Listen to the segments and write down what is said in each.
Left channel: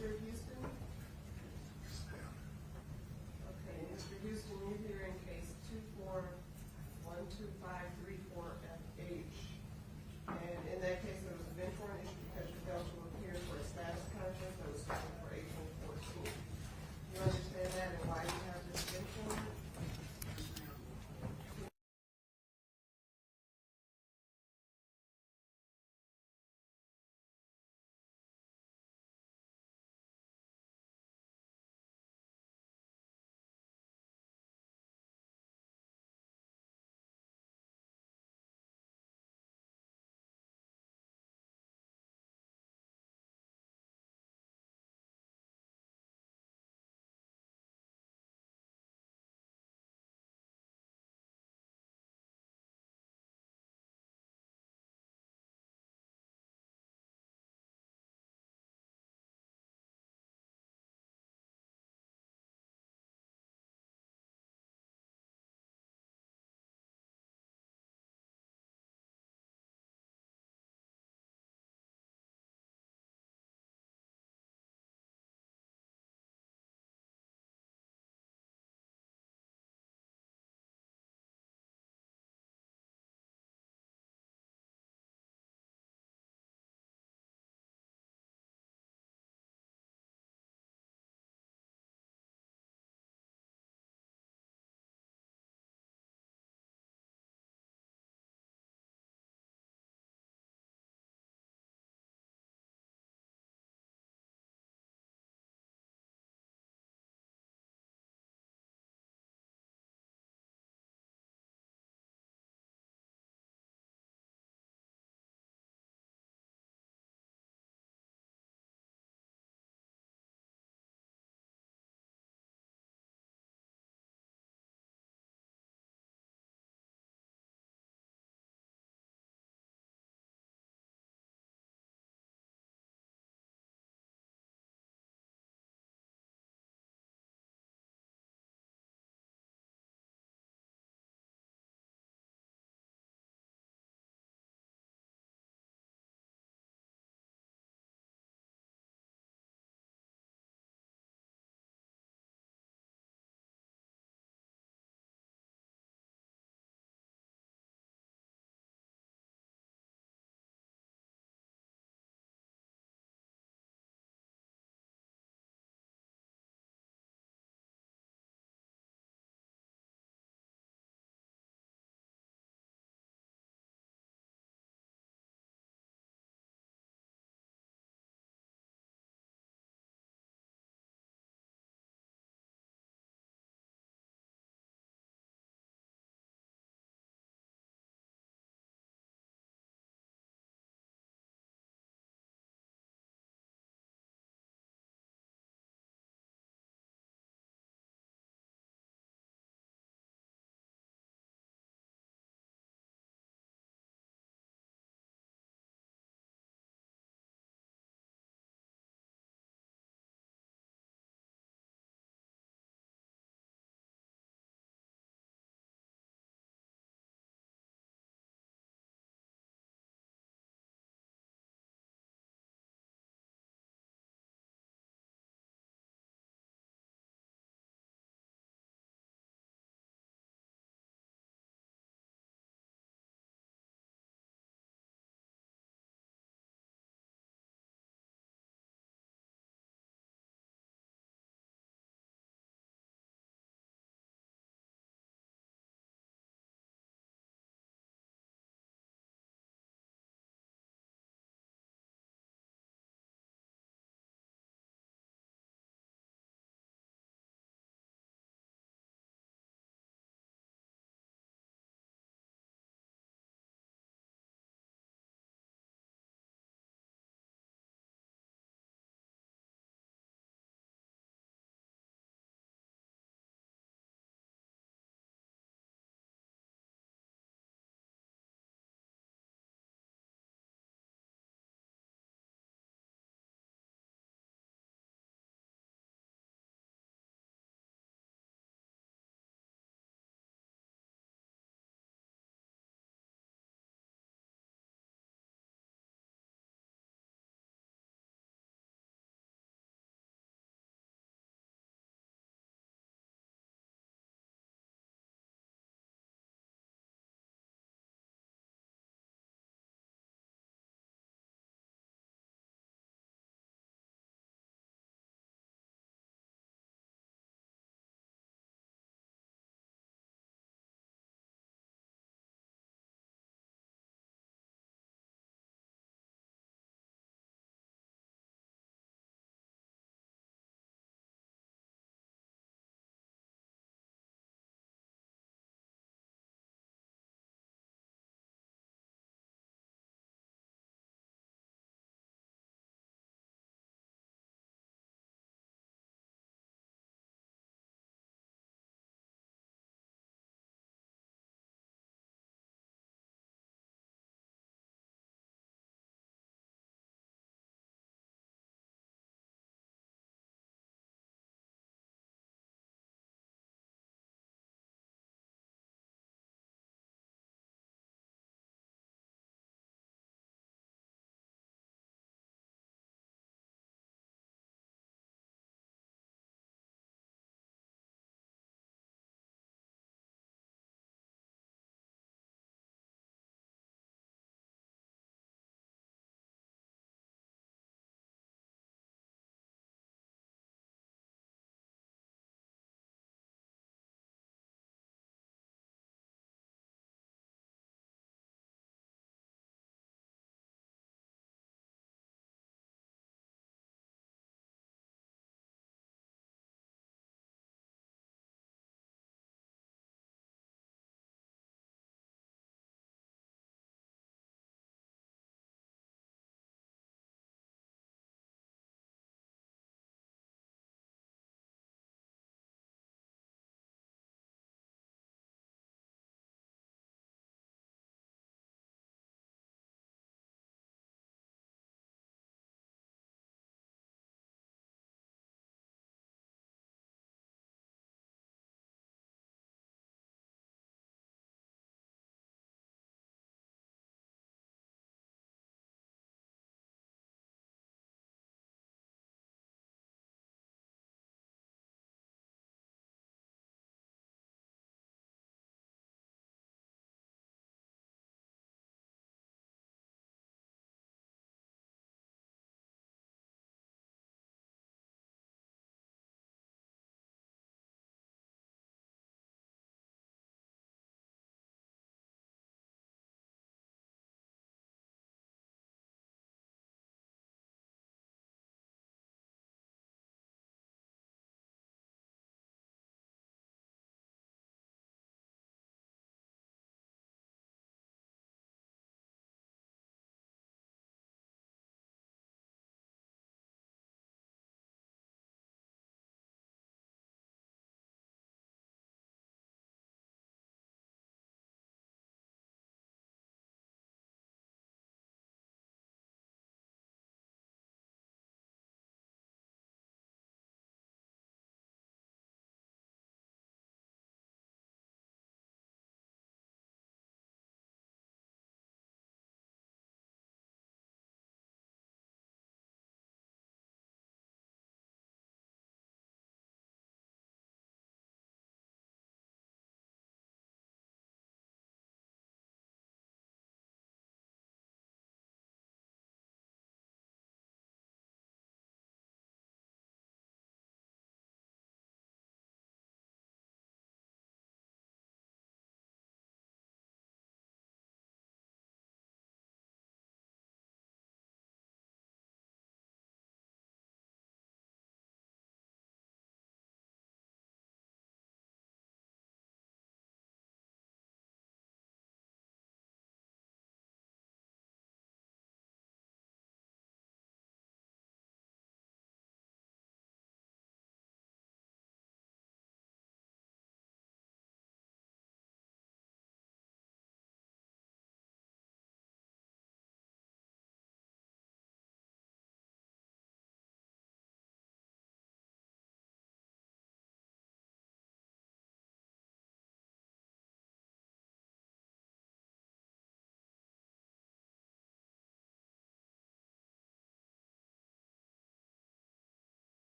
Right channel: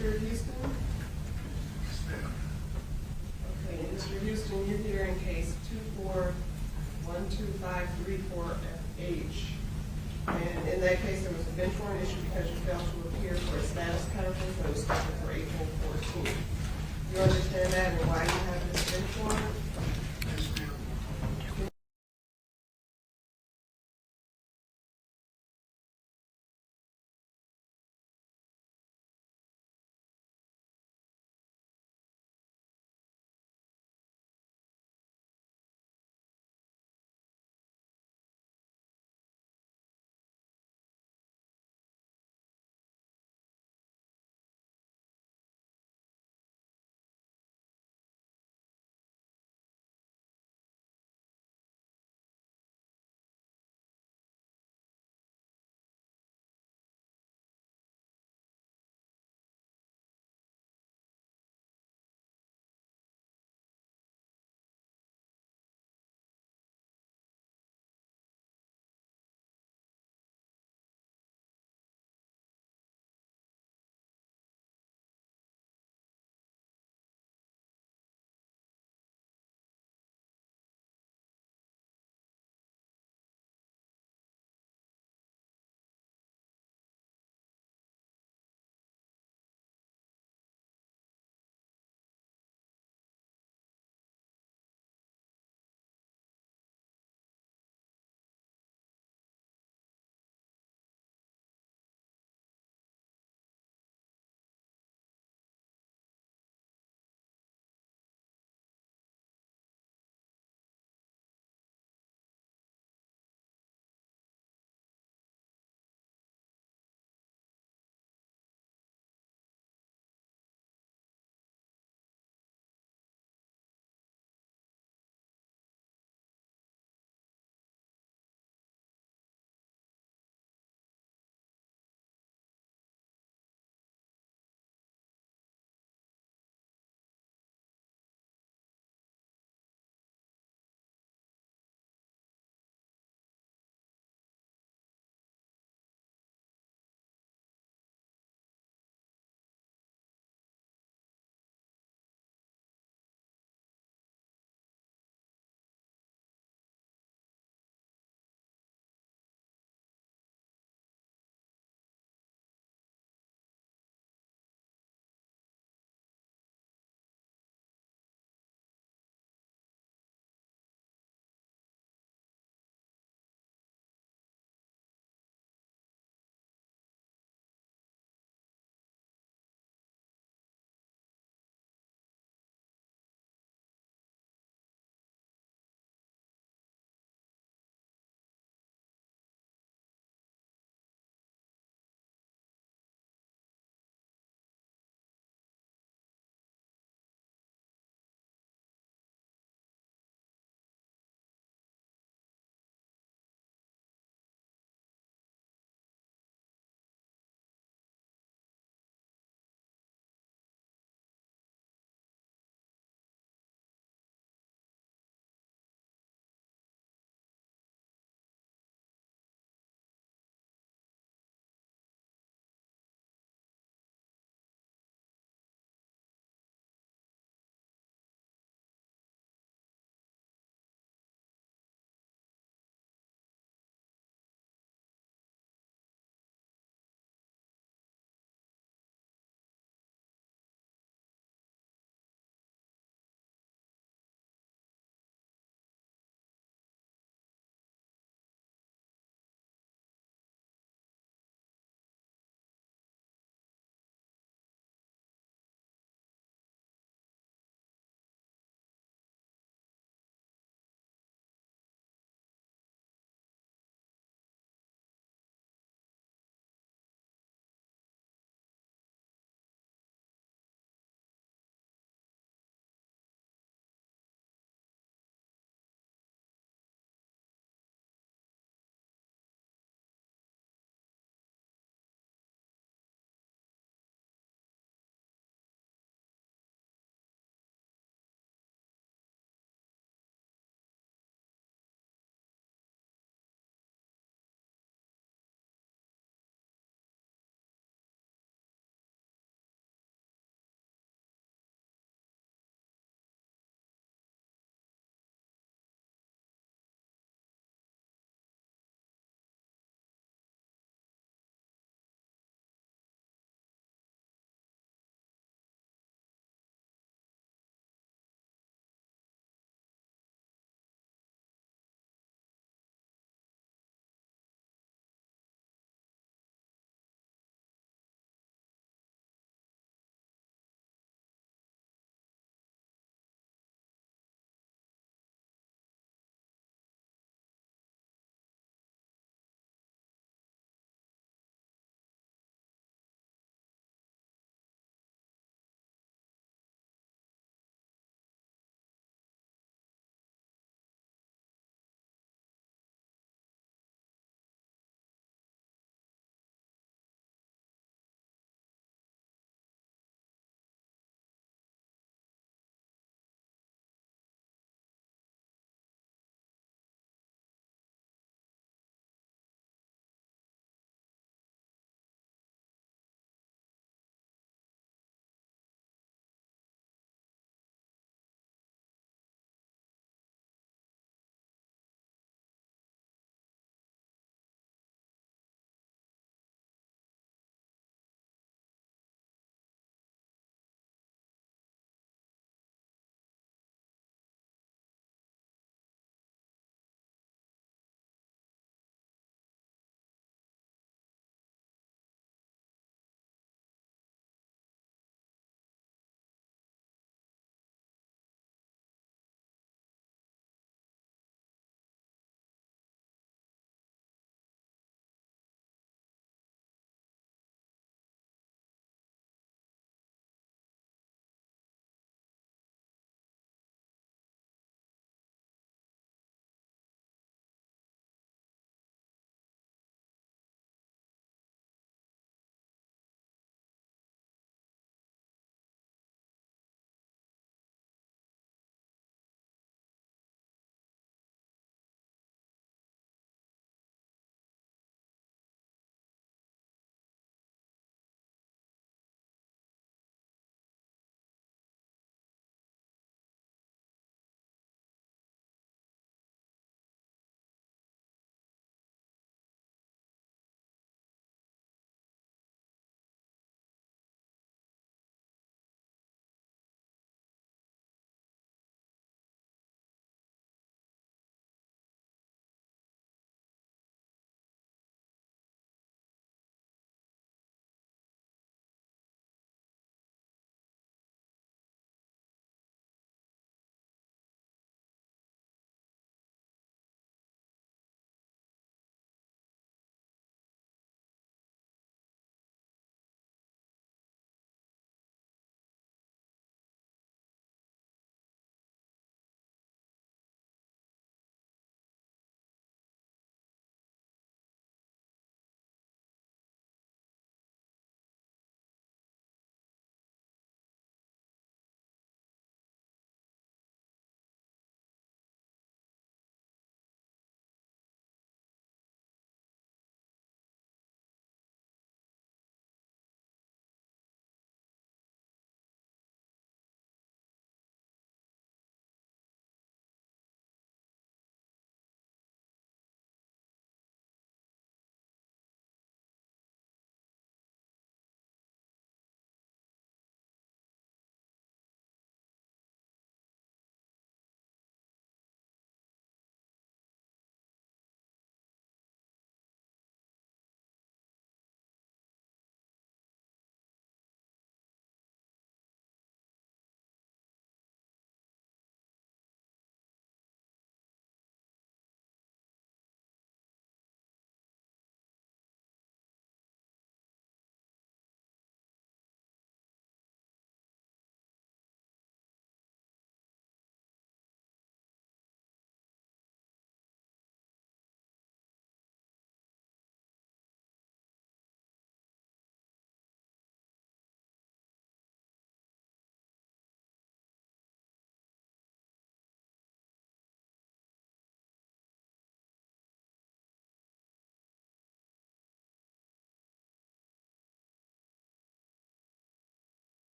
Mr. Houston? Yes, ma'am. Okay, Mr. Houston, you're here in case 24-12534FH. And in that case, there was a bench warrant issued because you failed to appear for a status conference that was scheduled for April 14th. You understand that and why you have this bench warrant?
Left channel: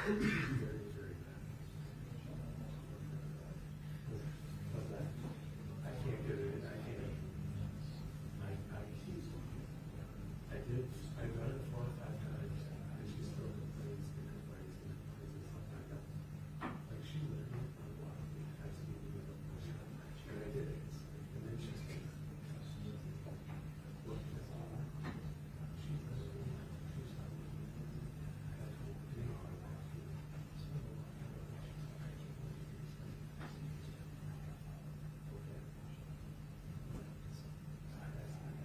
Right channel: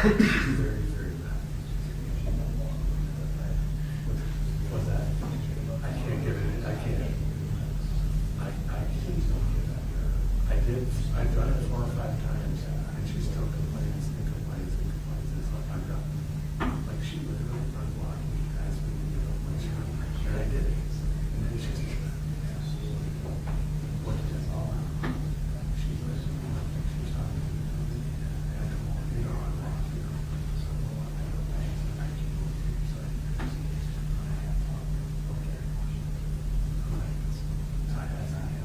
Very, very bad. What's that? I can't give it, I can't. I did, I've done it 4 or 5 times, and she still complains and complains and complains. It's like, I'm done. Like, she literally unblocked me, asked me to give up my child, and I did it. And then she's, what did it all out? She's listening, she's talking to me. And, you know, I'm like, you know, so I keep moving. So I okay. I'm like, I asked him.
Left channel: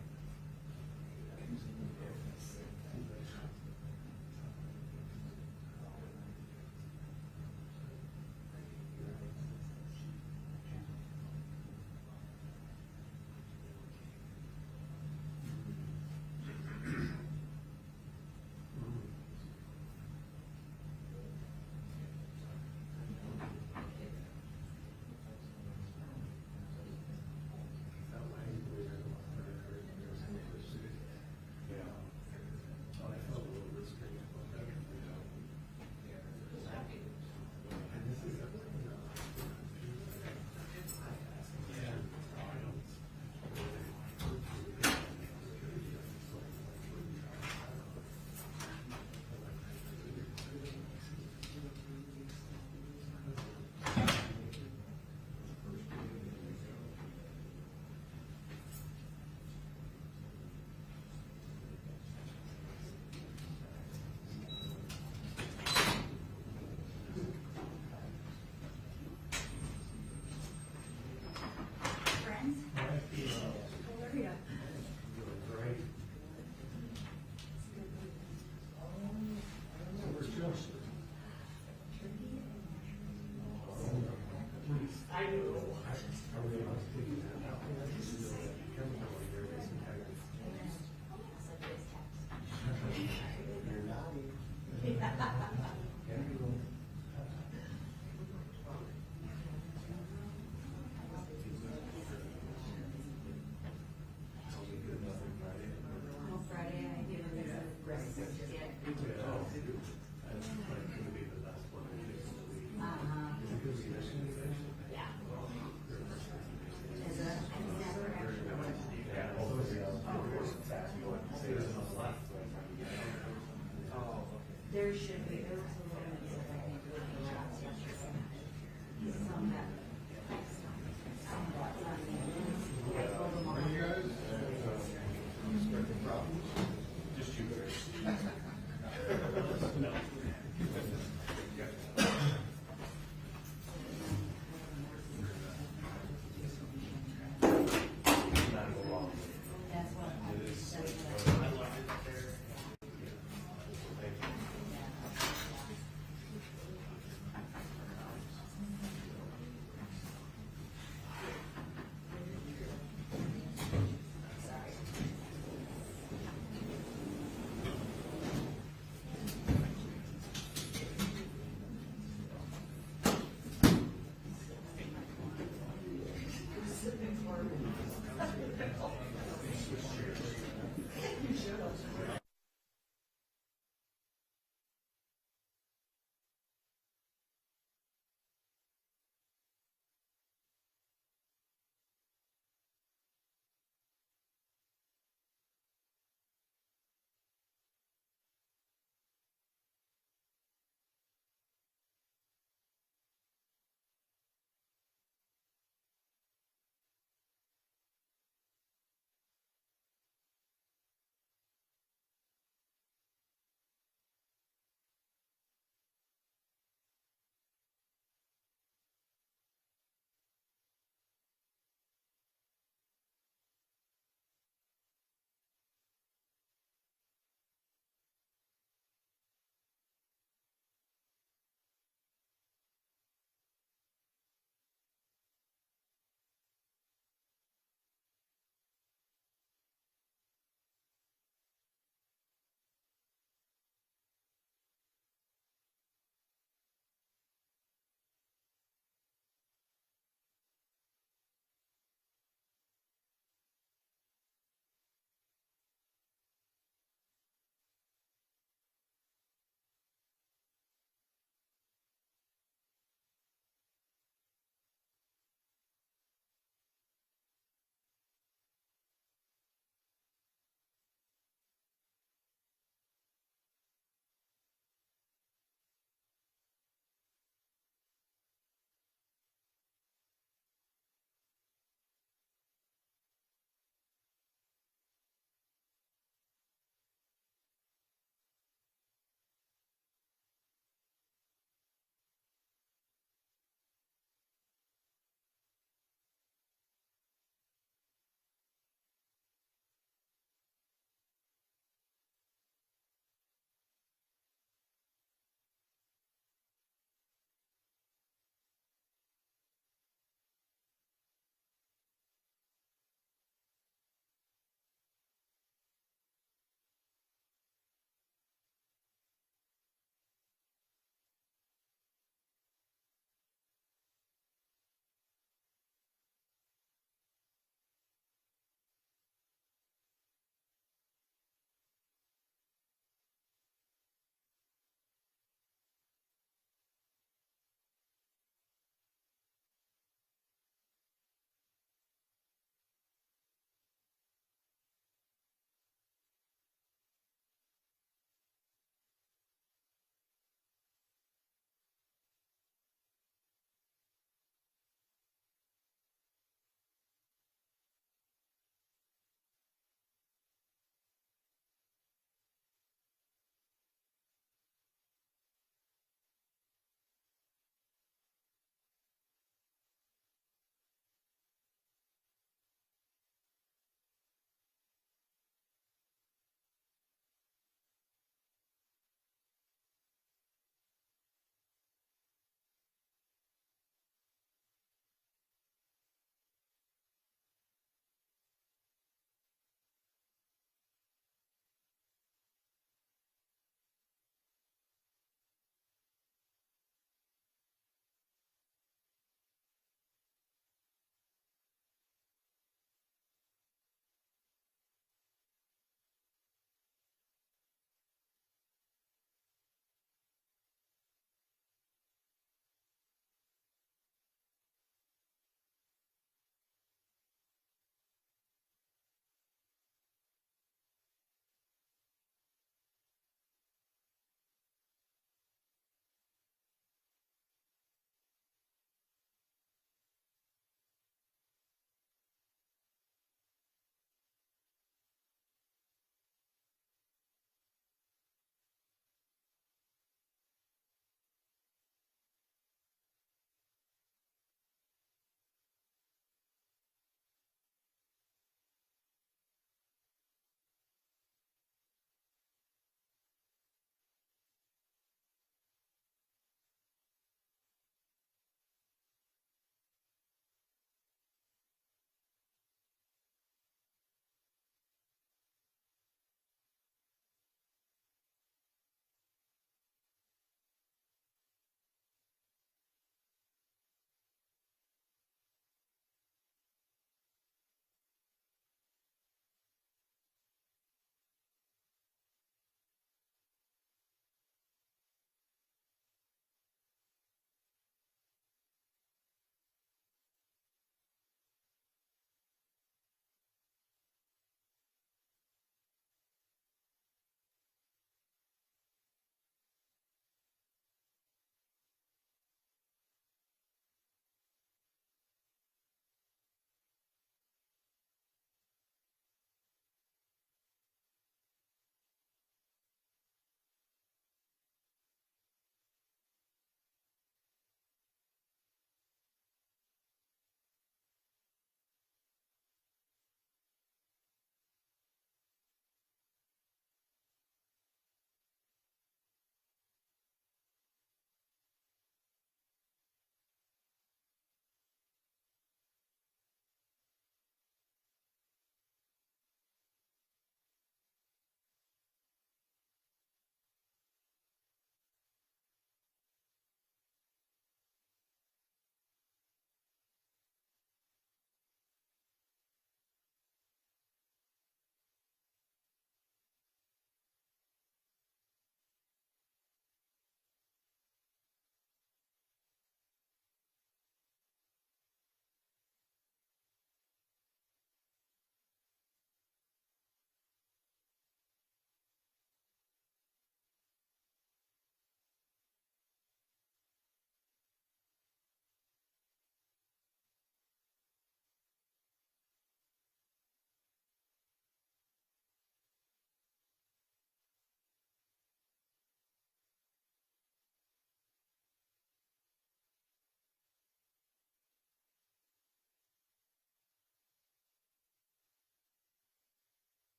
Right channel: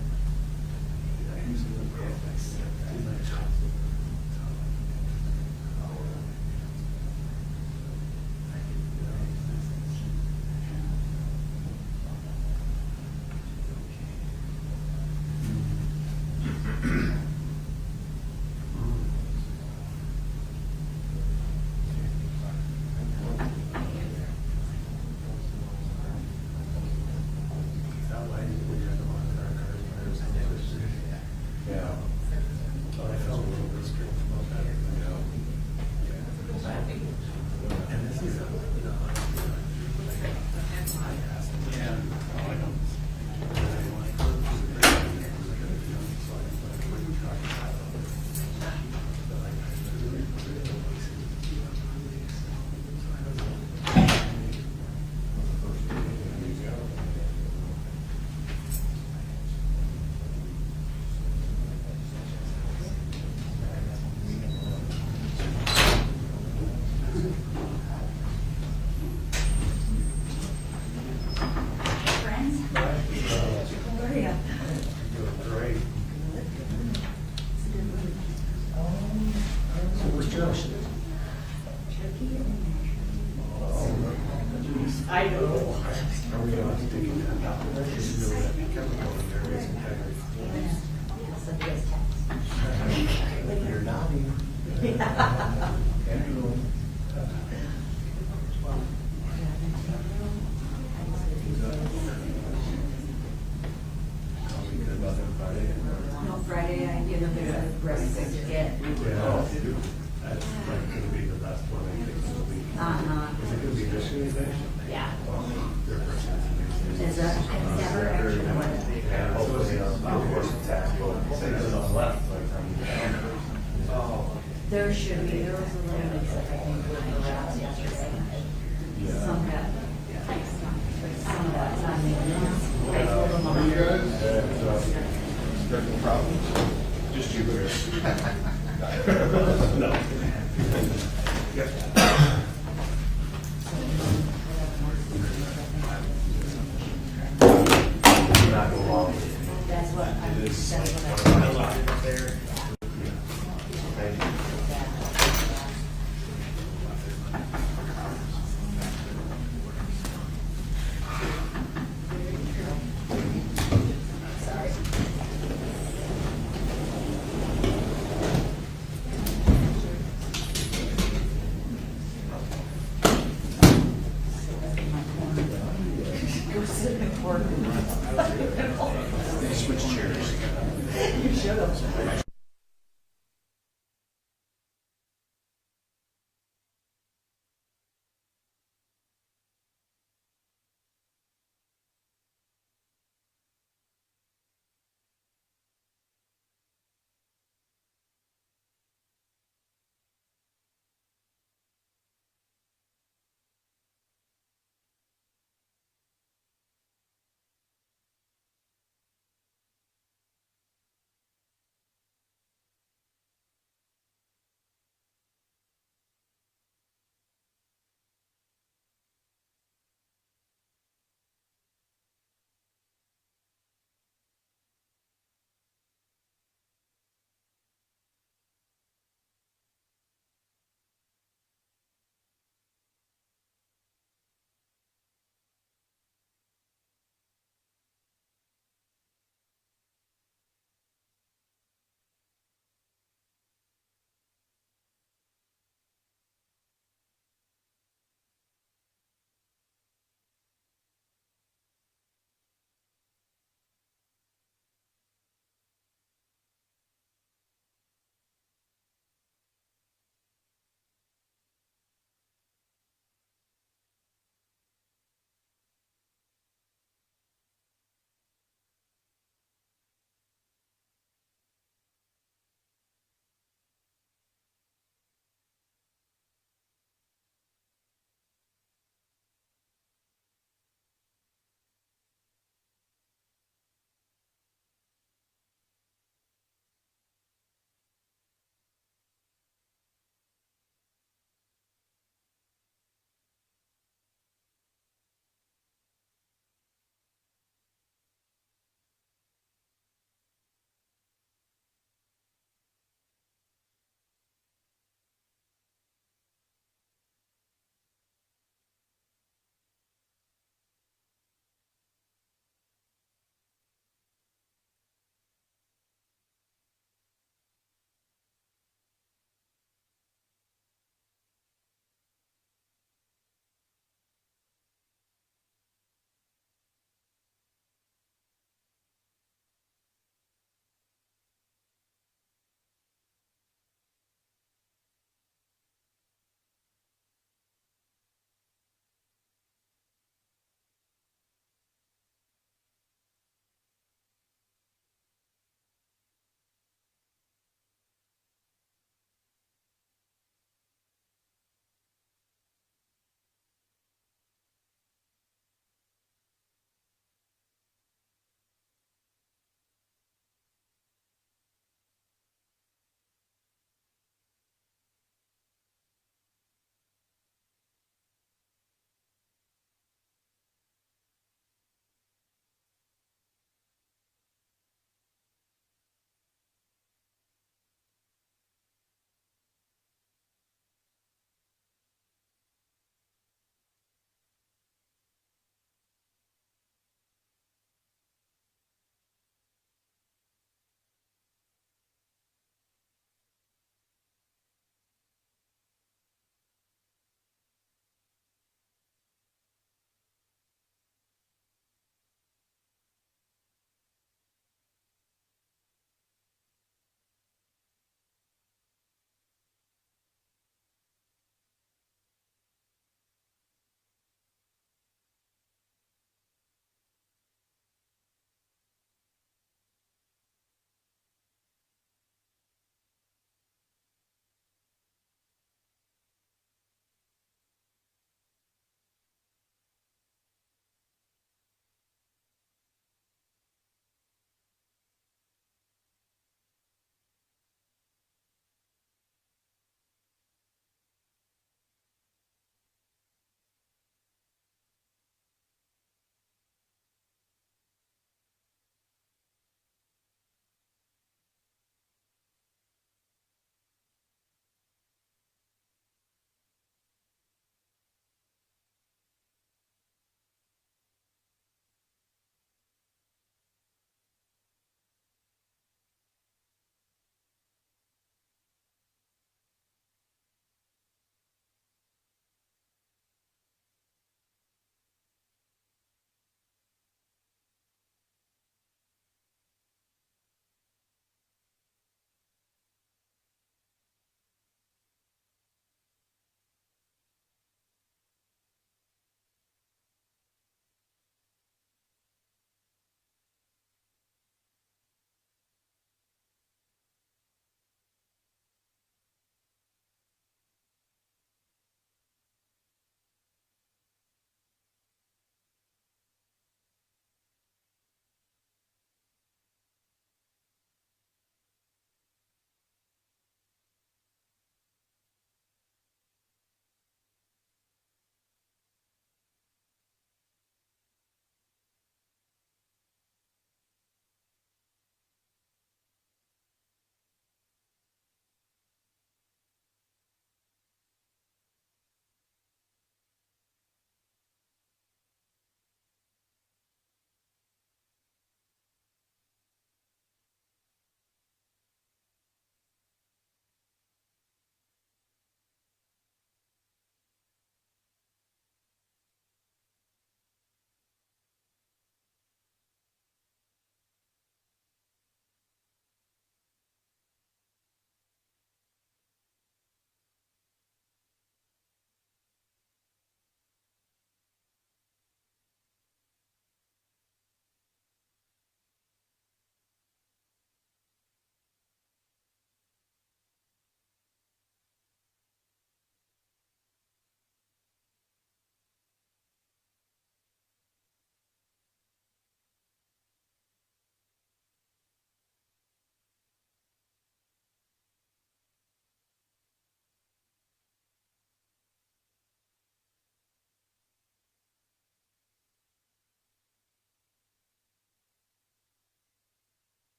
Yeah. Oh, I felt a little bit strange about that. And this is, you know, I asked him, yeah, oh, I don't. Friends? How are ya? Great. So where's Joe? I know. Are we going to take that out? This is really that chemical in there is integrity. You're nodding. Andrew. I'll be good about that Friday. No, Friday, I give them the rest to get. Yeah, that's like gonna be the best one, I think, it'll be. Is it gonna be this week? Yeah. Their first presentation. Is that, it's never actually what? Yeah, hopefully, of course, attack, but say it's on left, by the time you get down. Oh. There should be, there was a little bit that I think with the rats yesterday. Some got, some got on the, I told them on You guys? Technical problems? Just you, Chris. No. Not go long. That's what, It is. that's what I. Switch chairs. You should have.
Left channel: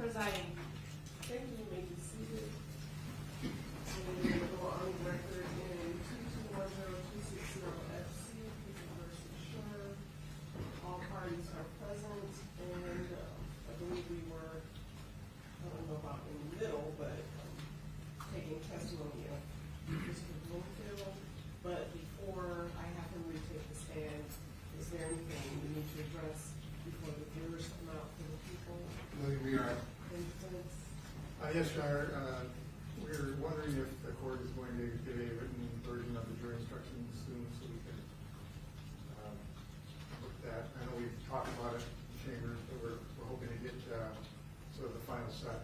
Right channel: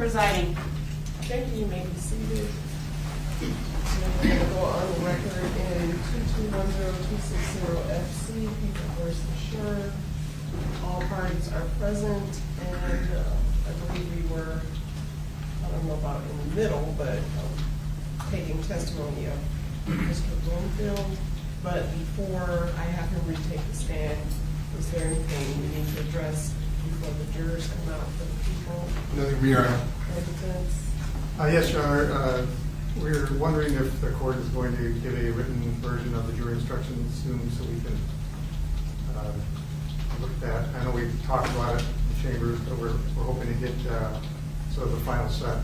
Presiding. Thank you, you may be seated. And we're gonna go on the record in 2210260 FC, people versus Schurr. All parties are present, and I believe we were, I don't know about in the middle, but taking testimony of Mr. Bloomfield. But before I have him retake the stand, is there anything we need to address before the jurors come out for the people? Nothing, Your Honor. Or defense? Yes, Your Honor. We're wondering if the court is going to give a written version of the jury instructions soon so we can look at that. I know we've talked about it in the chambers, but we're hoping to get sort of the final set.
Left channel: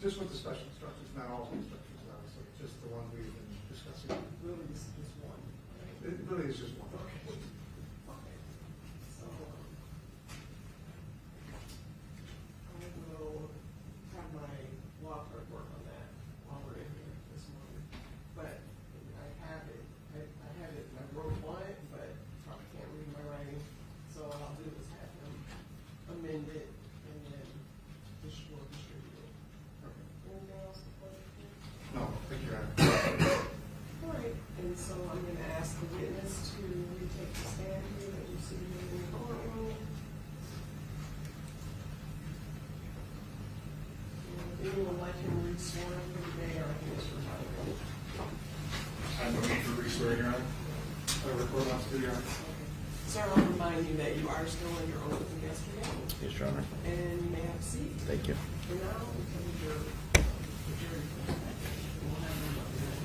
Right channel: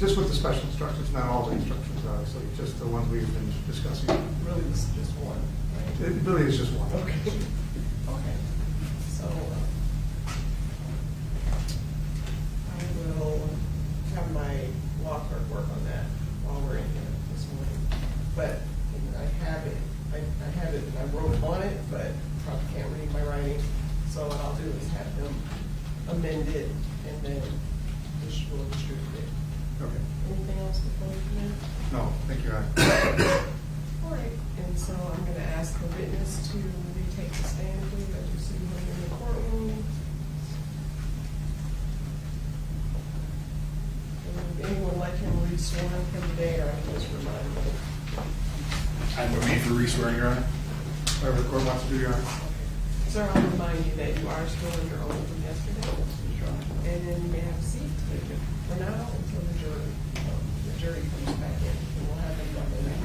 Just with the special instructions, not all the instructions, obviously, just the ones we've been discussing. Really, this is just one, right? It really is just one. Okay. Okay. So, I will have my law clerk work on that while we're in here this morning. But I have it, I wrote on it, but probably can't read my writing. So what I'll do is have them amend it and then we'll distribute it. Okay. Anything else before we come in? No, thank you, Your Honor. All right, and so I'm gonna ask the witness to retake the stand, please, as you see him in the courtroom. Would anyone like him re-sworn for today, or I can just remind you? I would be for re-swearing, Your Honor. Whatever the court wants to do, Your Honor. Okay. Sir, I'll remind you that you are still under oath from yesterday, Yes, Your Honor. and you may have a seat. Thank you. For now, until the jury comes back in, and we'll have another name.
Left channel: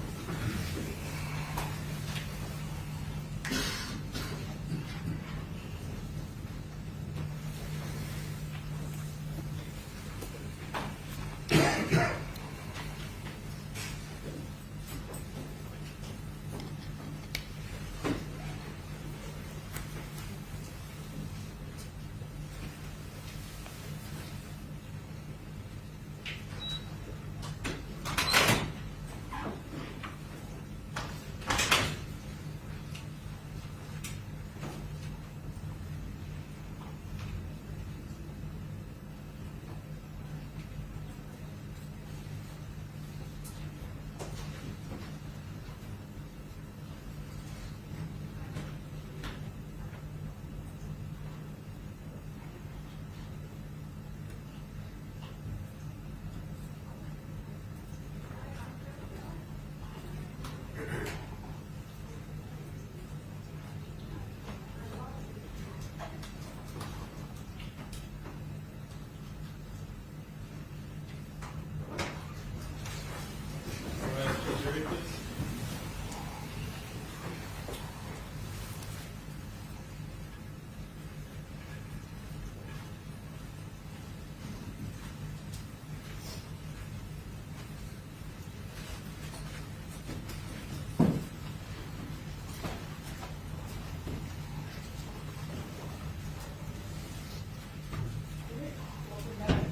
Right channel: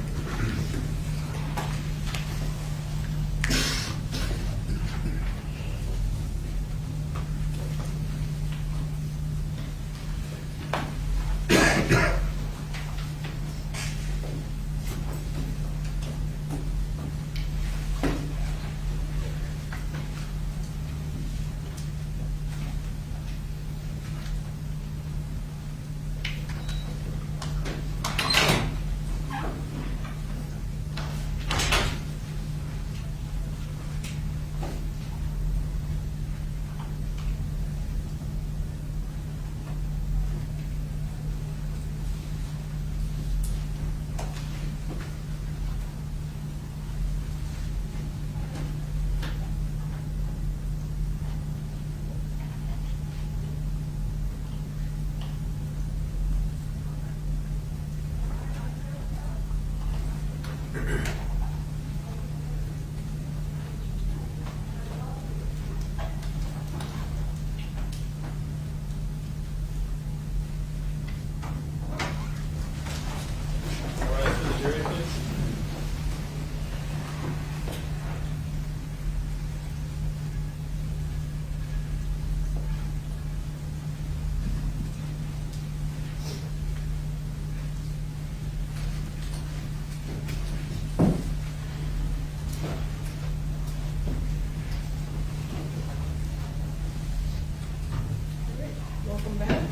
Welcome back.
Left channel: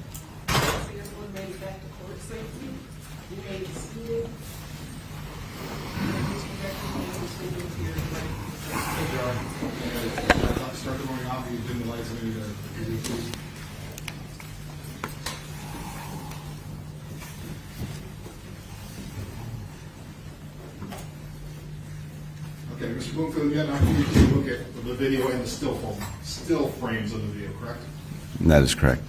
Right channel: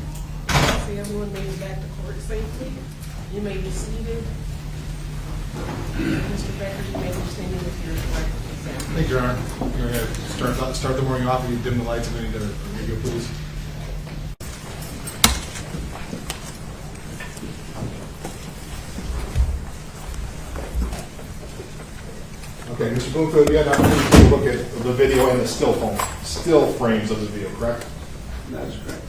See, everyone made it back to court safely. You may be seated. Mr. Becker, you may stand in with your direct consent. Thank you, Your Honor. I'm gonna start the morning off. You dim the lights and then you radio, please. Okay, Mr. Bloomfield, you had an opportunity to look at the video and the still frames of the video, correct? That is correct.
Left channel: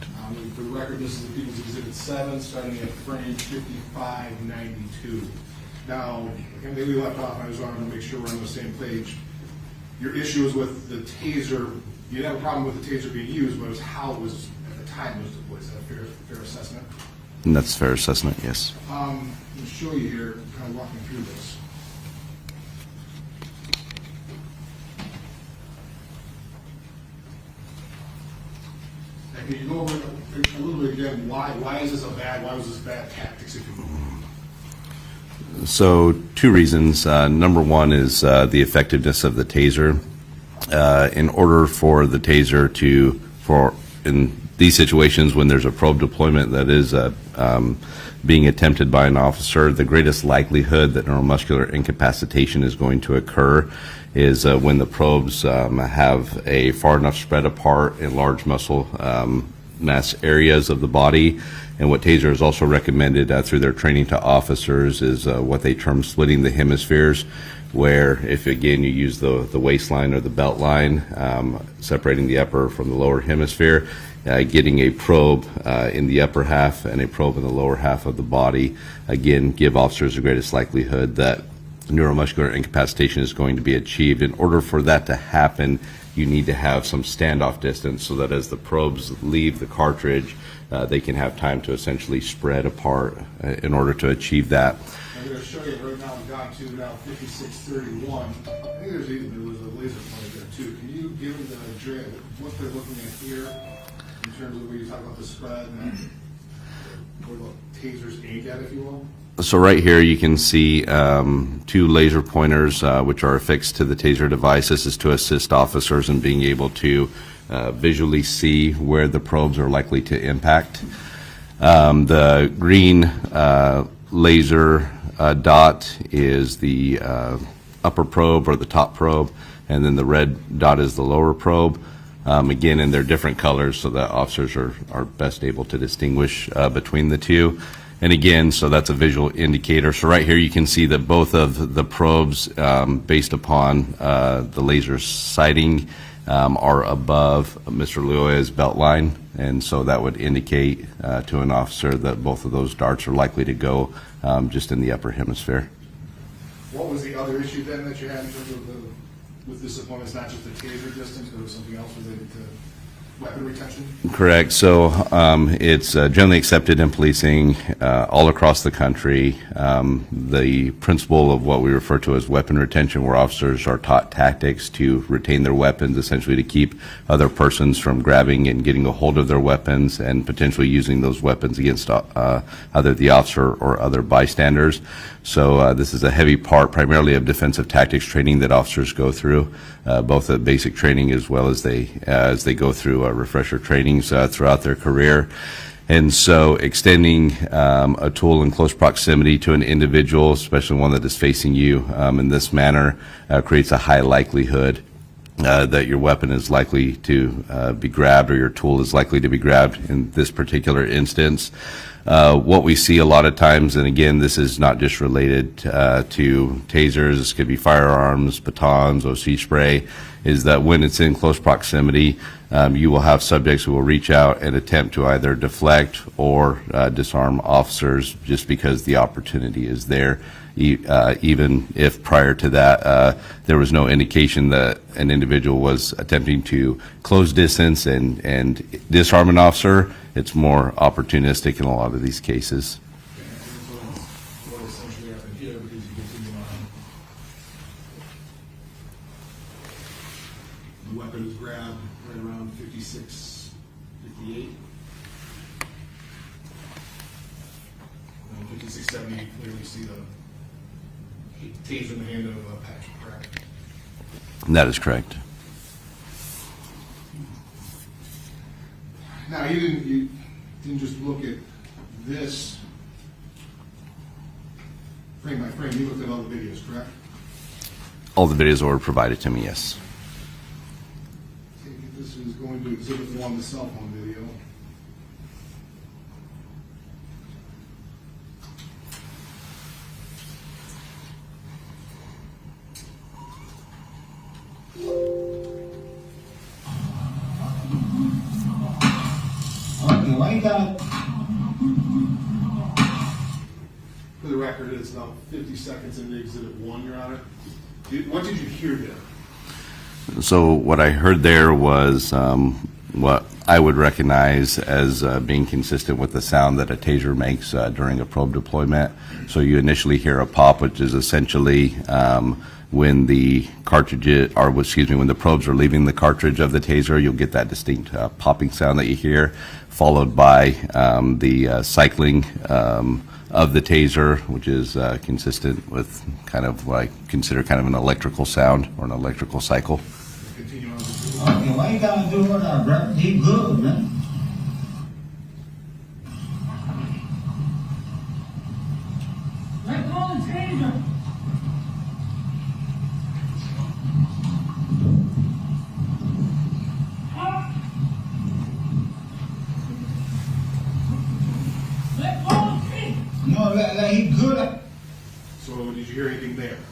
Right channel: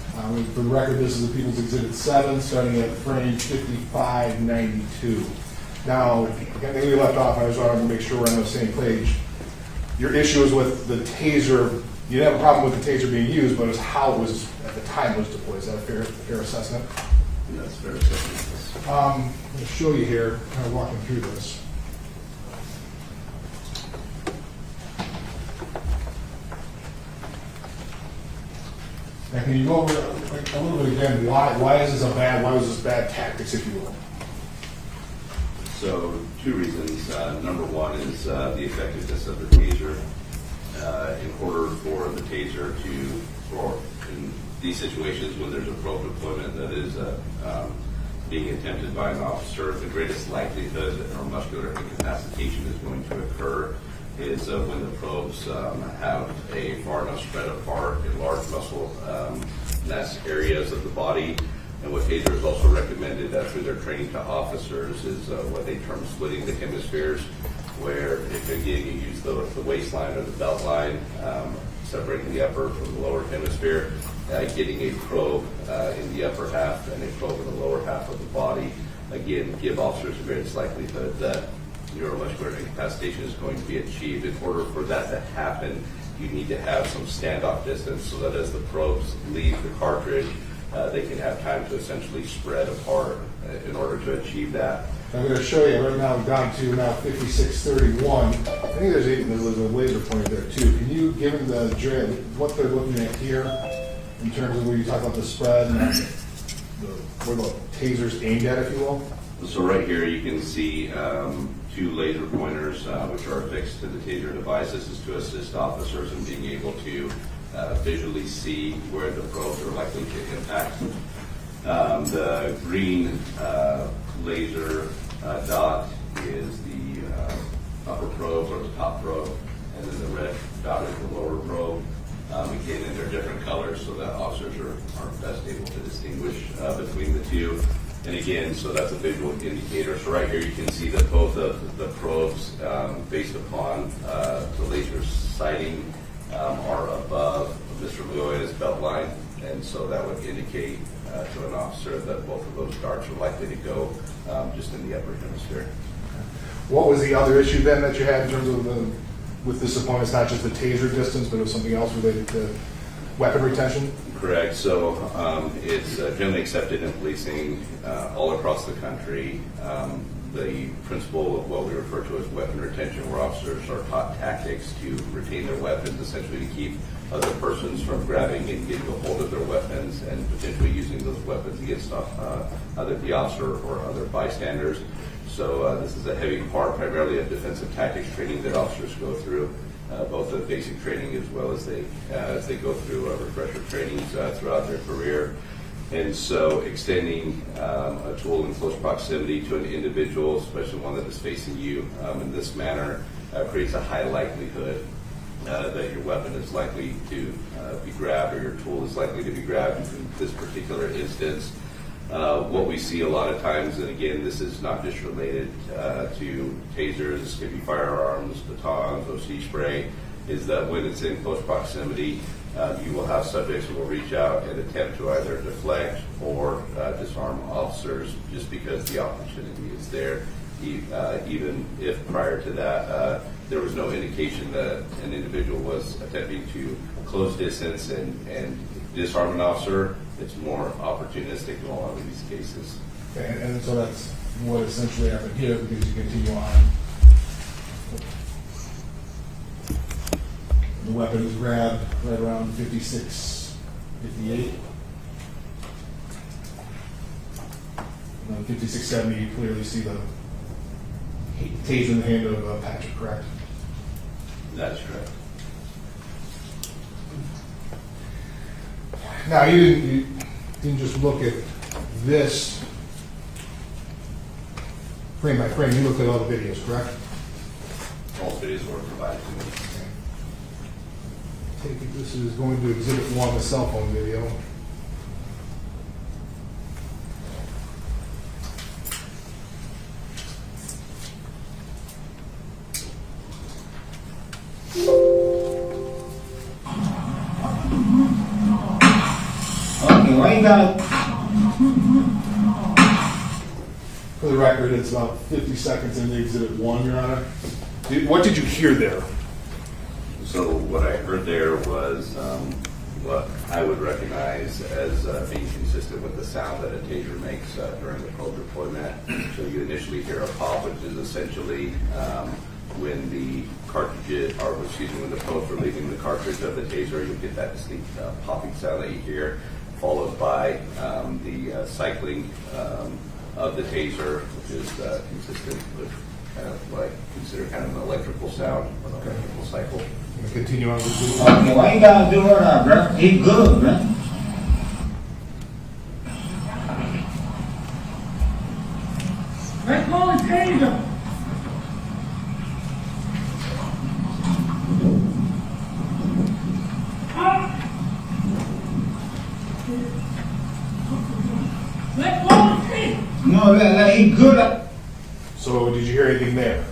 For the record, this is the People's Exhibit 7, starting at frame 5592. Now, again, we left off, I just wanted to make sure we're on the same page. Your issue is with the taser. You didn't have a problem with the taser being used, but it was how it was, at the time, was deployed. Is that a fair assessment? And that's a fair assessment, yes. I'm going to show you here, kind of walking through this. Now, can you go over a little bit again, why was this bad tactics, if you will? So, two reasons. Number one is the effectiveness of the taser. In order for the taser in these situations when there's a probe deployment that is being attempted by an officer, the greatest likelihood that neuromuscular incapacitation is going to occur is when the probes have a far enough spread apart and large muscle mass areas of the body. And what Taser has also recommended through their training to officers is what they term splitting the hemispheres, where if again you use the waistline or the belt line, separating the upper from the lower hemisphere, getting a probe in the upper half and a probe in the lower half of the body, again give officers the greatest likelihood that neuromuscular incapacitation is going to be achieved. In order for that to happen, you need to have some standoff distance so that as the probes leave the cartridge, they can have time to essentially spread apart in order to achieve that. I'm going to show you right now, down to now 5631. I think there's a laser pointer there too. Can you give them the drill, what they're looking at here in terms of where you talk about the spread and where the taser's aimed at, if you will? So right here you can see two laser pointers which are affixed to the Taser device. This is to assist officers in being able to visually see where the probes are likely to impact. The green laser dot is the upper probe or the top probe, and then the red dot is the lower probe. Again, and they're different colors so that officers are best able to distinguish between the two. And again, so that's a visual indicator. So right here you can see that both of the probes, based upon the laser sighting, are above Mr. Lyoya's belt line. And so that would indicate to an officer that both of those darts are likely to go just in the upper hemisphere. What was the other issue then that you had in terms of with this opponent? It's not just the taser distance, but it was something else related to weapon retention? Correct. So it's generally accepted in policing all across the country. The principle of what we refer to as weapon retention, where officers are taught tactics to retain their weapons, essentially to keep other persons from grabbing and getting a hold of their weapons and potentially using those weapons against either the officer or other bystanders. So this is a heavy part primarily of defensive tactics training that officers go through, both the basic training as well as they go through refresher trainings throughout their career. And so extending a tool in close proximity to an individual, especially one that is facing you in this manner, creates a high likelihood that your weapon is likely to be grabbed, or your tool is likely to be grabbed in this particular instance. What we see a lot of times, and again, this is not just related to tasers, this could be firearms, batons, OC spray, is that when it's in close proximity, you will have subjects who will reach out and attempt to either deflect or disarm officers just because the opportunity is there, even if prior to that there was no indication that an individual was attempting to close distance and disarm an officer. It's more opportunistic in a lot of these cases. And so that's what essentially happened here, because you continue on. The weapon is grabbed right around 56, 58. Around 56, 70, you clearly see the taser in the hand of Patrick, correct? That is correct. Now, you didn't just look at this frame by frame, you looked at all the videos, correct? All the videos were provided to me, yes. Take it, this is going to exhibit 1, the cell phone video. Okay, why you gotta? For the record, it's about 50 seconds into exhibit 1, Your Honor. What did you hear there? So what I heard there was what I would recognize as being consistent with the sound that a taser makes during a probe deployment. So you initially hear a pop, which is essentially when the cartridge, or excuse me, when the probes are leaving the cartridge of the taser, you'll get that distinct popping sound that you hear, followed by the cycling of the taser, which is consistent with kind of what I consider kind of an electrical sound or an electrical cycle. Continue on with the Okay, why you gotta do her that, bro? He good, bro. Let's go and change him. know, like he good at. So did you hear anything there?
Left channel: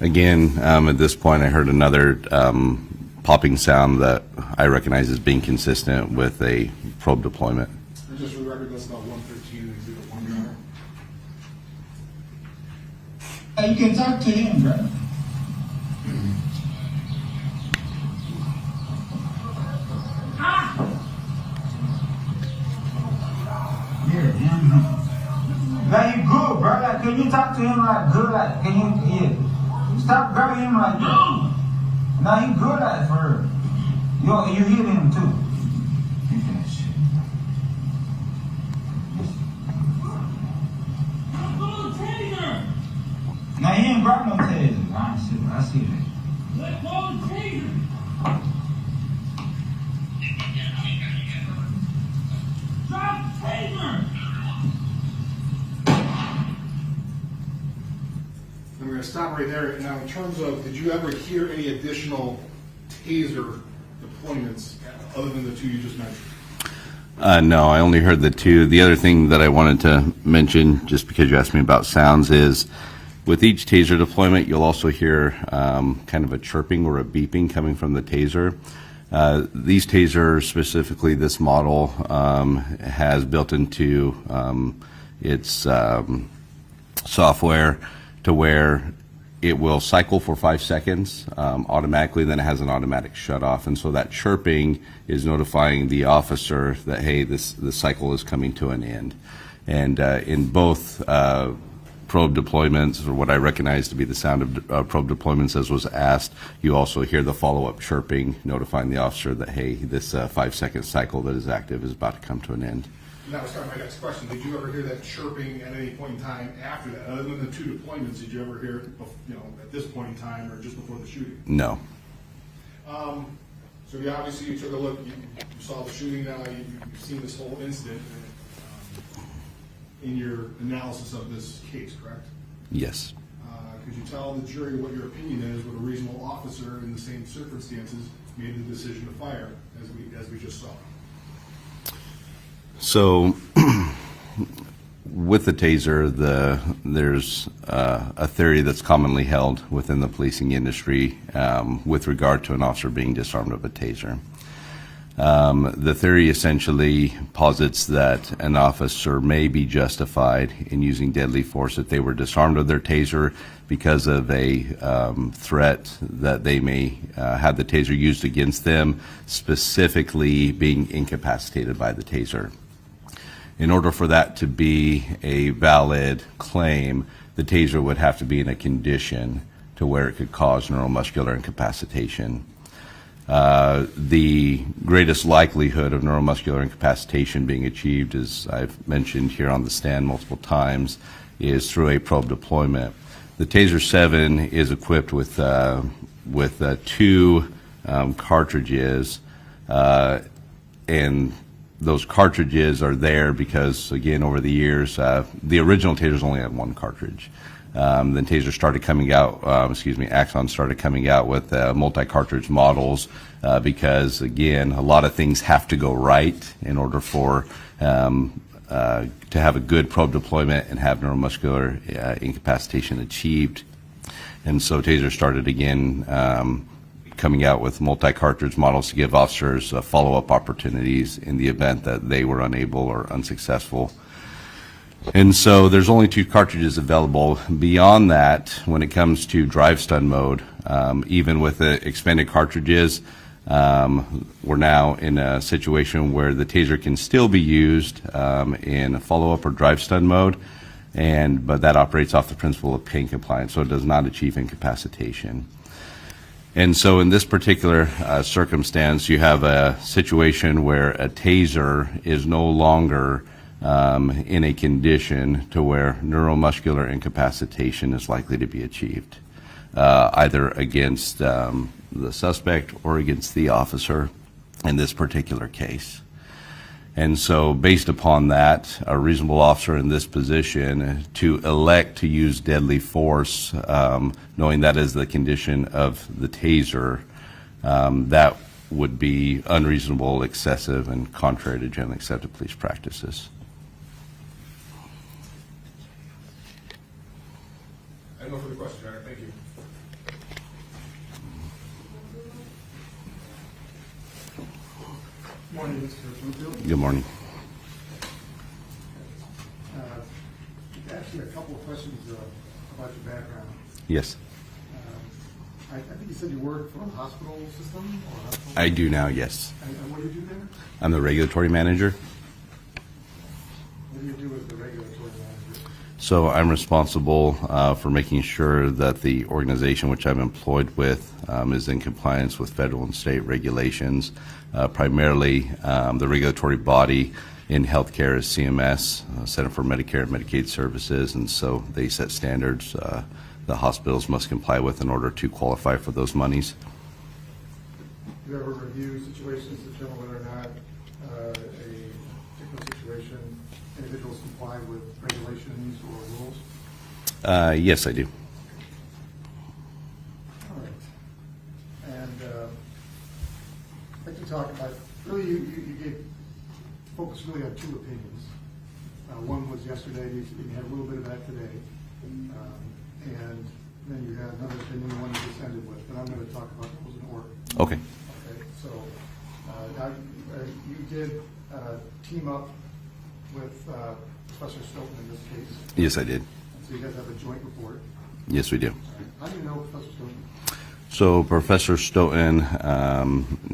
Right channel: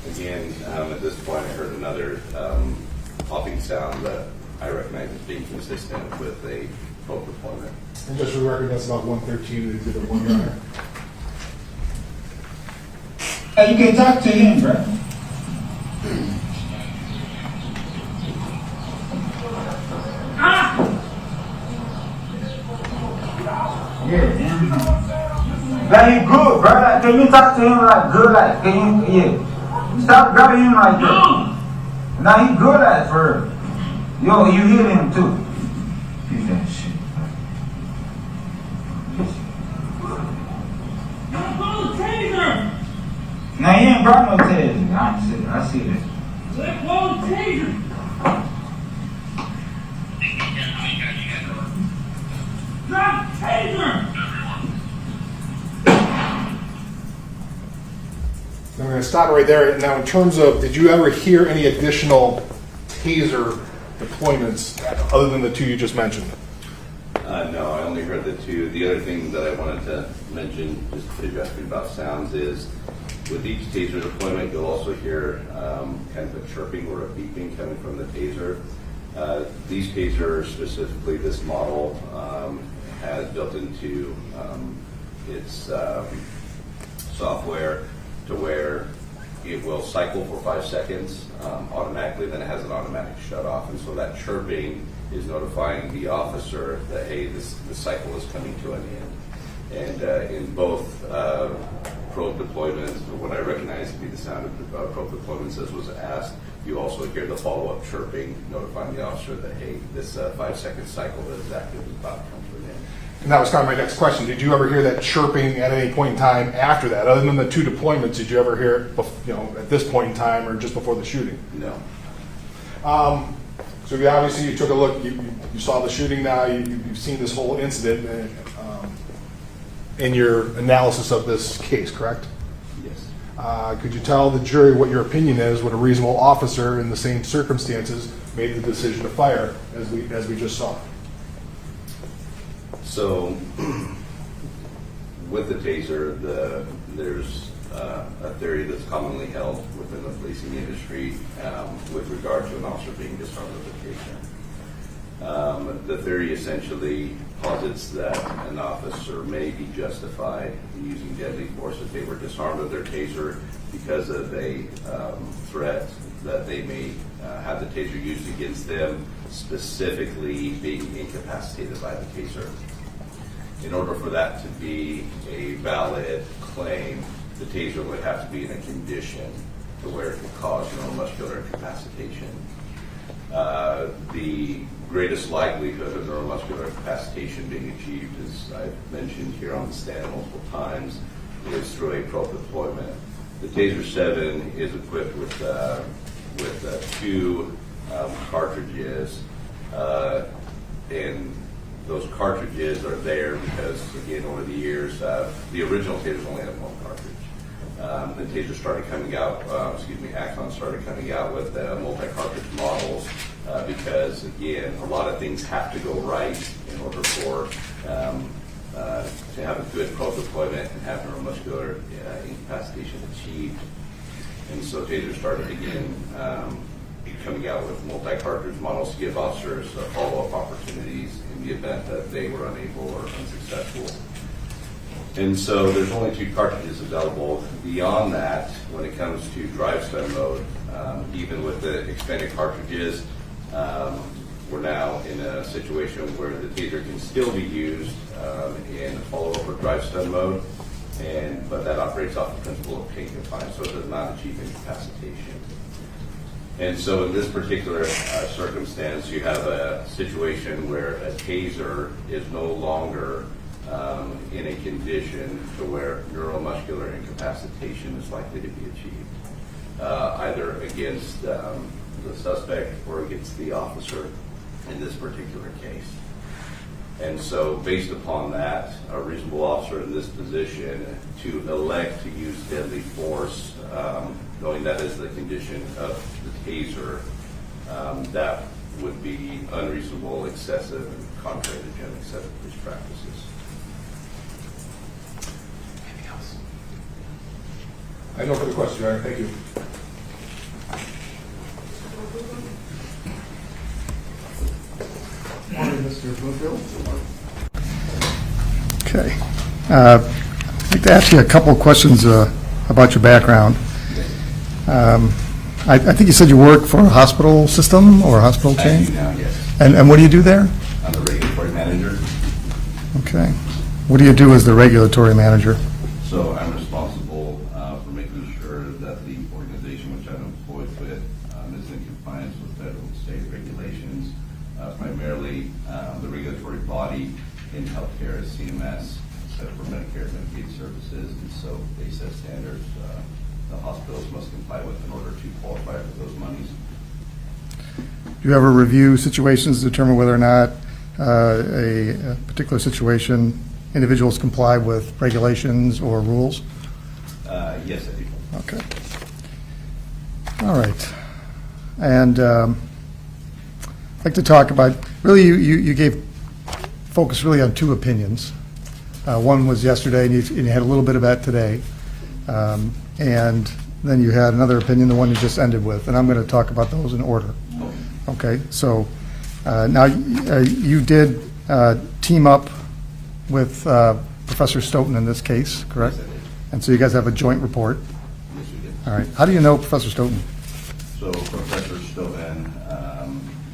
Again, at this point, I heard another popping sound that I recognize as being consistent with a probe deployment. And just for the record, that's about 113 in Exhibit 1, Your Honor. You can talk to him, bro. Yeah. Like he good, bro. Like, can you talk to him like good? Like, can you, yeah. Stop grabbing him like that. Now he good at for real. Yo, you heal him too. He's that shit. Now he ain't brought no taser. I see that. Let go of the taser. Drop the taser. I'm going to stop right there. Now, in terms of, did you ever hear any additional taser deployments other than the two you just mentioned? No, I only heard the two. The other thing that I wanted to mention, just because you asked me about sounds, is with each taser deployment, you'll also hear kind of a chirping or a beeping coming from the taser. These tasers, specifically this model, has built into its software to where it will cycle for 5 seconds automatically, then it has an automatic shut off. And so that chirping is notifying the officer that, hey, this cycle is coming to an end. And in both probe deployments, or what I recognize to be the sound of probe deployments as was asked, you also hear the follow-up chirping notifying the officer that, hey, this 5 second cycle that is active is about to come to an end. And that was kind of my next question. Did you ever hear that chirping at any point in time after that? Other than the two deployments, did you ever hear it, at this point in time or just before the shooting? No. So obviously you took a look, you saw the shooting now, you've seen this whole incident in your analysis of this case, correct? Yes. Could you tell the jury what your opinion is, what a reasonable officer in the same circumstances made the decision to fire, as we just saw? So, with the taser, there's a theory that's commonly held within the policing industry with regard to an officer being disarmed with a taser. The theory essentially posits that an officer may be justified in using deadly force if they were disarmed of their taser because of a threat that they may have the taser used against them, specifically being incapacitated by the taser. In order for that to be a valid claim, the taser would have to be in a condition to where it could cause neuromuscular incapacitation. The greatest likelihood of neuromuscular incapacitation being achieved, as I've mentioned here on the stand multiple times, is through a probe deployment. The Taser 7 is equipped with two cartridges, and those cartridges are there because, again, over the years, the original tasers only had one cartridge. Then Taser started coming out, Axon started coming out with multi-cartridge models because, again, a lot of things have to go right in order for to have a good probe deployment and have neuromuscular incapacitation achieved. And so Taser started again coming out with multi-cartridge models to give officers follow-up opportunities in the event that they were unable or unsuccessful. And so there's only two cartridges available. Beyond that, when it comes to drive stun mode, even with the expanded cartridges, we're now in a situation where the taser can still be used in follow-up or drive stun mode, but that operates off the principle of pain compliance, so it does not achieve incapacitation. And so in this particular circumstance, you have a situation where a taser is no longer in a condition to where neuromuscular incapacitation is likely to be achieved, either against the suspect or against the officer in this particular case. And so based upon that, a reasonable officer in this position to elect to use deadly force, knowing that is the condition of the taser, that would be unreasonable, excessive, and contrary to generally accepted police practices. I know for the question, Your Honor. Thank you. Morning, Mr. Bloomfield. Good morning. Okay. I'd like to ask you a couple of questions about your background. Yes. I think you said you work for a hospital system or a hospital I chain? do now, yes. And what do you do there? I'm the regulatory manager. Okay. What do you do as the regulatory manager? So I'm responsible for making sure that the organization which I'm employed with is in compliance with federal and state regulations. Primarily, the regulatory body in healthcare is CMS, Center for Medicare and Medicaid Services, and so they set standards the hospitals must comply with in order to qualify for those monies. Do you ever review situations to determine whether or not a particular situation, individuals comply with regulations or rules? Yes, I do. Okay. All right. And I'd like to talk about, really, you gave focus really on two opinions. One was yesterday, and you had a little bit of that today. And then you had another opinion, the one you just ended with, and I'm going to talk about those in order. Okay. Okay, so now you did team up with Professor Stoughton in this case, correct? Yes, I did. And so you guys have a joint report. Yes, we do. All right. How do you know Professor Stoughton? So Professor Stoughton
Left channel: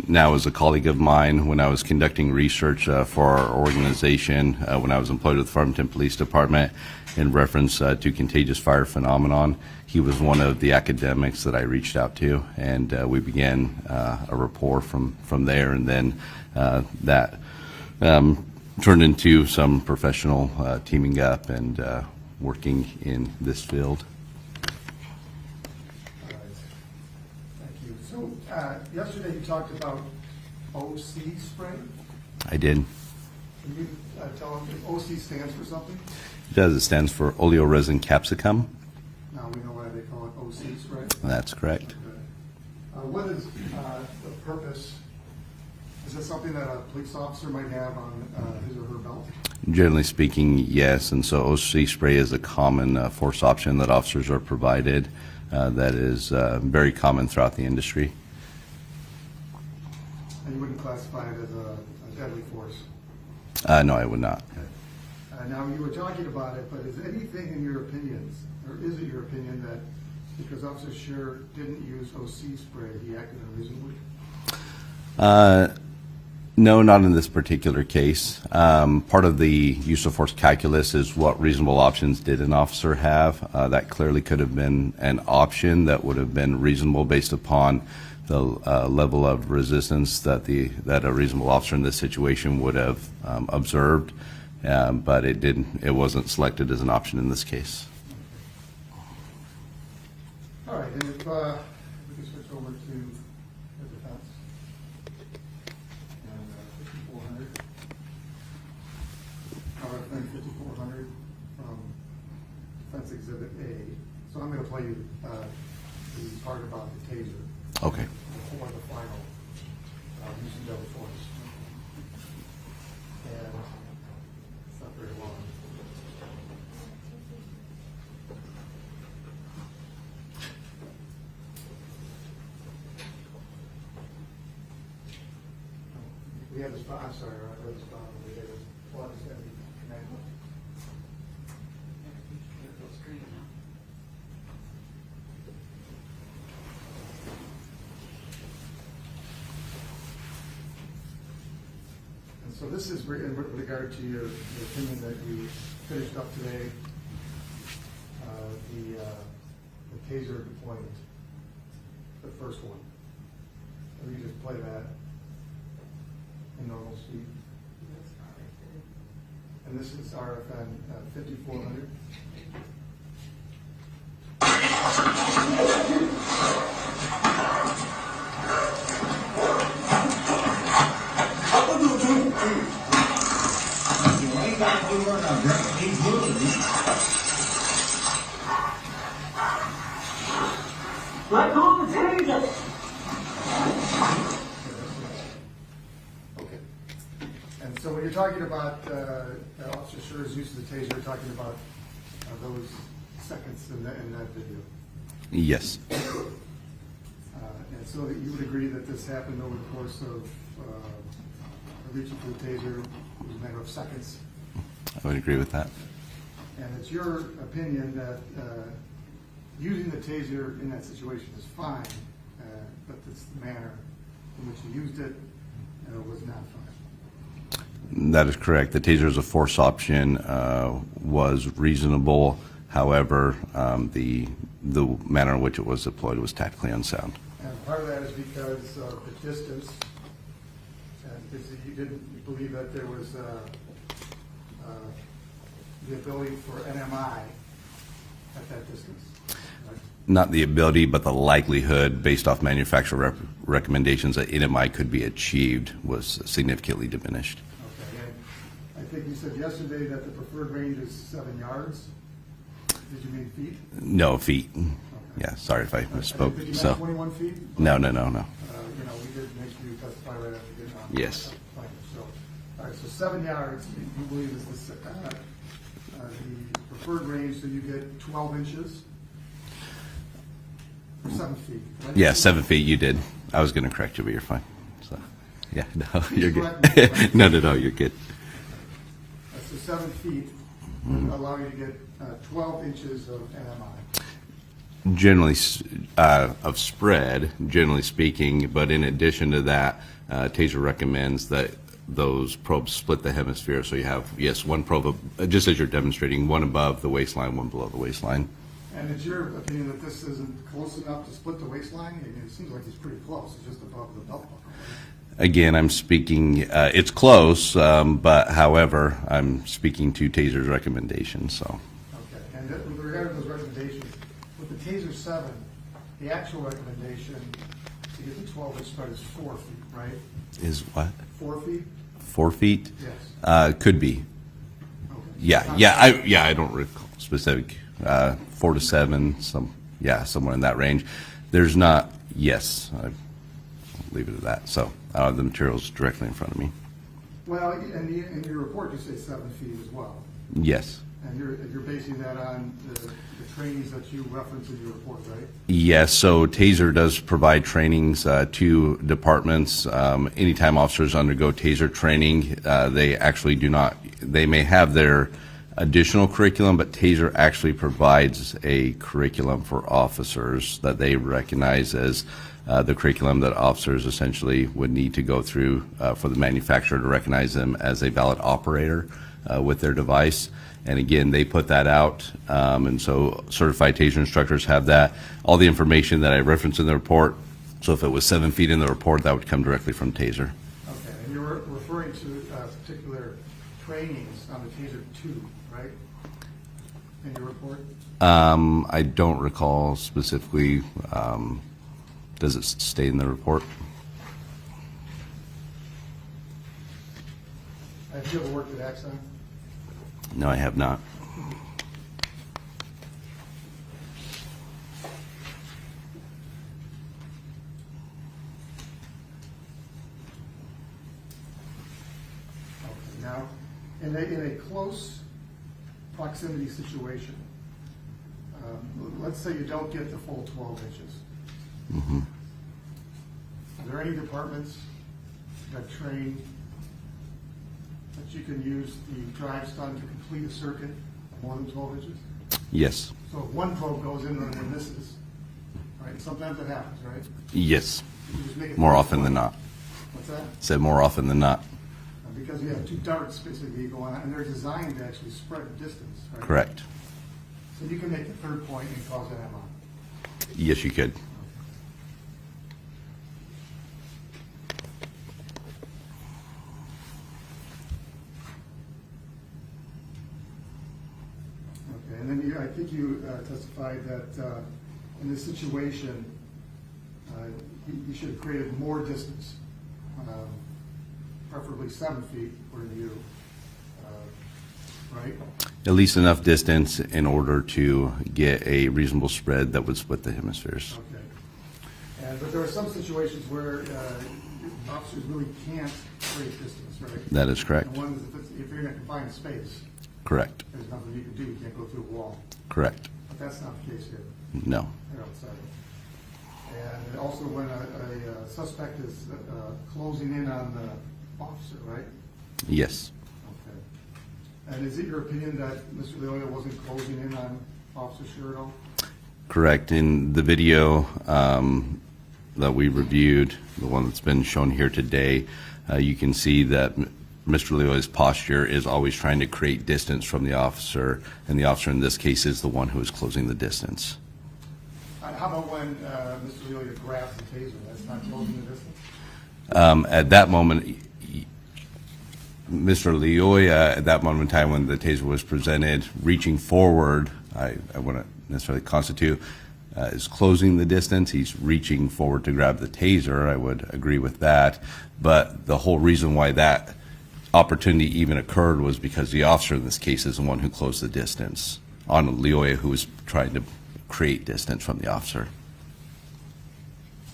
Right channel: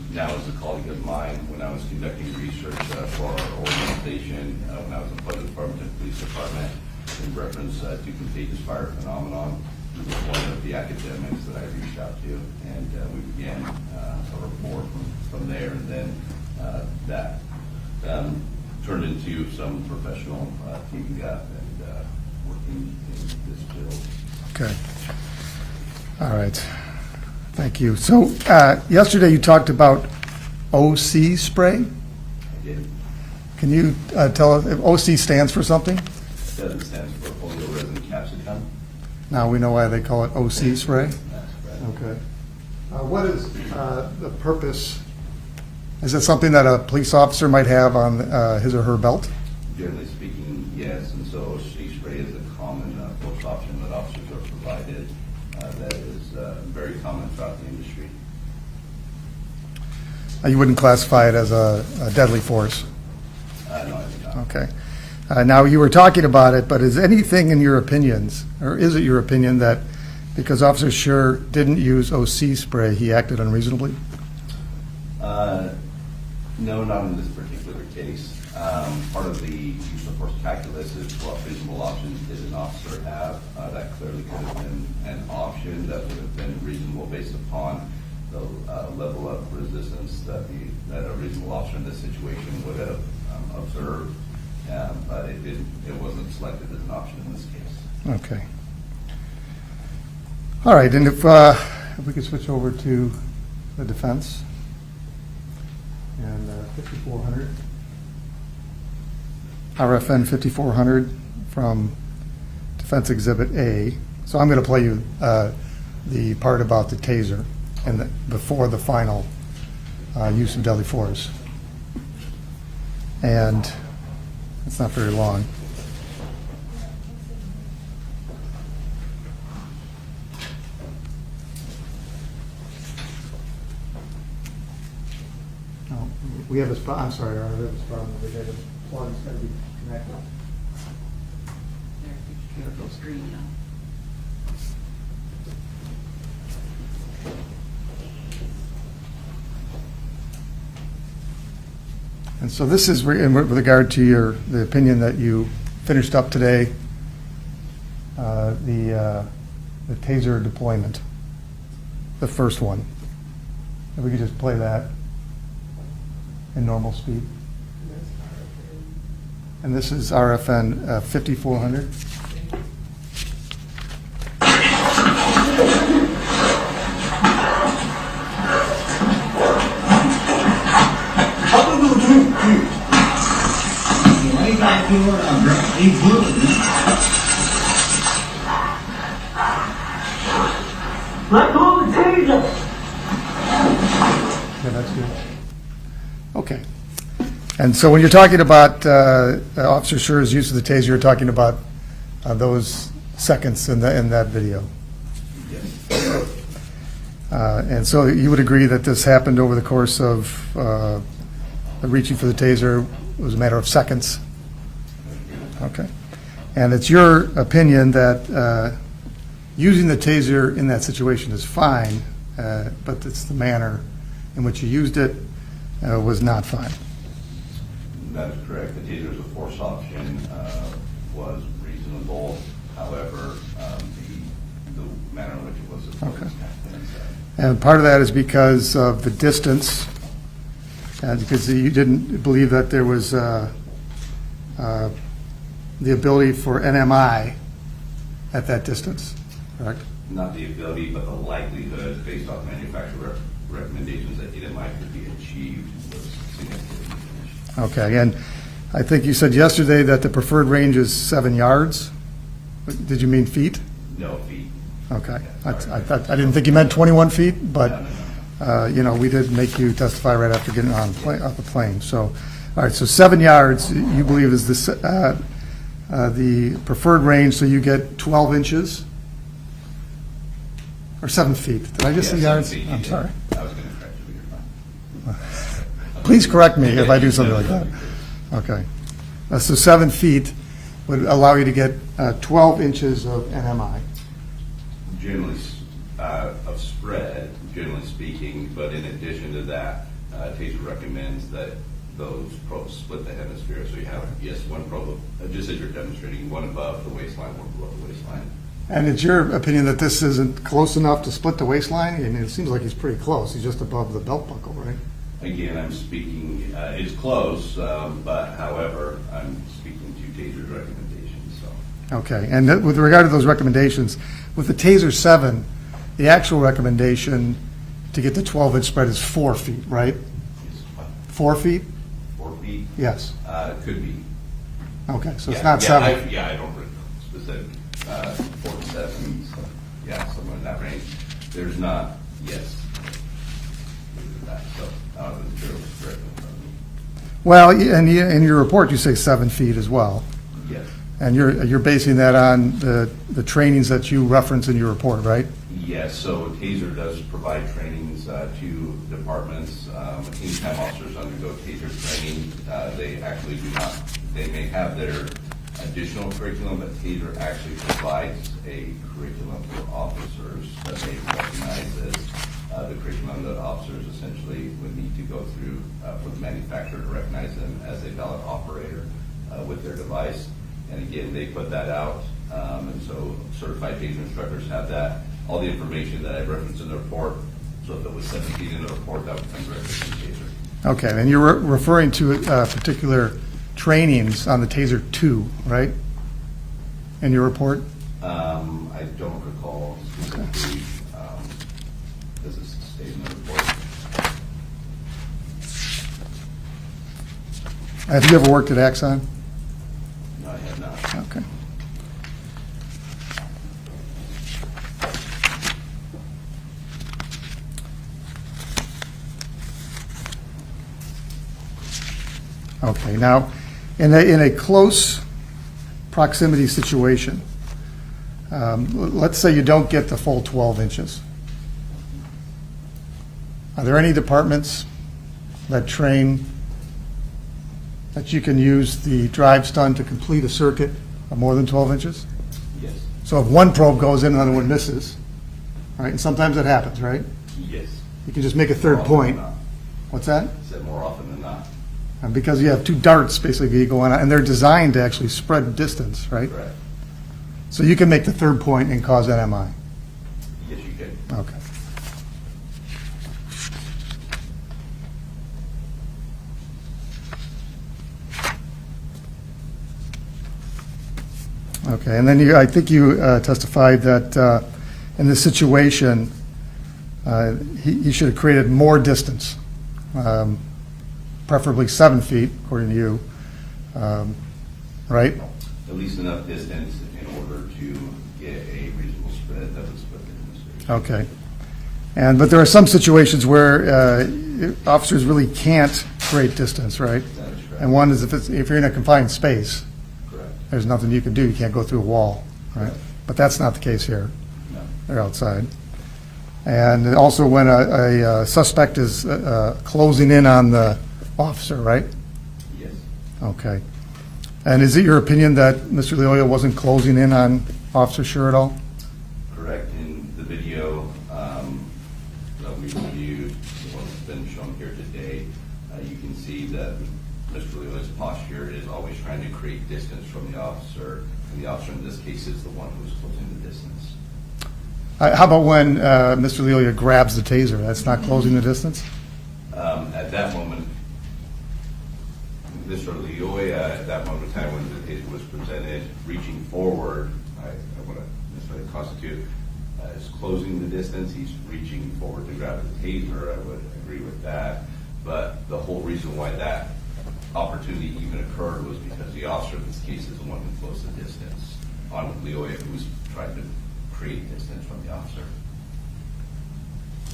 now is a colleague of mine. When I was conducting research for our organization, when I was employed with the Farmington Police Department in reference to contagious fire phenomenon, he was one of the academics that I reached out to, and we began a rapport from there, and then that turned into some professional teaming up and working in this field. Okay. All right. Thank you. So yesterday you talked about OC spray. I did. Can you tell us if OC stands for something? It does. It stands for oleoresin capsicum. Now we know why they call it OC spray. That's correct. Okay. What is the purpose? Is it something that a police officer might have on his or her belt? Generally speaking, yes. And so OC spray is a common force option that officers are provided that is very common throughout the industry. You wouldn't classify it as a deadly force? No, I would not. Okay. Now, you were talking about it, but is anything in your opinions, or is it your opinion that because Officer Schurr didn't use OC spray, he acted unreasonably? No, not in this particular case. Part of the use of force calculus is what reasonable options did an officer have. That clearly could have been an option that would have been reasonable based upon the level of resistance that a reasonable officer in this situation would have observed, but it didn't. It wasn't selected as an option in this case. Okay. All right, and if we could switch over to the defense. And 5400, RFN 5400 from Defense Exhibit A. So I'm going to play you the part about the taser before the final use of deadly force. And it's not very long. We have a spot, I'm sorry, Your Honor, we have a spot over there. The plug's got to be connected. There, it goes green now. And so this is with regard to the opinion that you finished up today, the taser deployment, the first one. If we could just play that in normal speed. And this is RFN 5400. Let go of the taser. Yeah, that's good. Okay. And so when you're talking about Officer Schurr's use of the taser, you're talking about those seconds in that video. Yes. And so you would agree that this happened over the course of reaching for the taser was a matter of seconds? I would agree with that. Okay. And it's your opinion that using the taser in that situation is fine, but it's the manner in which you used it was not fine? That is correct. The taser as a force option was reasonable. However, the manner in which it was deployed was tactically unsound. And part of that is because of the distance, and because you didn't believe that there was the ability for NMI at that distance, correct? Not the ability, but the likelihood, based off manufacturer recommendations, that NMI could be achieved was significantly diminished. Okay, and I think you said yesterday that the preferred range is 7 yards. Did you mean feet? No, feet. Okay. Yeah, sorry. I didn't think you meant 21 feet, but. No. You know, we did make you testify right after getting on Yes. off the plane. So, all right, so 7 yards, you believe is the preferred range, so you get 12 inches? Or 7 feet? Did I just Yeah, say 7 yards? feet, you I'm did. sorry. I was going to correct you, but you're fine. So, yeah, no, Please you're correct good. me if I do something No, wrong. you're good. Okay. So 7 feet would allow you to get 12 inches of NMI. Generally, of spread, generally speaking, but in addition to that, Taser recommends that those probes split the hemisphere, so you have, yes, one probe, just as you're demonstrating, one above the waistline, one below the waistline. And it's your opinion that this isn't close enough to split the waistline? I mean, it seems like he's pretty close. He's just above the belt buckle, right? Again, I'm speaking, it's close, but however, I'm speaking to Taser's recommendations, so. Okay, and with regard to those recommendations, with the Taser 7, the actual recommendation to get the 12-inch spread is 4 feet, right? Is what? 4 feet? 4 feet? Yes. Could be. Okay, so it's Yeah, not yeah, 7. I don't recall specific, 4 to 7, somewhere in that range. There's not, yes, I'd leave it at that. So, the material's directly in front of me. Well, and in your report, you say 7 feet as well. Yes. And you're basing that on the trainings that you reference in your report, right? Yes, so Taser does provide trainings to departments. Anytime officers undergo Taser training, they actually do not, they may have their additional curriculum, but Taser actually provides a curriculum for officers that they recognize as the curriculum that officers essentially would need to go through for the manufacturer to recognize them as a valid operator with their device. And again, they put that out, and so certified Taser instructors have that. All the information that I referenced in the report, so if it was 7 feet in the report, that would come directly from Taser. Okay, and you're referring to particular trainings on the Taser 2, right? In your report? I don't recall specifically, does it state in the report? Have you ever worked at Axon? No, I have not. Okay. Okay, now, in a close proximity situation, let's say you don't get the full 12 inches. Are there any departments that train that you can use the drive stun to complete a circuit of more than 12 inches? Yes. So if one probe goes in and another one misses, right, and sometimes that happens, right? Yes. You can just make a More third often point. than not. What's that? Said more often than not. And because you have two darts basically going on, and they're designed to actually spread distance, right? Correct. So you can make the third point and cause NMI. Yes, you could. Okay. Okay, and then I think you testified that in this situation, he should have created more distance, preferably 7 feet, according to you, right? At least enough distance in order to get a reasonable spread that would split the hemispheres. Okay. But there are some situations where officers really can't create distance, right? That is correct. And one is if you're in a confined space, Correct. there's nothing you can do. You can't go through a wall. Correct. but that's not the case here. No. They're outside. And also when a suspect is closing in on the officer, right? Yes. Okay. And is it your opinion that Mr. Lyoya wasn't closing in on Officer Schurr at all? Correct. In the video that we reviewed, the one that's been shown here today, you can see that Mr. Lyoya's posture is always trying to create distance from the officer, and the officer in this case is the one who is closing the distance. How about when Mr. Lyoya grabs the taser? That's not closing the distance? At that moment, Mr. Lyoya, at that moment in time when the taser was presented, reaching forward, I wouldn't necessarily constitute is closing the distance. He's reaching forward to grab the taser. I would agree with that. But the whole reason why that opportunity even occurred was because the officer in this case is the one who closed the distance on Lyoya, who was trying to create distance from the officer.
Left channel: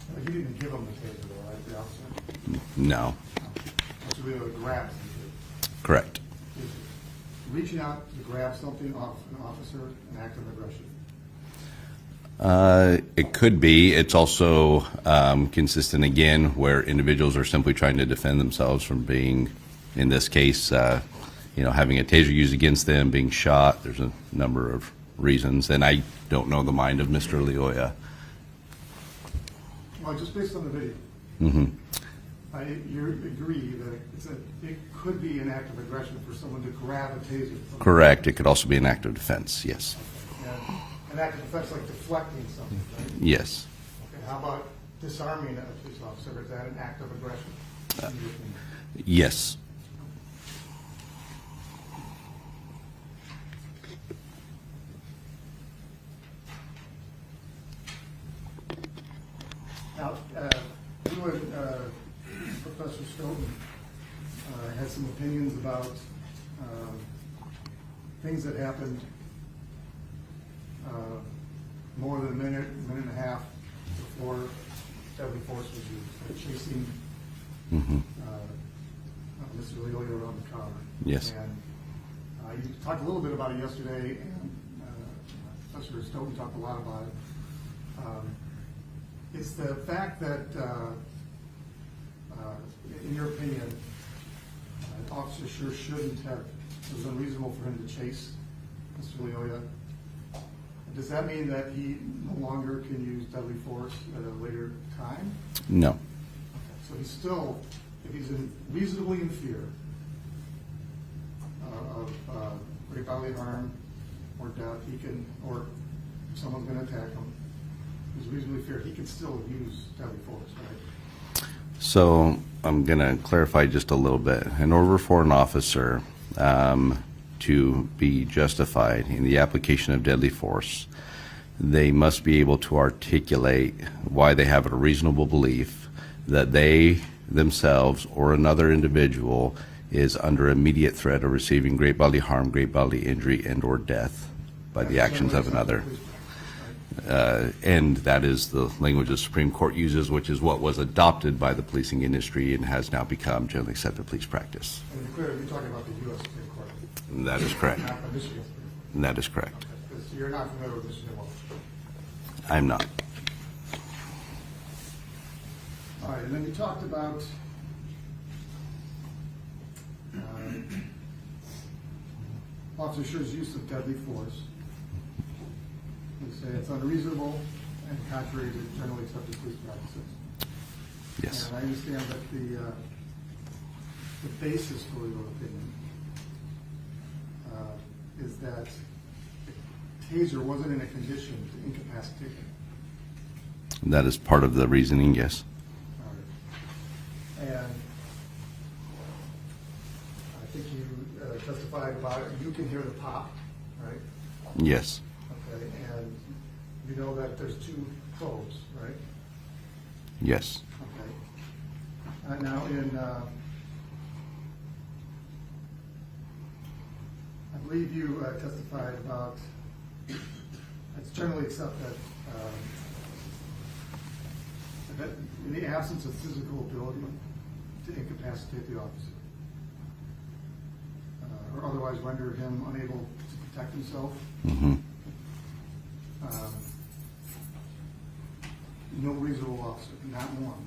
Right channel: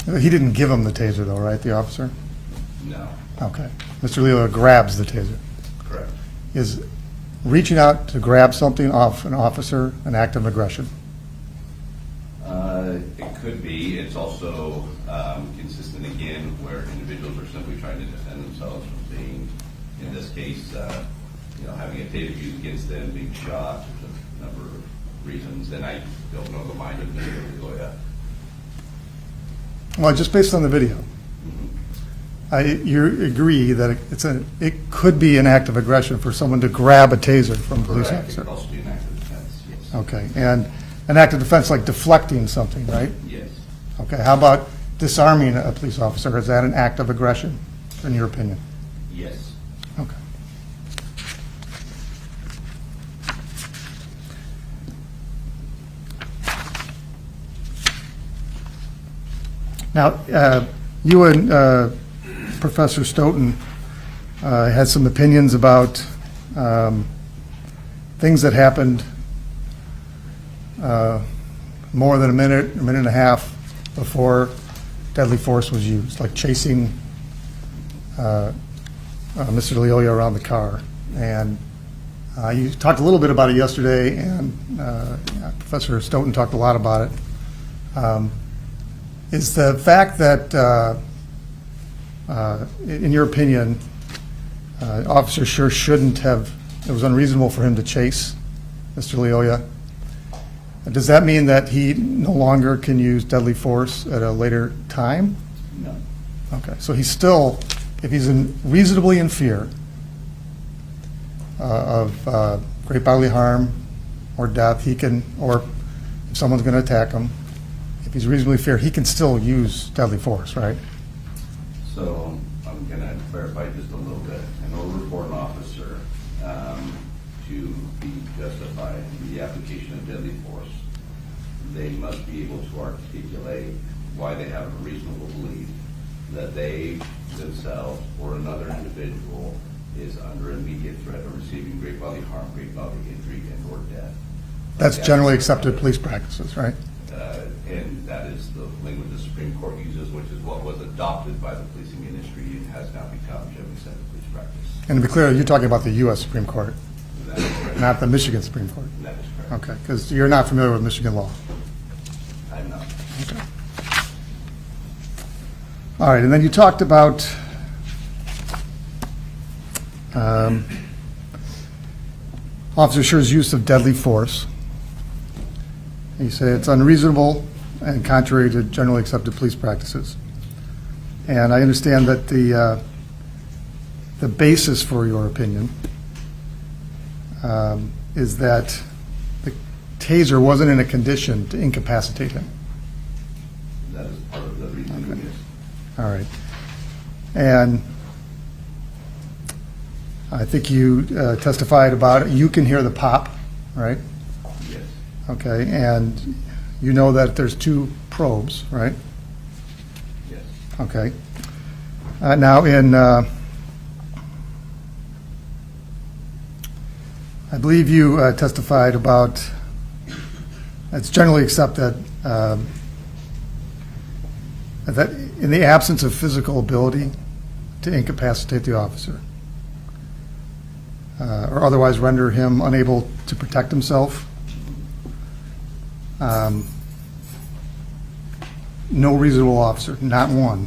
He didn't give him the taser though, right, the officer? No. Okay. Mr. Lyoya grabs the taser. Correct. Is reaching out to grab something off an officer an act of aggression? It could be. It's also consistent, again, where individuals are simply trying to defend themselves from being, in this case, having a taser used against them, being shot. There's a number of reasons, and I don't know the mind of Mr. Lyoya. Well, just based on the video, Mm-hmm. you agree that it could be an act of aggression for someone to grab a taser from a police Correct. It officer. could also be an act of defense, yes. Okay, and an act of defense like deflecting something, right? Yes. Okay, how about disarming a police officer? Is that an act of aggression, in your opinion? Yes. Okay. Now, you and Professor Stoughton had some opinions about things that happened more than a minute and a half before deadly force was used, like chasing Mr. Lyoya around the car. Yes. And you talked a little bit about it yesterday, and Professor Stoughton talked a lot about it. Is the fact that, in your opinion, Officer Schurr shouldn't have, it was unreasonable for him to chase Mr. Lyoya, does that mean that he no longer can use deadly force at a later time? No. Okay, so he's still, if he's reasonably in fear of great bodily harm or death, he can, or if someone's going to attack him, if he's reasonably fear, he can still use deadly force, right? So I'm going to clarify just a little bit. In order for an officer to be justified in the application of deadly force, they must be able to articulate why they have a reasonable belief that they themselves or another individual is under immediate threat of receiving great bodily harm, great bodily injury, and or death. by That's the generally actions of accepted another. police practices, right? And that is the language the Supreme Court uses, which is what was adopted by the policing industry and has now become generally accepted police practice. And to be clear, you're talking about the U.S. Supreme Court, That is correct. not the Michigan Supreme Court. That is correct. Okay, because you're not familiar with Michigan law. I'm not. Okay. All right, and then you talked about Officer Schurr's use of deadly force. You say it's unreasonable and contrary to generally accepted police practices. Yes. And I understand that the basis for your opinion is that the taser wasn't in a condition to incapacitate him. That is part of the reasoning, yes. All right. And I think you testified about it. You can hear the pop, right? Yes. Okay, and you know that there's two probes, right? Yes. Okay. Now in, I believe you testified about, it's generally accepted that in the absence of physical ability to incapacitate the officer or otherwise render him unable to protect himself, Mhm. no reasonable officer, not one,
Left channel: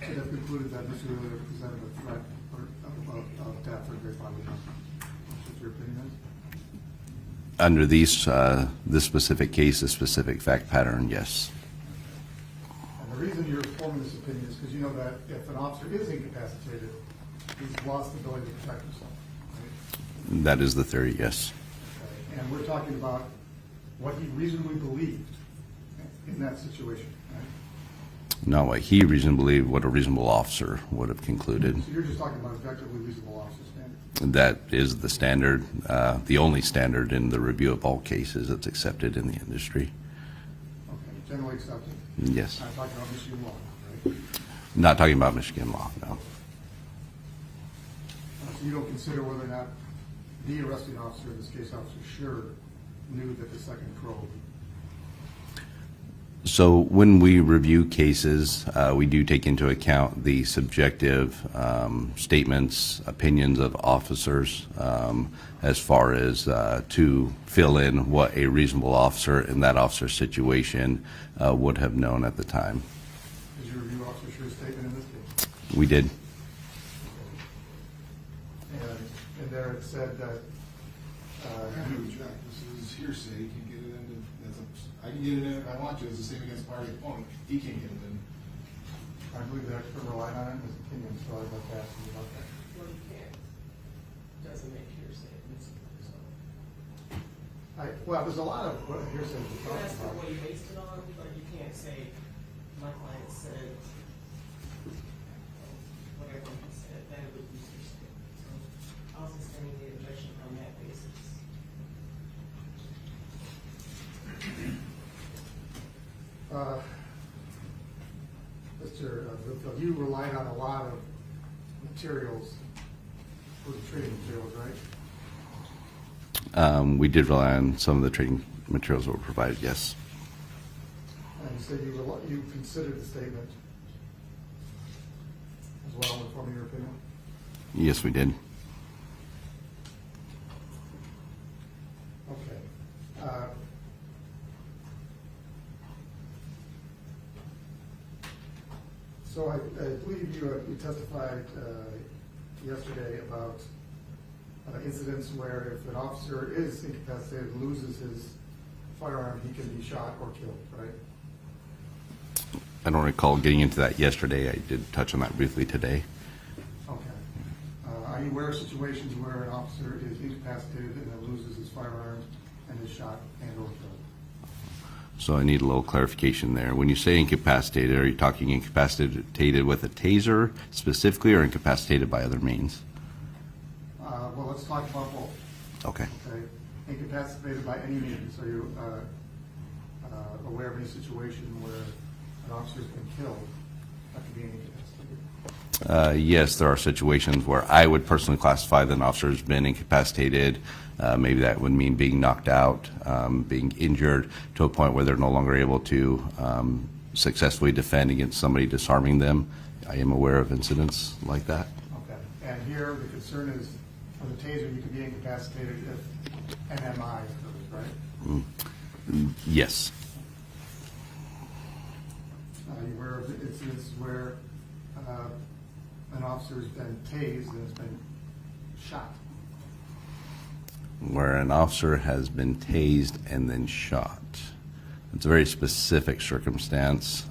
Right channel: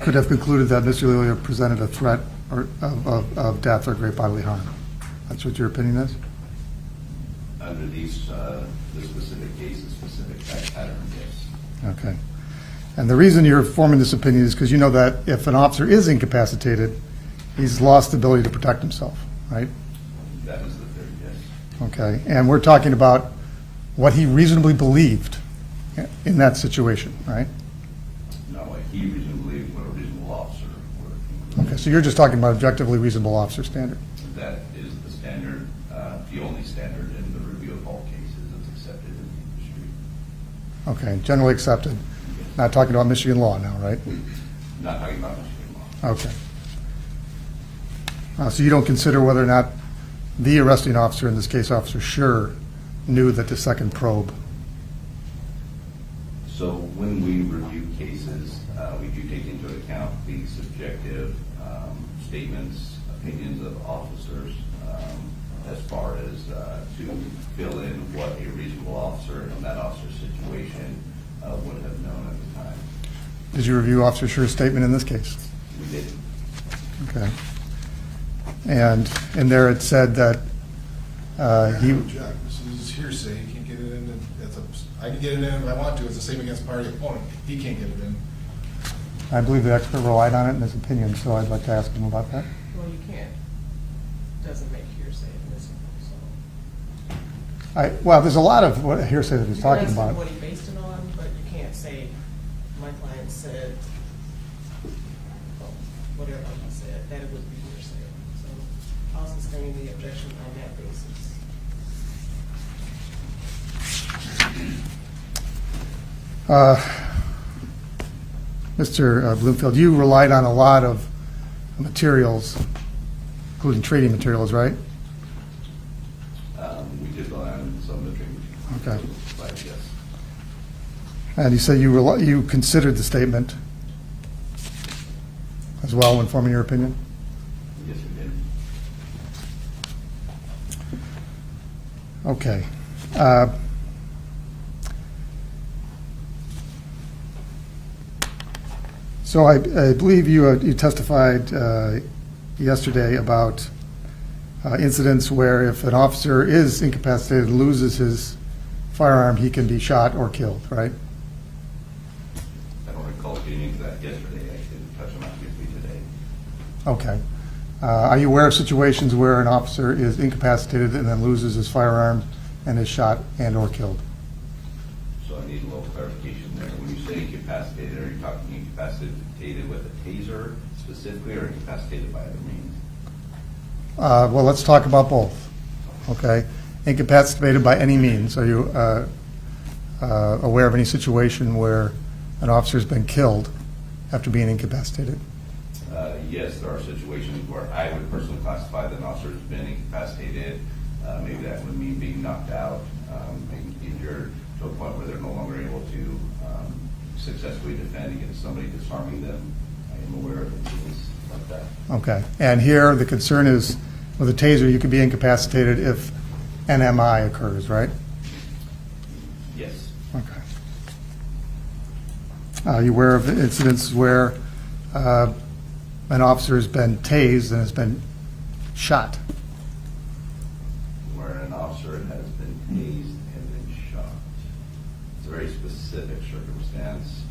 could have concluded that Mr. Lyoya presented a threat of death or great bodily harm. That's what your opinion is? Under this specific case, this specific fact pattern, yes. Okay. And the reason you're forming this opinion is because you know that if an officer is incapacitated, he's lost the ability to protect himself, right? That is the theory, yes. Okay. And we're talking about what he reasonably believed in that situation, right? Not what he reasonably believed, what a reasonable officer would have concluded. Okay, so you're just talking about objectively reasonable officer standard. That is the standard, the only standard in the review of all cases that's accepted in the industry. Okay, generally accepted. Yes. Not talking about Michigan law now, right? Not talking about Michigan law. Okay. So you don't consider whether or not the arresting officer, in this case Officer Schurr, knew that the second probe? So when we review cases, we do take into account the subjective statements, opinions of officers, as far as to fill in what a reasonable officer in that officer's situation would have known at the time. Did you review Officer Schurr's statement in this case? We did. Okay. And in there it said that he, Object. This is hearsay, you can't get it in, I can get it in if I want to, it's the same against party opponent, he can't get it in. I believe the expert relied on it in his opinion, so I'd like to ask him about that. Well, you can't, doesn't make hearsay admissible, so. Well, there's a lot of what hearsay that he's talking That's about. what he based it on, but you can't say, my client said, well, whatever he said, that it would be hearsay. So I'll sustain the objection on that basis. Mr. Bloomfield, you relied on a lot of materials, including trading materials, right? We did rely on some of the training materials that were provided, yes. And you said you considered the statement as well when forming your opinion? Yes, we did. Okay. So I believe you testified yesterday about incidents where if an officer is incapacitated, loses his firearm, he can be shot or killed, right? I don't recall getting into that yesterday. I did touch on that briefly today. Okay. Are you aware of situations where an officer is incapacitated and then loses his firearm and is shot and or killed? So I need a little clarification there. When you say incapacitated, are you talking incapacitated with a taser specifically or incapacitated by other means? Well, let's talk about both. Okay. Okay. Incapacitated by any means. Are you aware of any situation where an officer's been killed after being incapacitated? Yes, there are situations where I would personally classify that an officer has been incapacitated. Maybe that would mean being knocked out, being injured to a point where they're no longer able to successfully defend against somebody disarming them. I am aware of incidents like that. Okay. And here the concern is with a taser, you can be incapacitated if NMI occurs, right? Yes. Okay. Are you aware of incidents where an officer has been tased and has been shot? Where an officer has been tased and then shot. It's a very specific circumstance.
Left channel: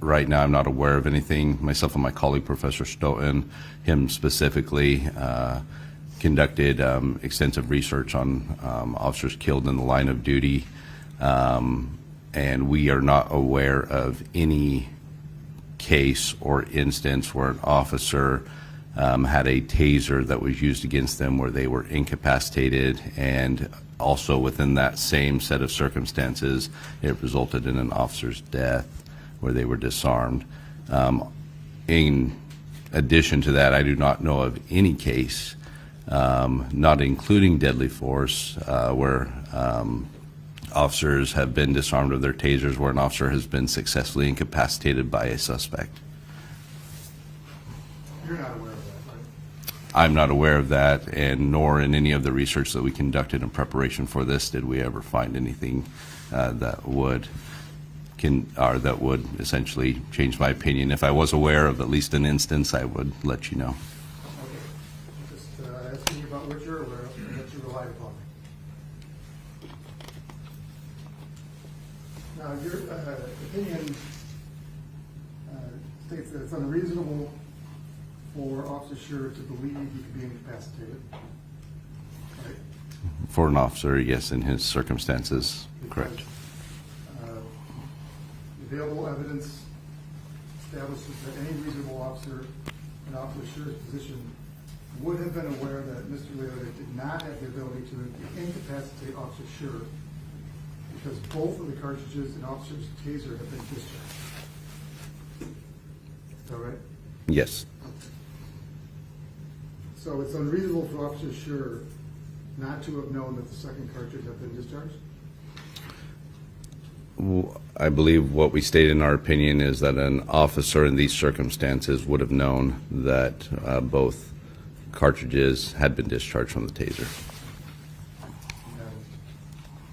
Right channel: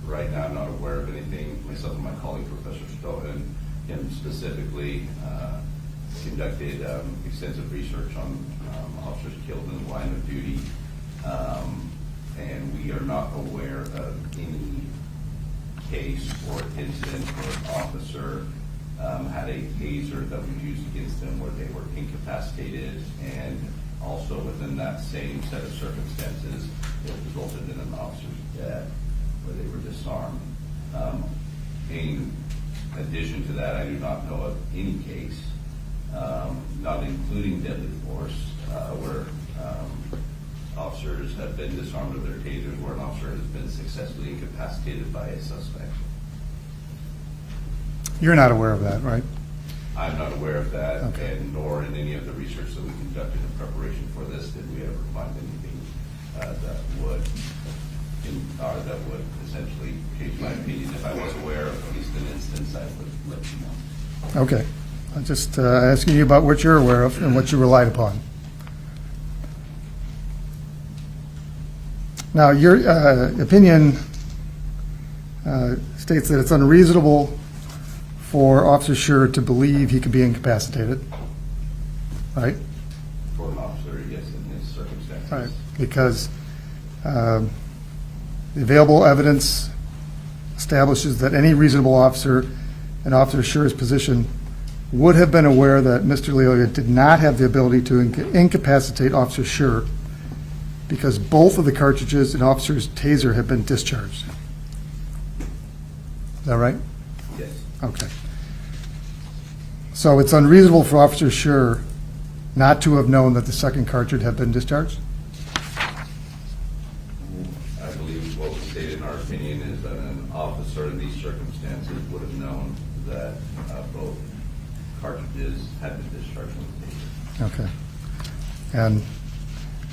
Right now, I'm not aware of anything. Myself and my colleague, Professor Stoughton, him specifically, conducted extensive research on officers killed in the line of duty, and we are not aware of any case or instance where an officer had a taser that was used against them where they were incapacitated, and also within that same set of circumstances, it resulted in an officer's death where they were disarmed. In addition to that, I do not know of any case, not including deadly force, where officers have been disarmed of their tasers, where an officer has been successfully incapacitated by a suspect. You're not aware of that, right? I'm not aware of that, and nor in any of the research that we conducted in preparation for this did we ever find anything that would essentially change my opinion. If I was aware of at least an instance, I would let you know. Okay. I'm just asking you about what you're aware of and what you relied upon. Now, your opinion states that it's unreasonable for Officer Schurr to believe he could be incapacitated, right? For an officer, yes, in his circumstances. Because the available evidence establishes that any reasonable officer in Officer Schurr's position would have been aware that Mr. Lyoya did not have the ability to incapacitate Officer Schurr because both of the cartridges in Officer's taser had been discharged. Is that right? Yes. Okay. So it's unreasonable for Officer Schurr not to have known that the second cartridge had been discharged? I believe what we state in our opinion is that an officer in these circumstances would have known that both cartridges had been discharged from the taser. Okay. And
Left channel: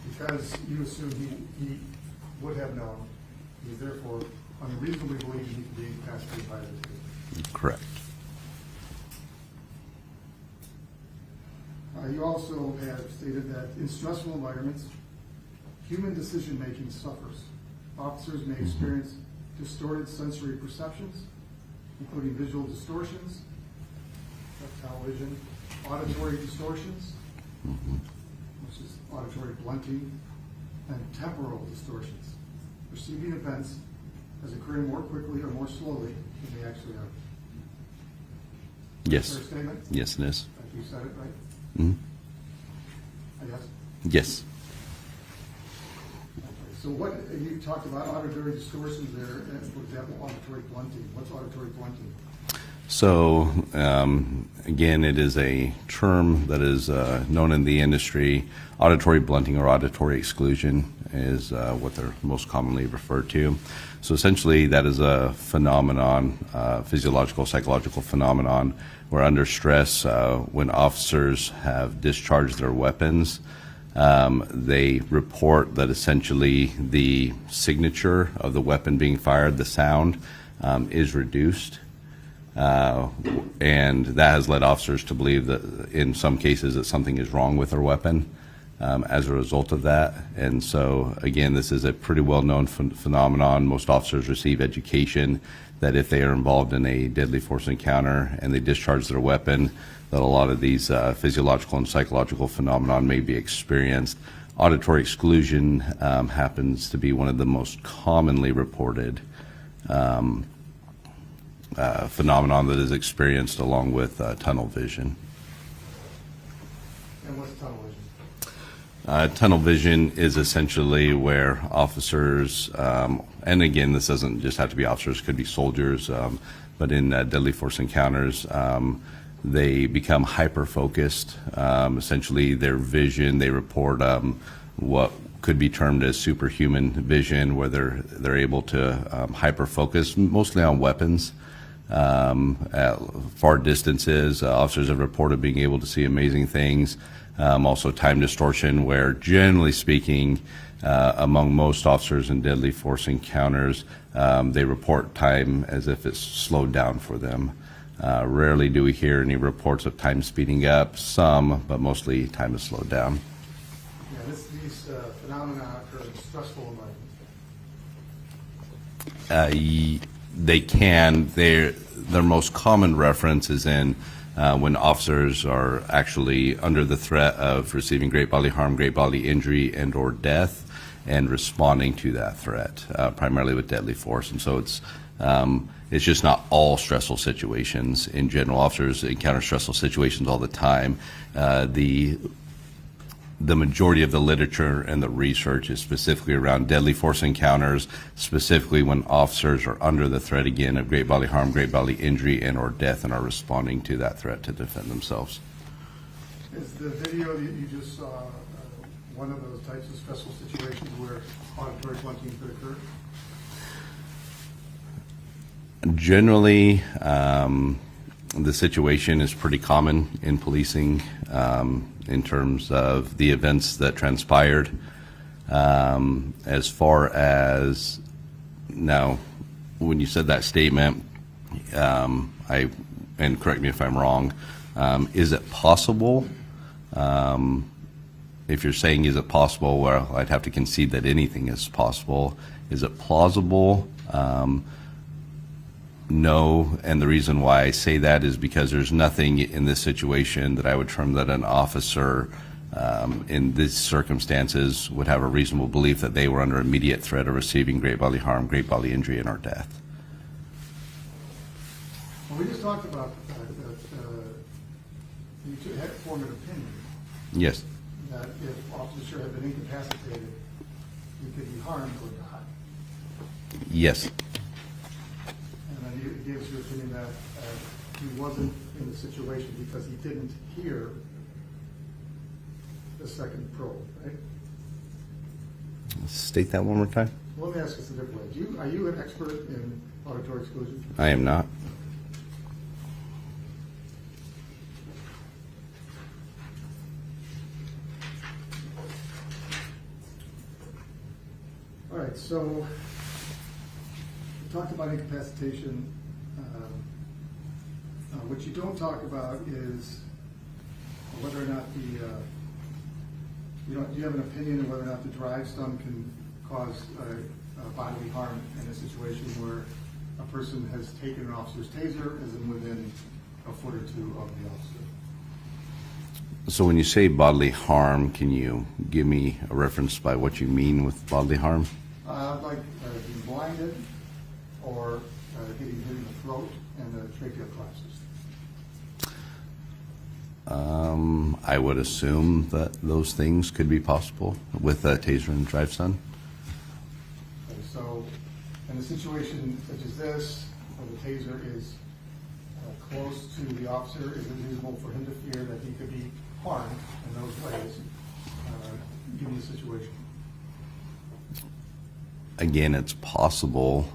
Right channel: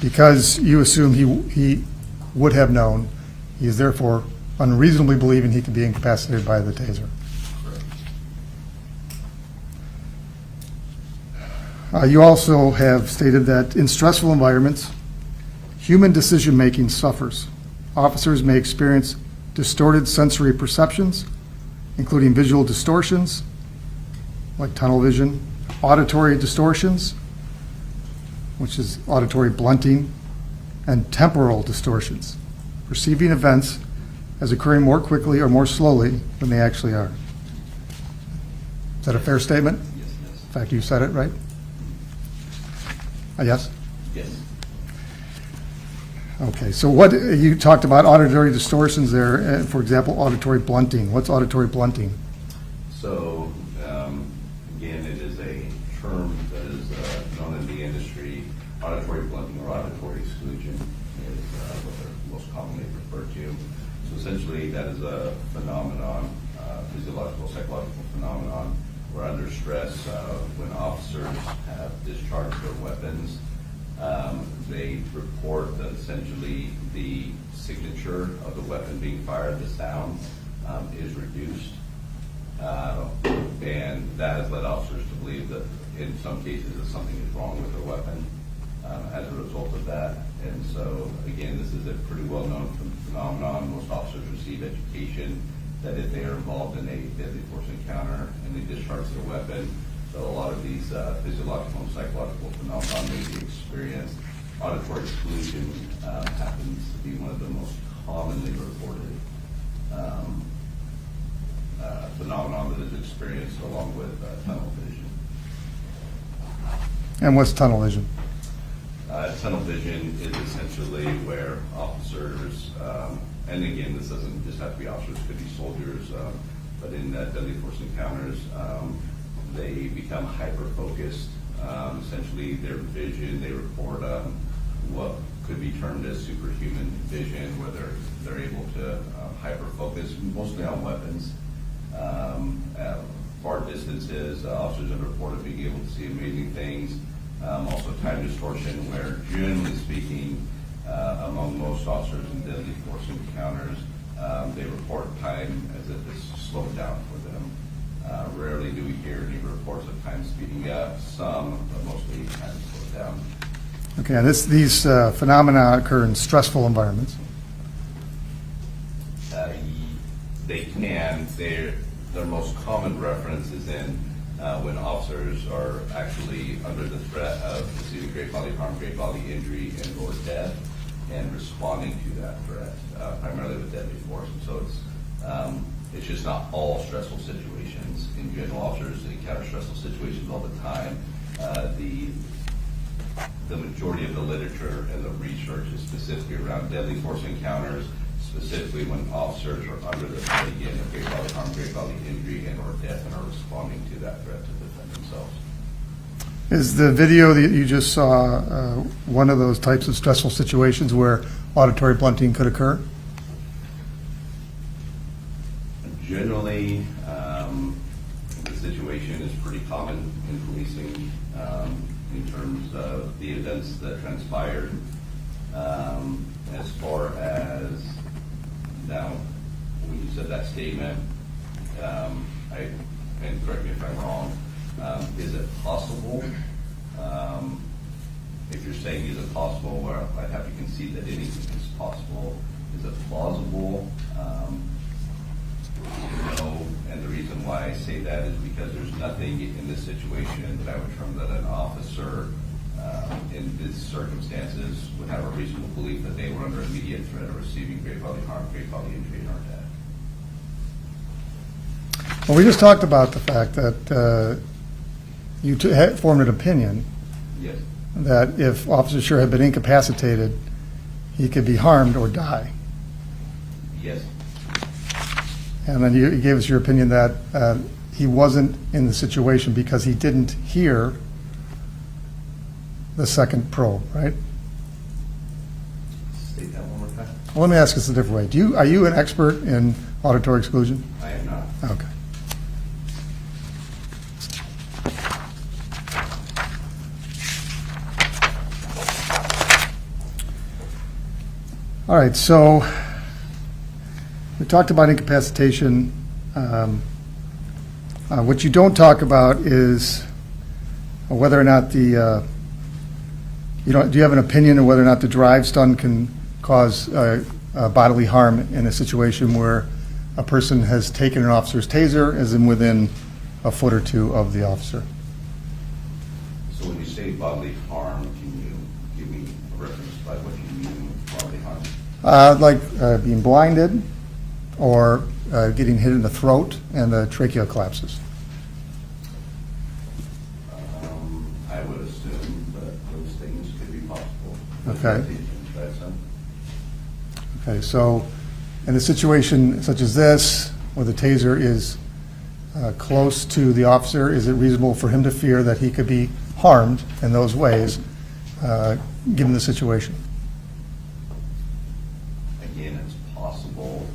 because you assume he would have known, he is therefore unreasonably believing he could be incapacitated by the taser. Correct. You also have stated that in stressful environments, human decision-making suffers. Officers may experience distorted sensory perceptions, including visual distortions, like tunnel vision, auditory distortions, which is auditory blunting, and temporal distortions, perceiving events as occurring more quickly or more slowly than they actually are. Is that a Yes. fair statement? Yes, it is. In fact, you said it, right? Yes? Yes. Okay, so what, you talked about auditory distortions there, for example, auditory blunting. What's auditory blunting? So, again, it is a term that is known in the industry. Auditory blunting or auditory exclusion is what they're most commonly referred to. So essentially, that is a phenomenon, physiological, psychological phenomenon, where under stress, when officers have discharged their weapons, they report that essentially the signature of the weapon being fired, the sound, is reduced. And that has led officers to believe that in some cases that something is wrong with their weapon as a result of that. And so, again, this is a pretty well-known phenomenon. Most officers receive education that if they are involved in a deadly force encounter and they discharge their weapon, that a lot of these physiological and psychological phenomenon may be experienced. Auditory exclusion happens to be one of the most commonly reported phenomenon that is experienced along with tunnel vision. And what's tunnel vision? Tunnel vision is essentially where officers, and again, this doesn't just have to be officers, it could be soldiers, but in deadly force encounters, they become hyper-focused. Essentially, their vision, they report what could be termed as superhuman vision, where they're able to hyper-focus, mostly on weapons. At far distances, officers have reported being able to see amazing things. Also time distortion, where generally speaking, among most officers in deadly force encounters, they report time as if it's slowed down for them. Rarely do we hear any reports of time speeding up, some, but mostly time is slowed down. Okay, and these phenomena occur in stressful environments. They can. Their most common reference is in when officers are actually under the threat of receiving great bodily harm, great bodily injury, and or death, and responding to that threat, primarily with deadly force. And so it's just not all stressful situations. In general, officers encounter stressful situations all the time. The majority of the literature and the research is specifically around deadly force encounters, specifically when officers are under the threat, again, of great bodily harm, great bodily injury, and or death, and are responding to that threat to defend themselves. Is the video that you just saw one of those types of stressful situations where auditory blunting could occur? Generally, the situation is pretty common in policing in terms of the events that transpired. As far as now, when you said that statement, and correct me if I'm wrong, is it possible? If you're saying is it possible, well, I'd have to concede that anything is possible. Is it plausible? No, and the reason why I say that is because there's nothing in this situation that I would term that an officer in these circumstances would have a reasonable belief that they were under immediate threat of receiving great bodily harm, great bodily injury, and or death. Well, we just talked about the fact that you had formed an opinion Yes. that if Officer Schurr had been incapacitated, he could be harmed or die. Yes. And then you gave us your opinion that he wasn't in the situation because he didn't hear the second probe, right? State that one more time. Well, let me ask this a different way. Are you an expert in auditory exclusion? I am not. Okay. All right, so we talked about incapacitation. What you don't talk about is whether or not do you have an opinion on whether or not the drive stun can cause bodily harm in a situation where a person has taken an officer's taser, as in within a foot or two of the officer? So when you say bodily harm, can you give me a reference by what you mean with bodily harm? Like being blinded or getting hit in the throat and the trachea collapses. I would assume that those things could be possible with that Okay. taser and drive stun. Okay, so in a situation such as this, where the taser is close to the officer, is it reasonable for him to fear that he could be harmed in those ways, given the situation? Again, it's possible,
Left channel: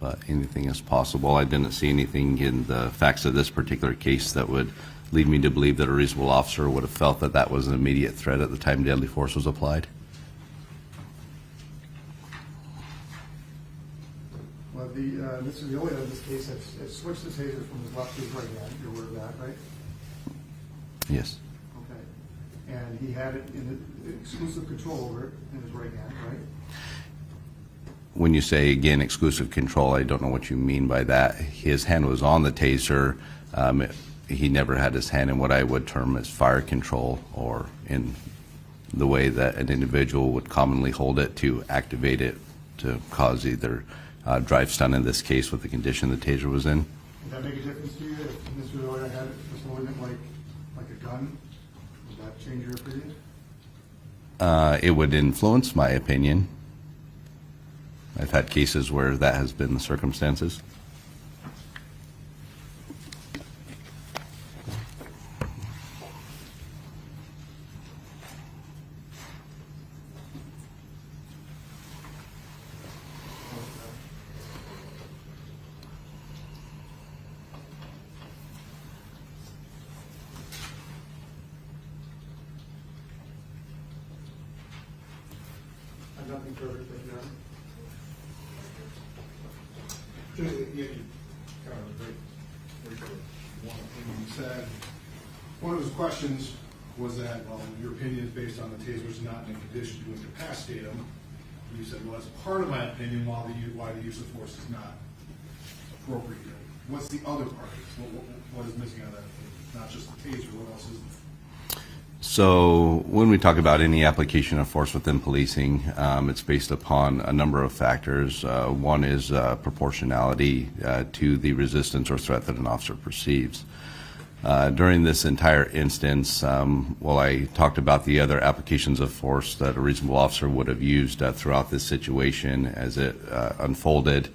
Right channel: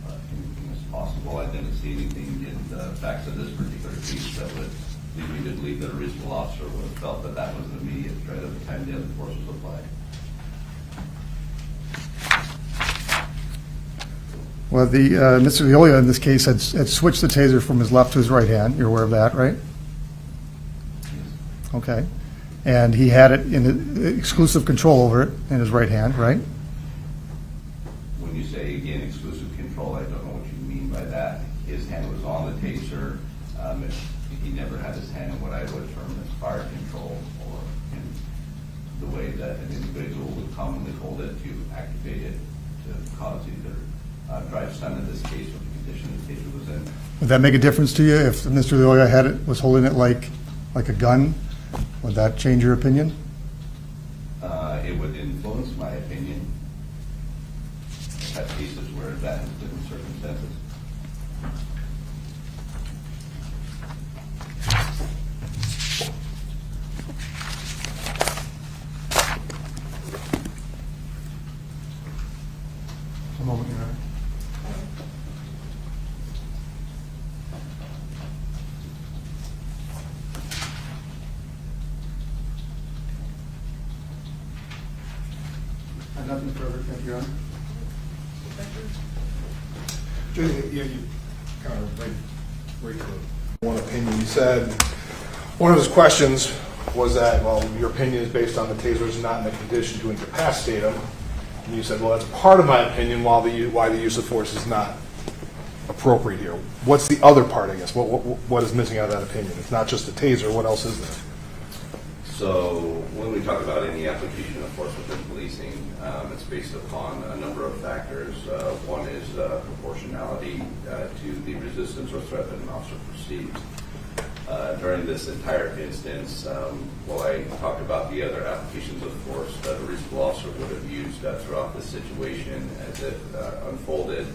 but anything is possible. I didn't see anything in the facts of this particular case that would lead me to believe that a reasonable officer would have felt that that was an immediate threat at the time deadly force was applied. Well, Mr. Lyoya in this case had switched the taser from his left to his right hand. You're aware of that, right? Yes. Okay. And he had it in exclusive control over it in his right hand, right? When you say, again, exclusive control, I don't know what you mean by that. His hand was on the taser. He never had his hand in what I would term as fire control, or in the way that an individual would commonly hold it to activate it to cause either drive stun in this case with the condition the taser was in. Would that make a difference to you if Mr. Lyoya was holding it like a gun? Would that change your opinion? It would influence my opinion. I've had cases where that has been the circumstances. A moment, Your Honor. I have nothing further, thank you, Your Honor. You kind of right to one opinion. You said one of his questions was that, well, your opinion is based on the taser's not in a condition to incapacitate him. And you said, well, that's part of my opinion why the use of force is not appropriate here. What's the other part, I guess? What is missing out of that opinion? It's not just the taser. What else is there? So when we talk about any application of force within policing, it's based upon a number of factors. One is proportionality to the resistance or threat that an officer perceives. During this entire instance, while I talked about the other applications of force that a reasonable officer would have used throughout this situation as it unfolded,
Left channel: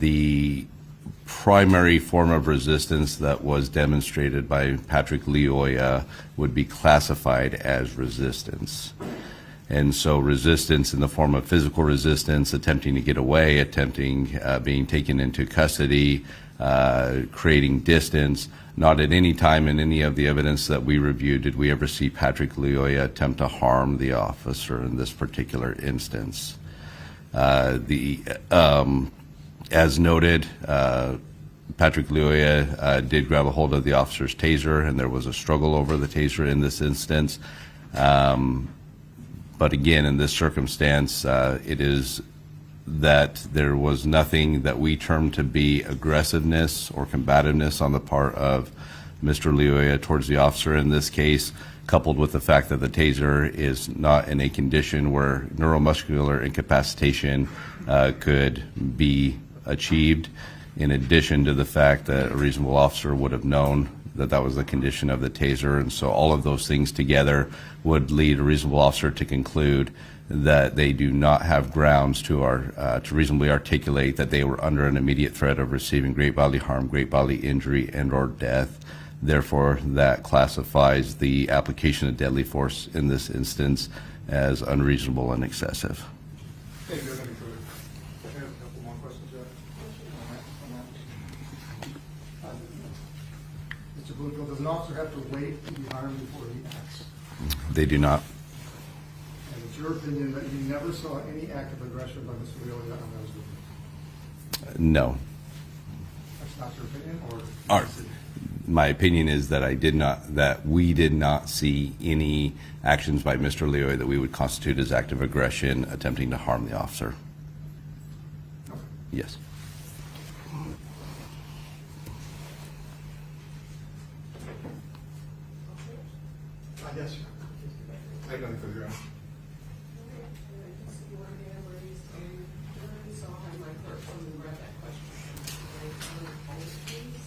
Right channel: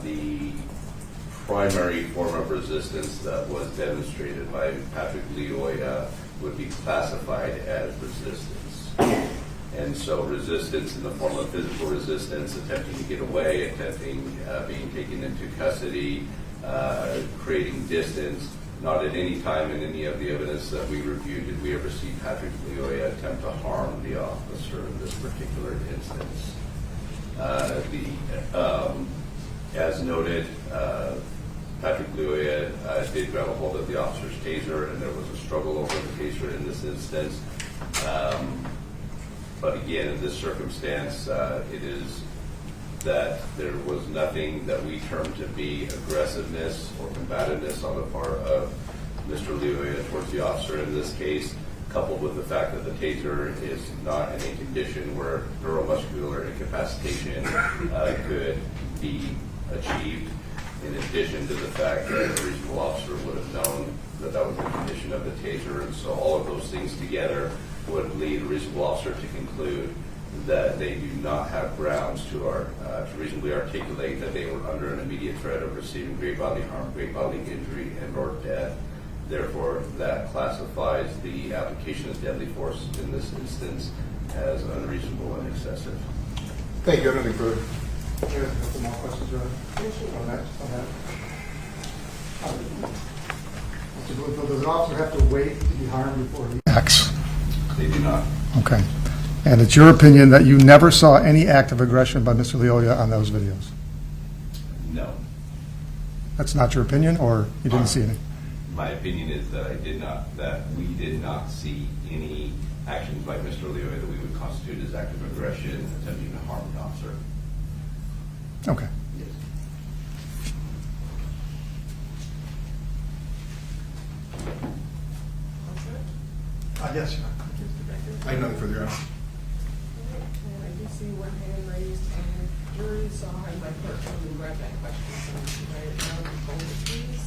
the primary form of resistance that was demonstrated by Patrick Lyoya would be classified as resistance. And so resistance in the form of physical resistance, attempting to get away, being taken into custody, creating distance. Not at any time in any of the evidence that we reviewed did we ever see Patrick Lyoya attempt to harm the officer in this particular instance. As noted, Patrick Lyoya did grab a hold of the officer's taser, and there was a struggle over the taser in this instance. But again, in this circumstance, it is that there was nothing that we term to be aggressiveness or combativeness on the part of Mr. Lyoya towards the officer in this case, coupled with the fact that the taser is not in a condition where neuromuscular incapacitation could be achieved, in addition to the fact that a reasonable officer would have known that that was the condition of the taser. And so all of those things together would lead a reasonable officer to conclude that they do not have grounds to reasonably articulate that they were under an immediate threat of receiving great bodily harm, great bodily injury, and or death. Therefore, that classifies the application of deadly force in this instance as unreasonable and excessive. Thank you. Anything further? Here, a couple more questions, right? On that. Mr. Blumenfield, does an officer have to wait to be harmed before he acts? They do not. Okay. And it's your opinion that you never saw any act of aggression by Mr. Lyoya on those videos? No. That's not your opinion, or you didn't see any? My opinion is that we did not see any actions by Mr. Lyoya that we would constitute as act of aggression attempting to harm the officer. Okay. Yes. Yes, Your Honor. I have nothing further, Your Honor. And I do see one hand raised on your jury, so I'll have my clerk come and grab that question. So, right now, hold it, please.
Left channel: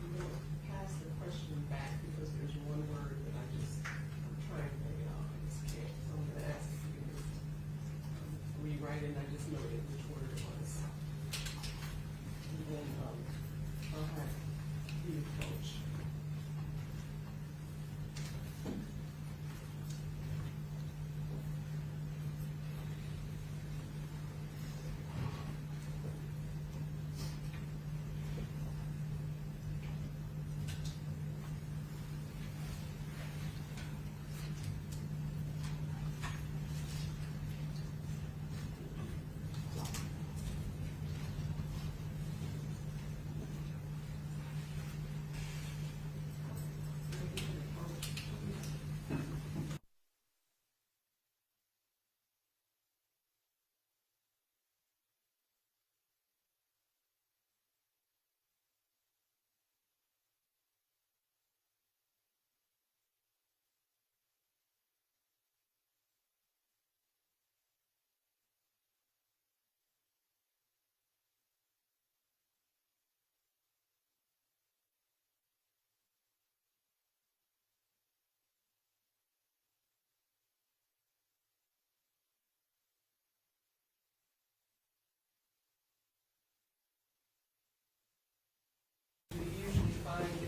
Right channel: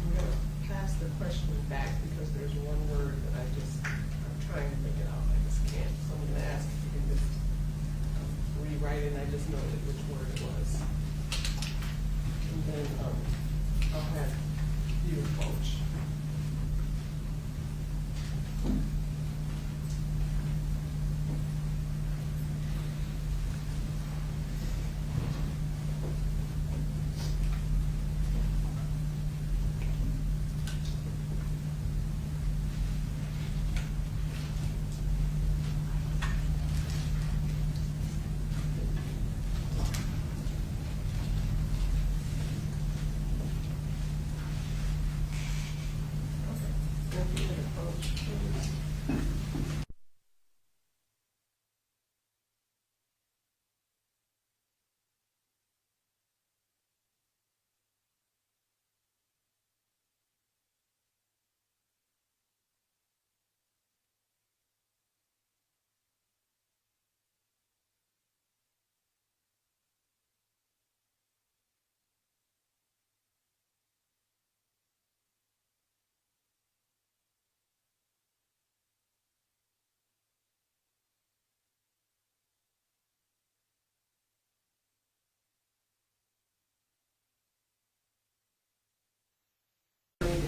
I'm going to pass the question back because there's one word that I'm trying to think it out, I just can't. So I'm going to ask if you could just rewrite it, and I just noted which word it was. And then I'll have you approach.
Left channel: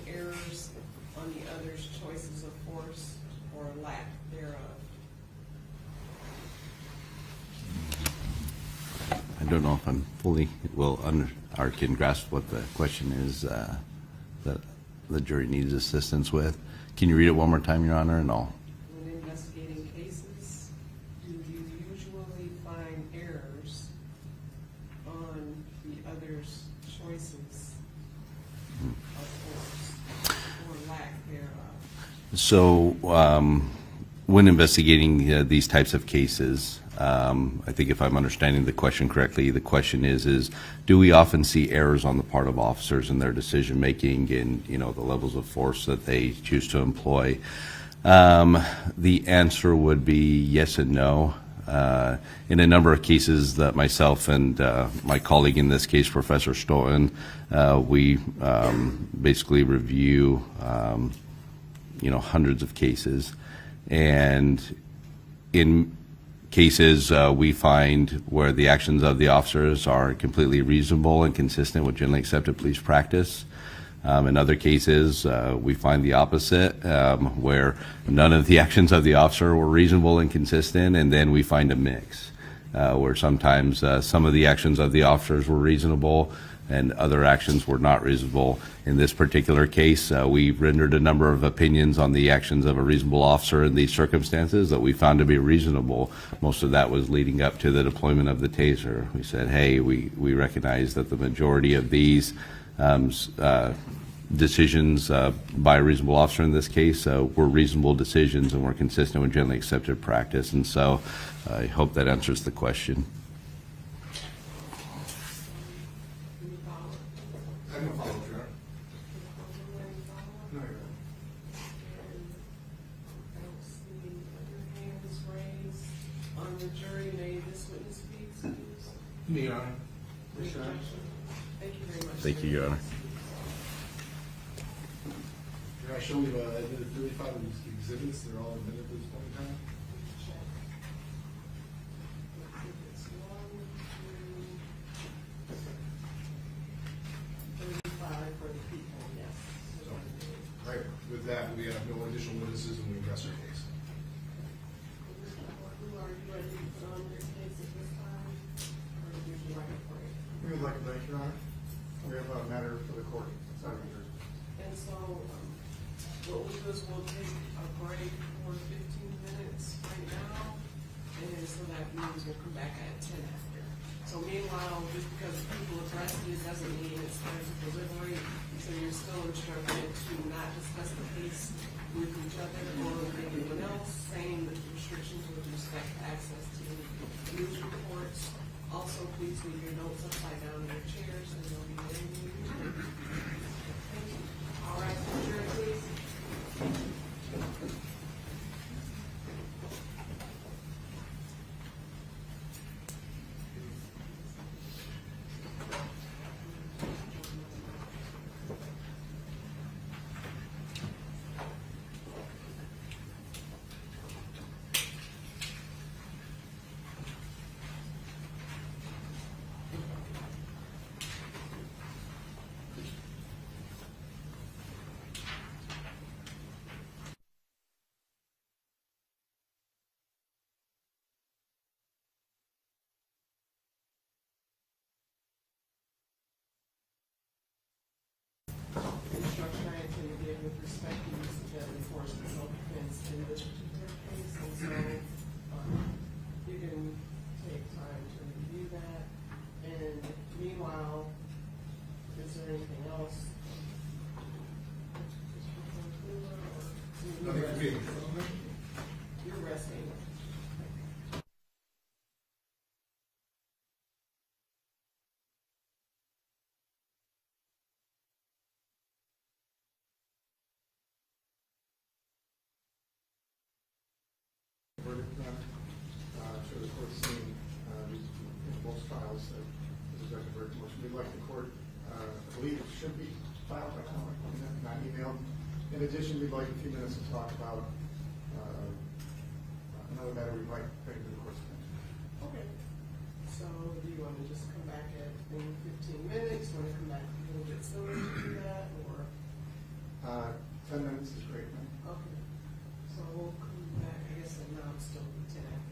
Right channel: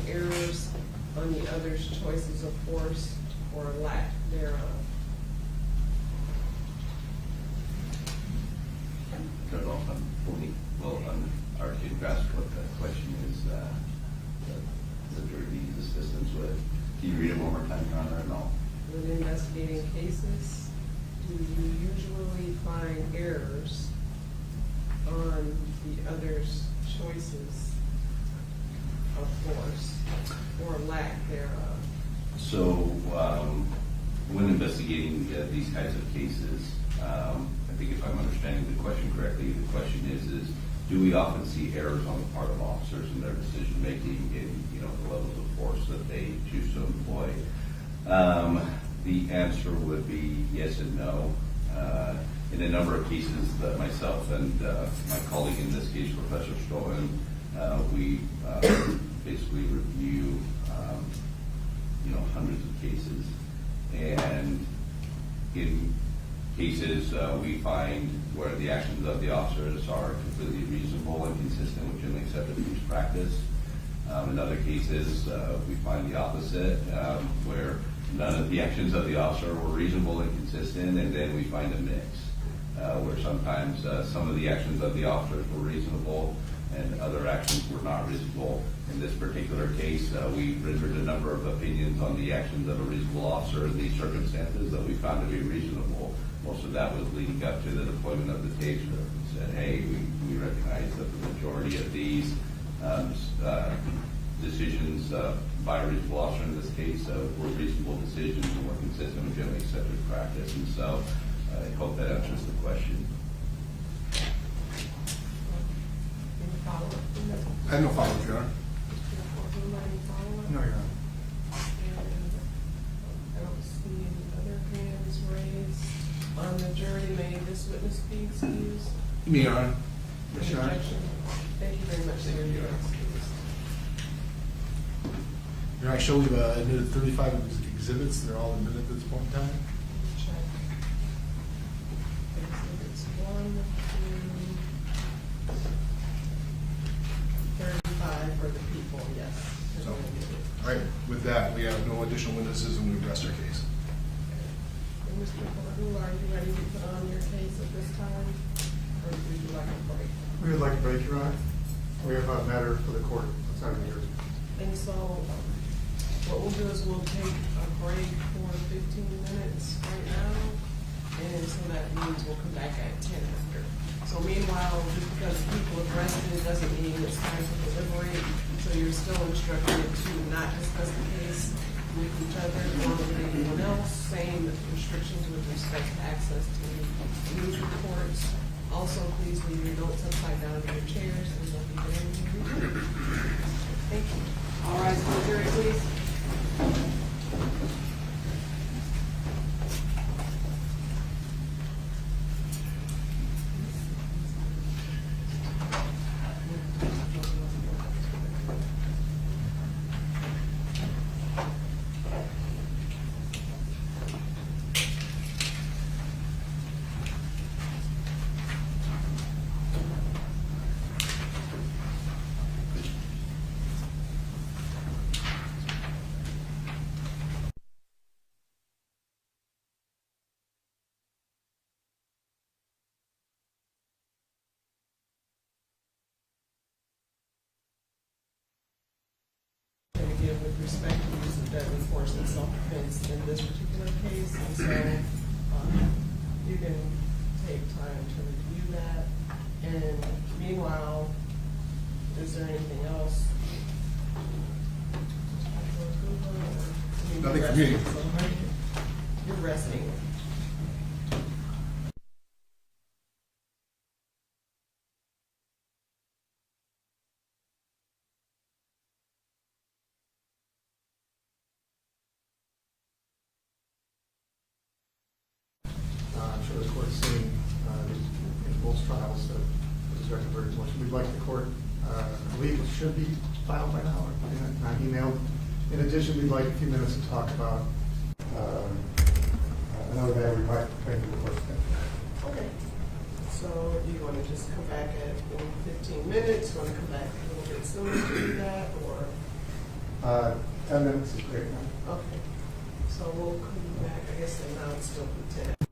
Errors on the other's choices of force or lack thereof. I don't know if I'm fully or can grasp what the question is that the jury needs assistance with. Can you read it one more time, Your Honor, and I'll. When investigating cases, do you usually find errors on the other's choices of force or lack thereof? So when investigating these types of cases, I think if I'm understanding the question correctly, the question is do we often see errors on the part of officers in their decision-making and, the levels of force that they choose to employ? The answer would be yes and no. In a number of cases that myself and my colleague in this case, Professor Stoughton, we basically review, hundreds of cases. And in cases we find where the actions of the officers are completely reasonable and consistent with generally accepted police practice. In other cases, we find the opposite, where none of the actions of the officer were reasonable and consistent, and then we find a mix, where sometimes some of the actions of the officers were reasonable and other actions were not reasonable. In this particular case, we rendered a number of opinions on the actions of a reasonable officer in these circumstances that we found to be reasonable. Most of that was leading up to the deployment of the taser. We said, hey, we recognize that the majority of these decisions by a reasonable officer in this case were reasonable decisions and were consistent with generally accepted practice. And so I hope that answers the question. Any follow-up? I have no follow-up, Your Honor. No, Your Honor. I don't see any other hands raised. On the jury, may this witness be excused? Me, Your Honor. Any objection? Thank you very much. Thank you, Your Honor. Your Honor, I show we've admitted 35 exhibits. They're all admitted at this point in time. Check. Exhibits 1 through 35 for the people, yes. So, all right, with that, we have no additional witnesses and we rest our case. And Mr. Pardue, are you ready to put on your case at this time? Or would you like a break? We would like a break, Your Honor. We have a matter for the court outside of here. And so, what we'll do is we'll take a break for 15 minutes right now, and so that means we'll come back at 10 after. So meanwhile, just because people have rested, it doesn't mean it's time to deliberate, so you're still instructed to not discuss the case with each other or with anyone else, same restrictions with respect to access to any news reports. Also, please leave your notes upside down in your chairs, and they'll be there when you return. Thank you. All rise for the jury, please. Instruction I intend to give with respect to use of deadly force in self-defense in this particular case, and so you can take time to review that. And meanwhile, is there anything else? Nothing for me. You're resting. I'm sure the court's seen in both trials that this record very much. We'd like the court, I believe it should be filed by now, and I emailed. In addition, we'd like a few minutes to talk about another matter we might bring to the court's attention. Okay. So do you want to just come back in 15 minutes? Want to come back a little bit sooner to do that, or? 10 minutes is great. Okay. So we'll come back, I guess now it's still 10.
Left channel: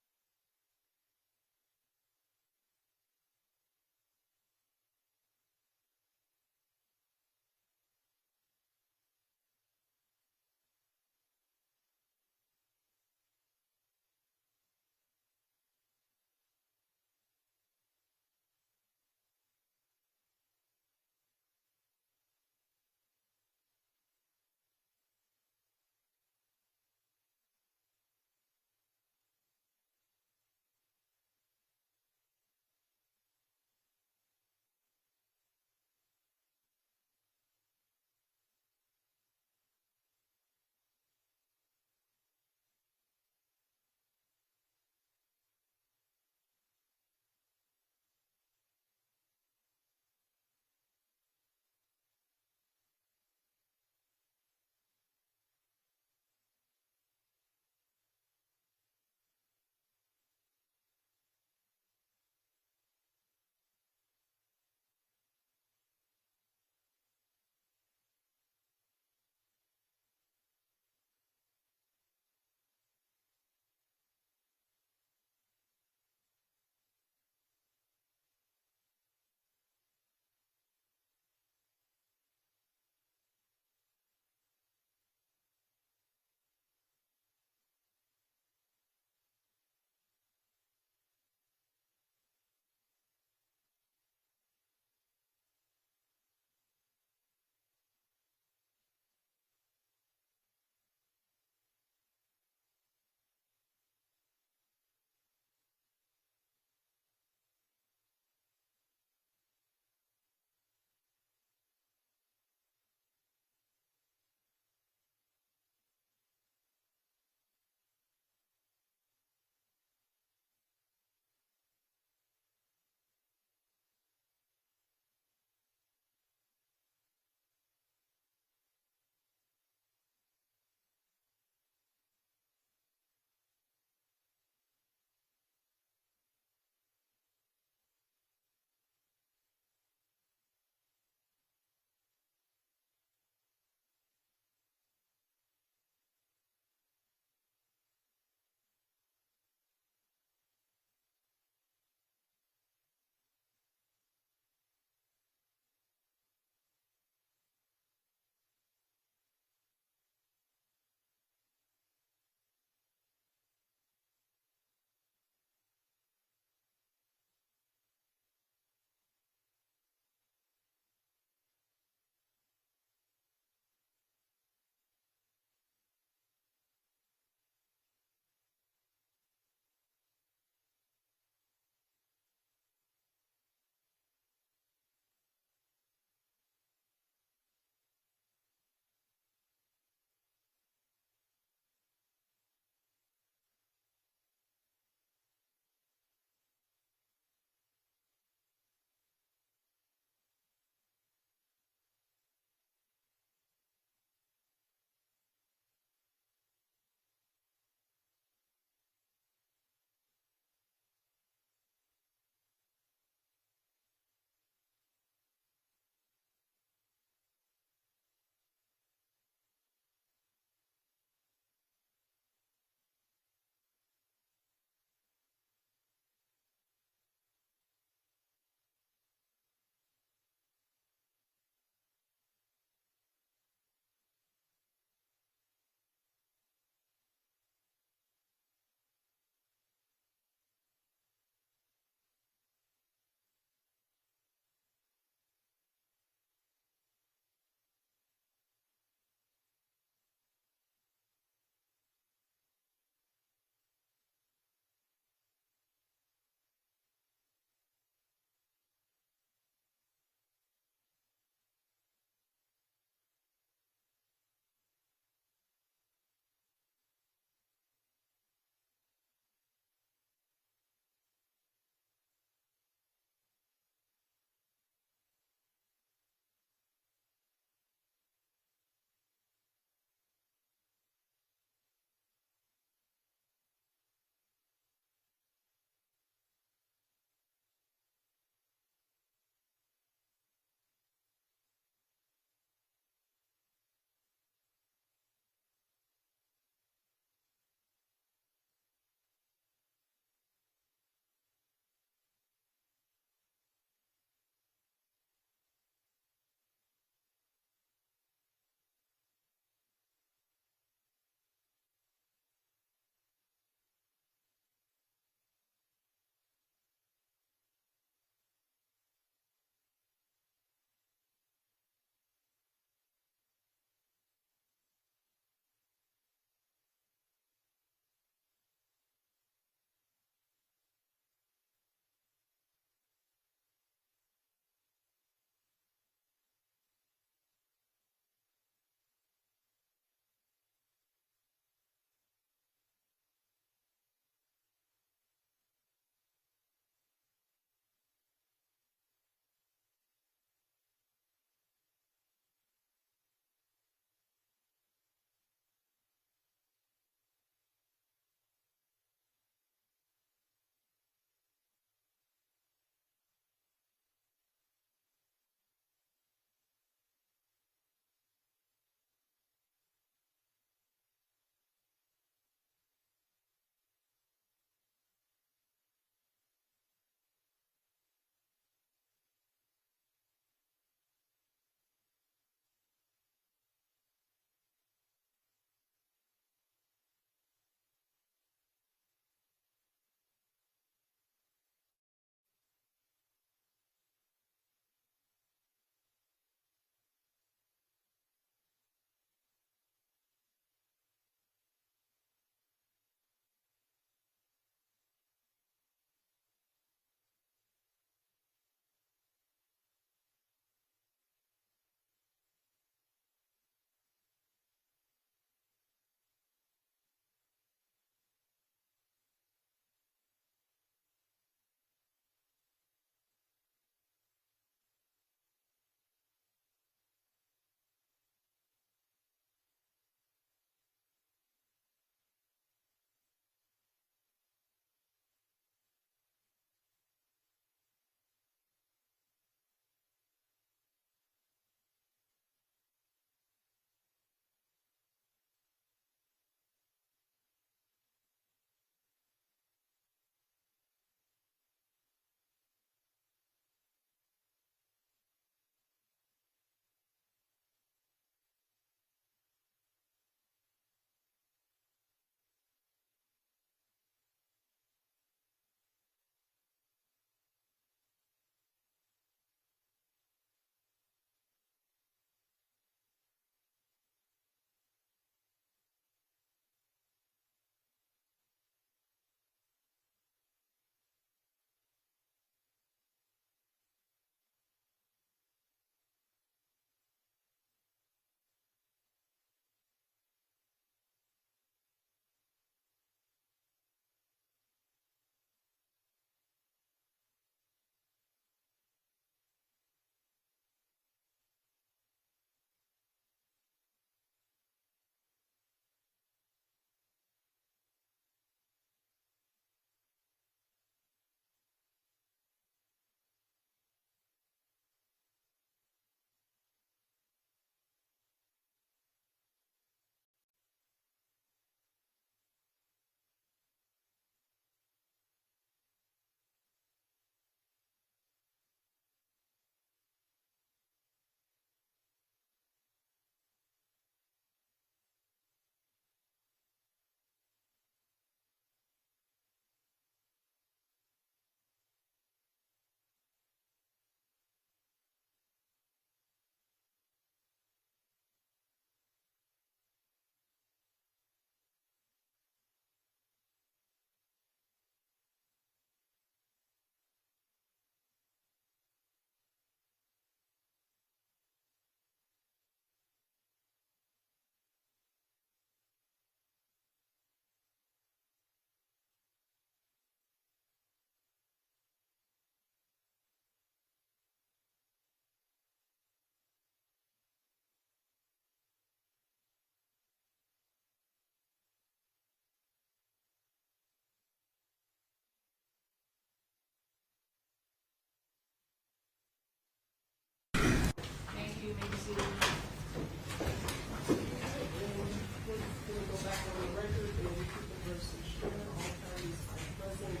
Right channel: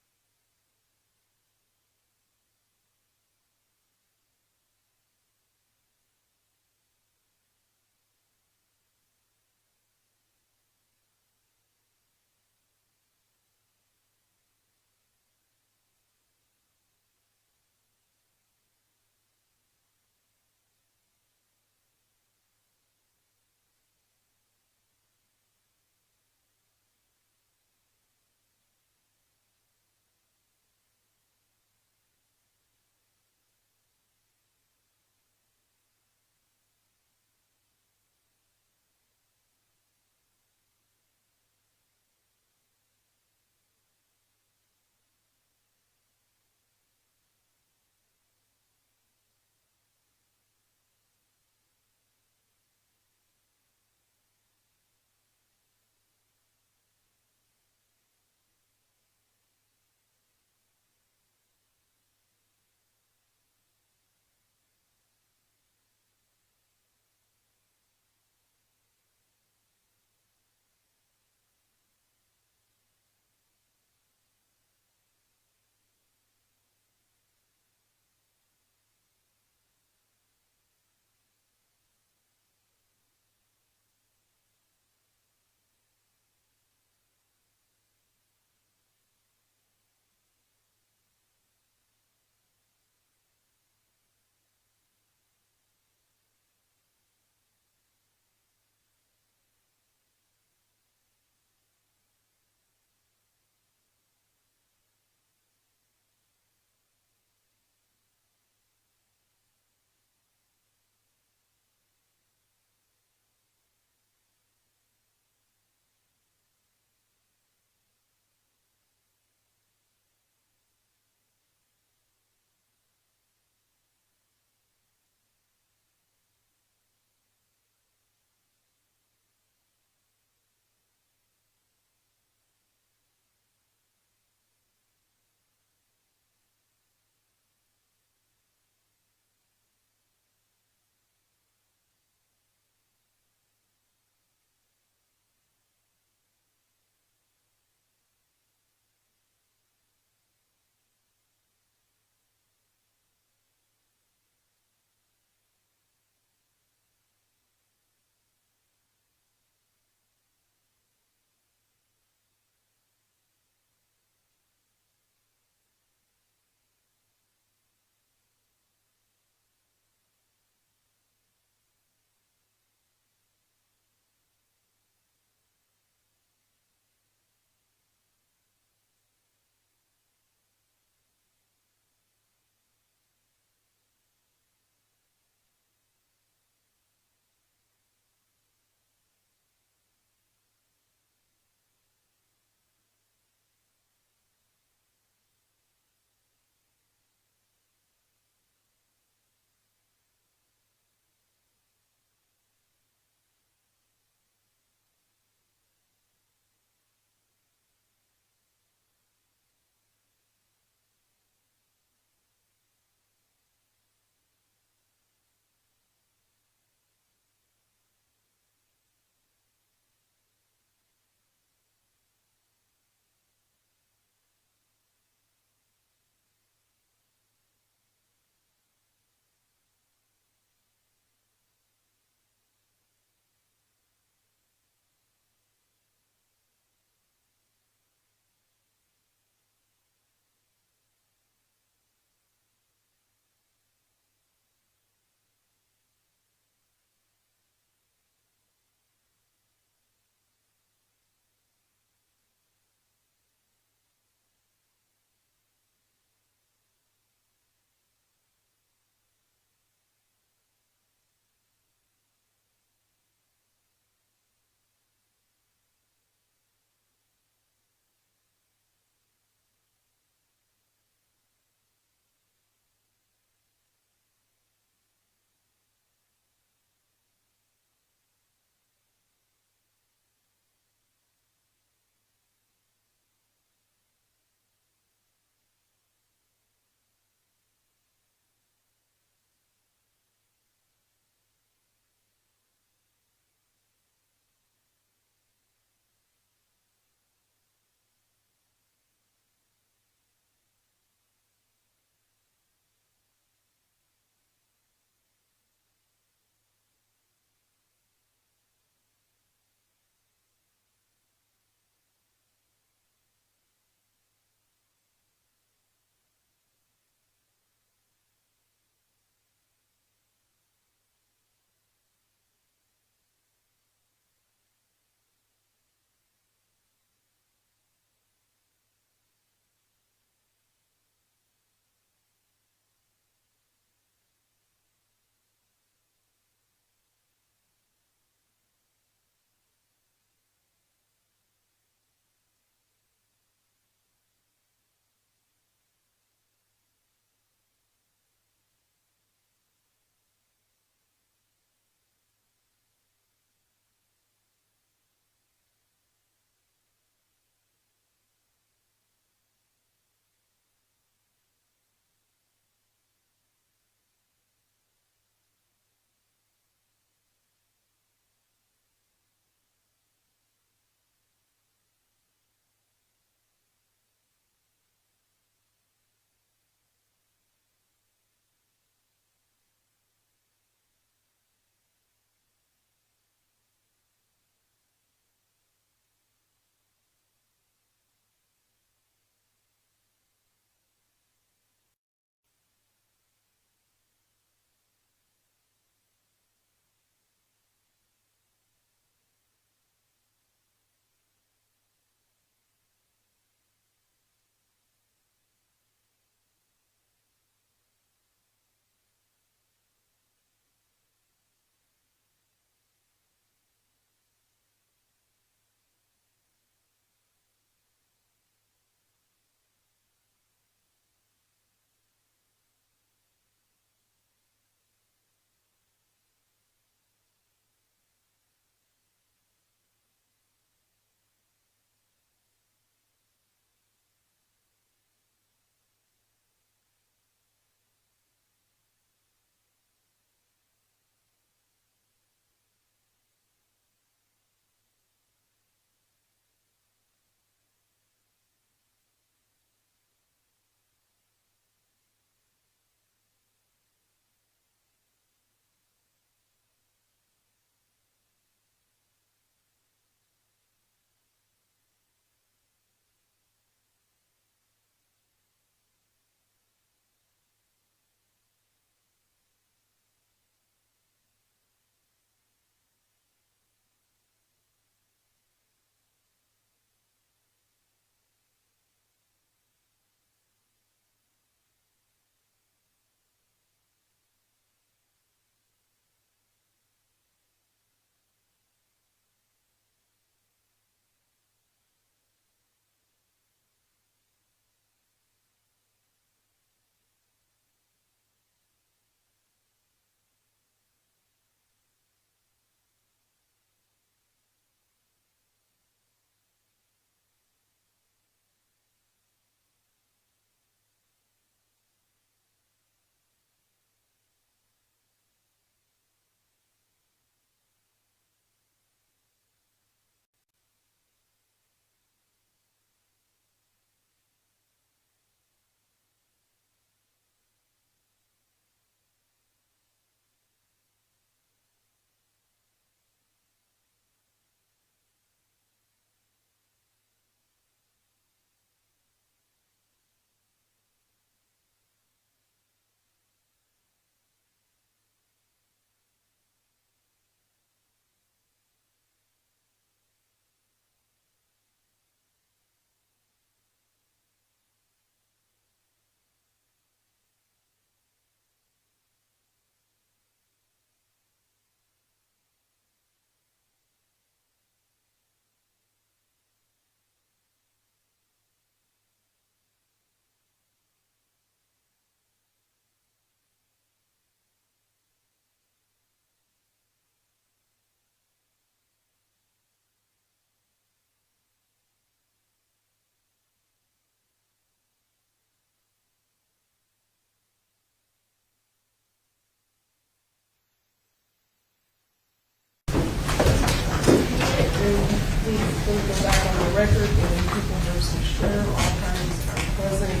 record in People versus Schurr, all parties are present.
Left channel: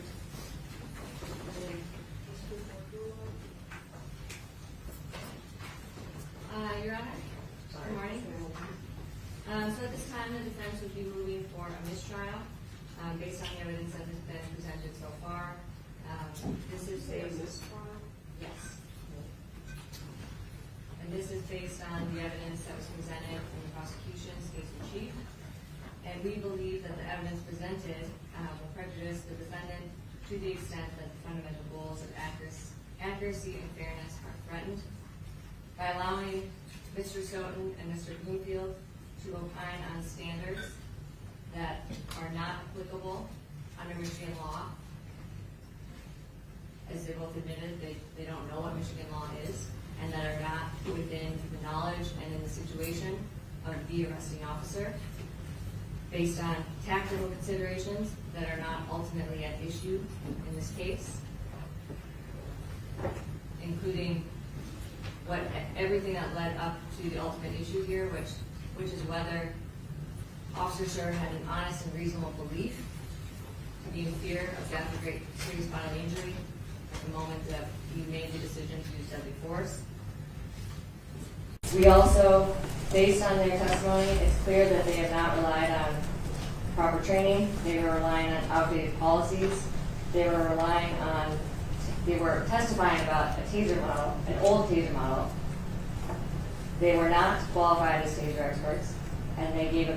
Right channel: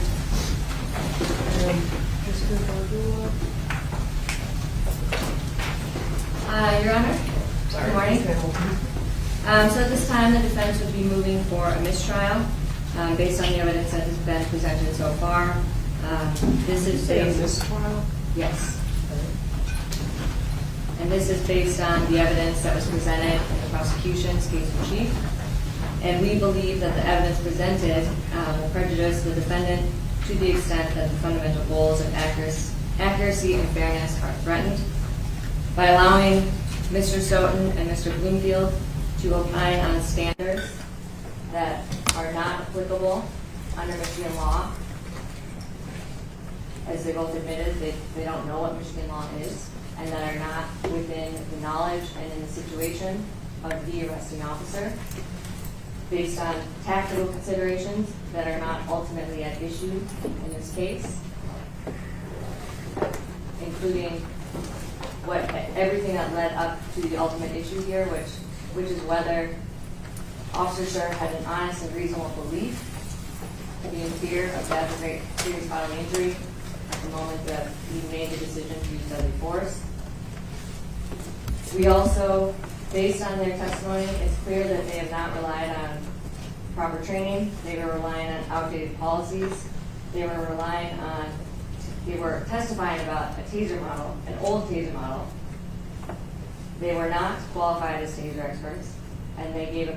And Mr. Gardula. Your Honor, Sorry, good morning. Ms. Hamilton. So at this time, the defense would be moving for a mistrial based on the evidence that has been presented so far. This is Is based, this trial? yes. And this is based on the evidence that was presented in the prosecution's case in chief. And we believe that the evidence presented will prejudice the defendant to the extent that the fundamental goals of accuracy and fairness are threatened. By allowing Mr. Stoughton and Mr. Bloomfield to opine on standards that are not applicable under Michigan law, as they both admitted, they don't know what Michigan law is, and that are not within the knowledge and in the situation of the arresting officer, based on tactical considerations that are not ultimately at issue in this case, including everything that led up to the ultimate issue here, which is whether Officer Schurr had an honest and reasonable belief to be in fear of death or great serious bodily injury at the moment that he made the decision to use deadly force. We also, based on their testimony, it's clear that they have not relied on proper training. They were relying on outdated policies. They were testifying about a taser model, an old taser model. They were not qualified as taser experts, and they gave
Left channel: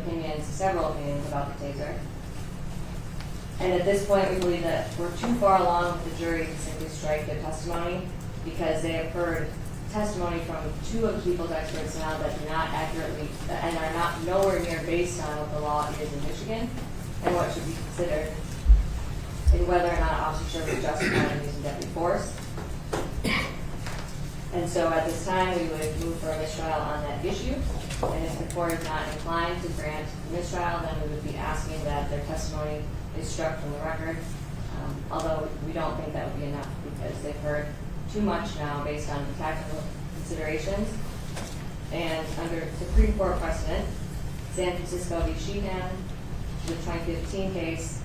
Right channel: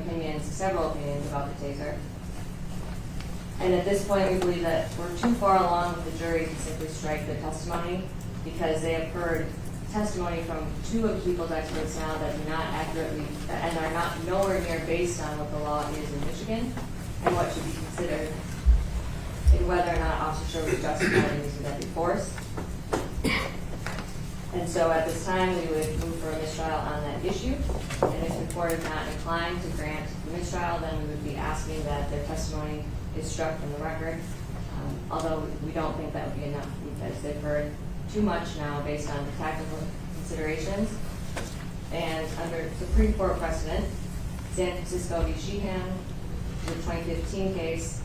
several opinions about the taser. And at this point, we believe that we're too far along with the jury to simply strike their testimony, because they have heard testimony from two of the people's experts now that do not accurately, and are not nowhere near based on what the law is in Michigan and what should be considered in whether or not Officer Schurr was justified in using deadly force. And so at this time, we would move for a mistrial on that issue. And if the court is not inclined to grant the mistrial, then we would be asking that their testimony is struck from the record. Although we don't think that would be enough, because they've heard too much now based on the tactical considerations. And under Supreme Court precedent, San Francisco v. Sheehan, the 2015 case,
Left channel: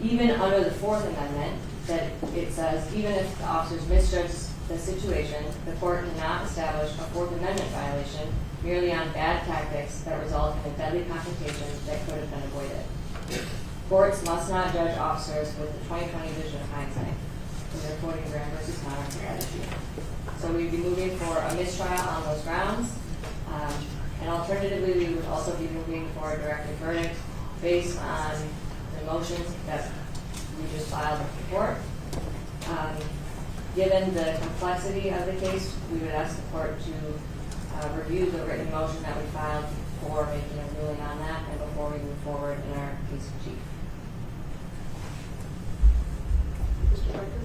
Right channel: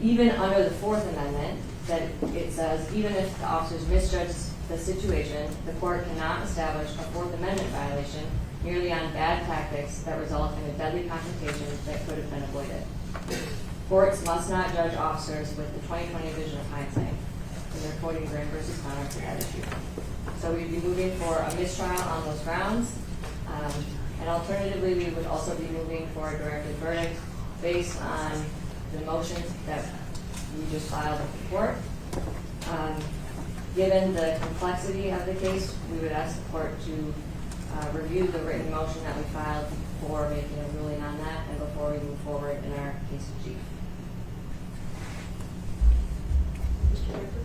even under the Fourth Amendment, that it says even if the officers misjudge the situation, the court cannot establish a Fourth Amendment violation merely on bad tactics that result in a deadly confrontation that could have been avoided. Courts must not judge officers with the 20/20 vision of hindsight, and they're quoting Graham versus Connor for that issue. So we'd be moving for a mistrial on those grounds. And alternatively, we would also be moving for a directed verdict based on the motions that we just filed with the court. Given the complexity of the case, we would ask the court to review the written motion that we filed before making a ruling on that and before we move forward in our case in chief. Mr. Baker?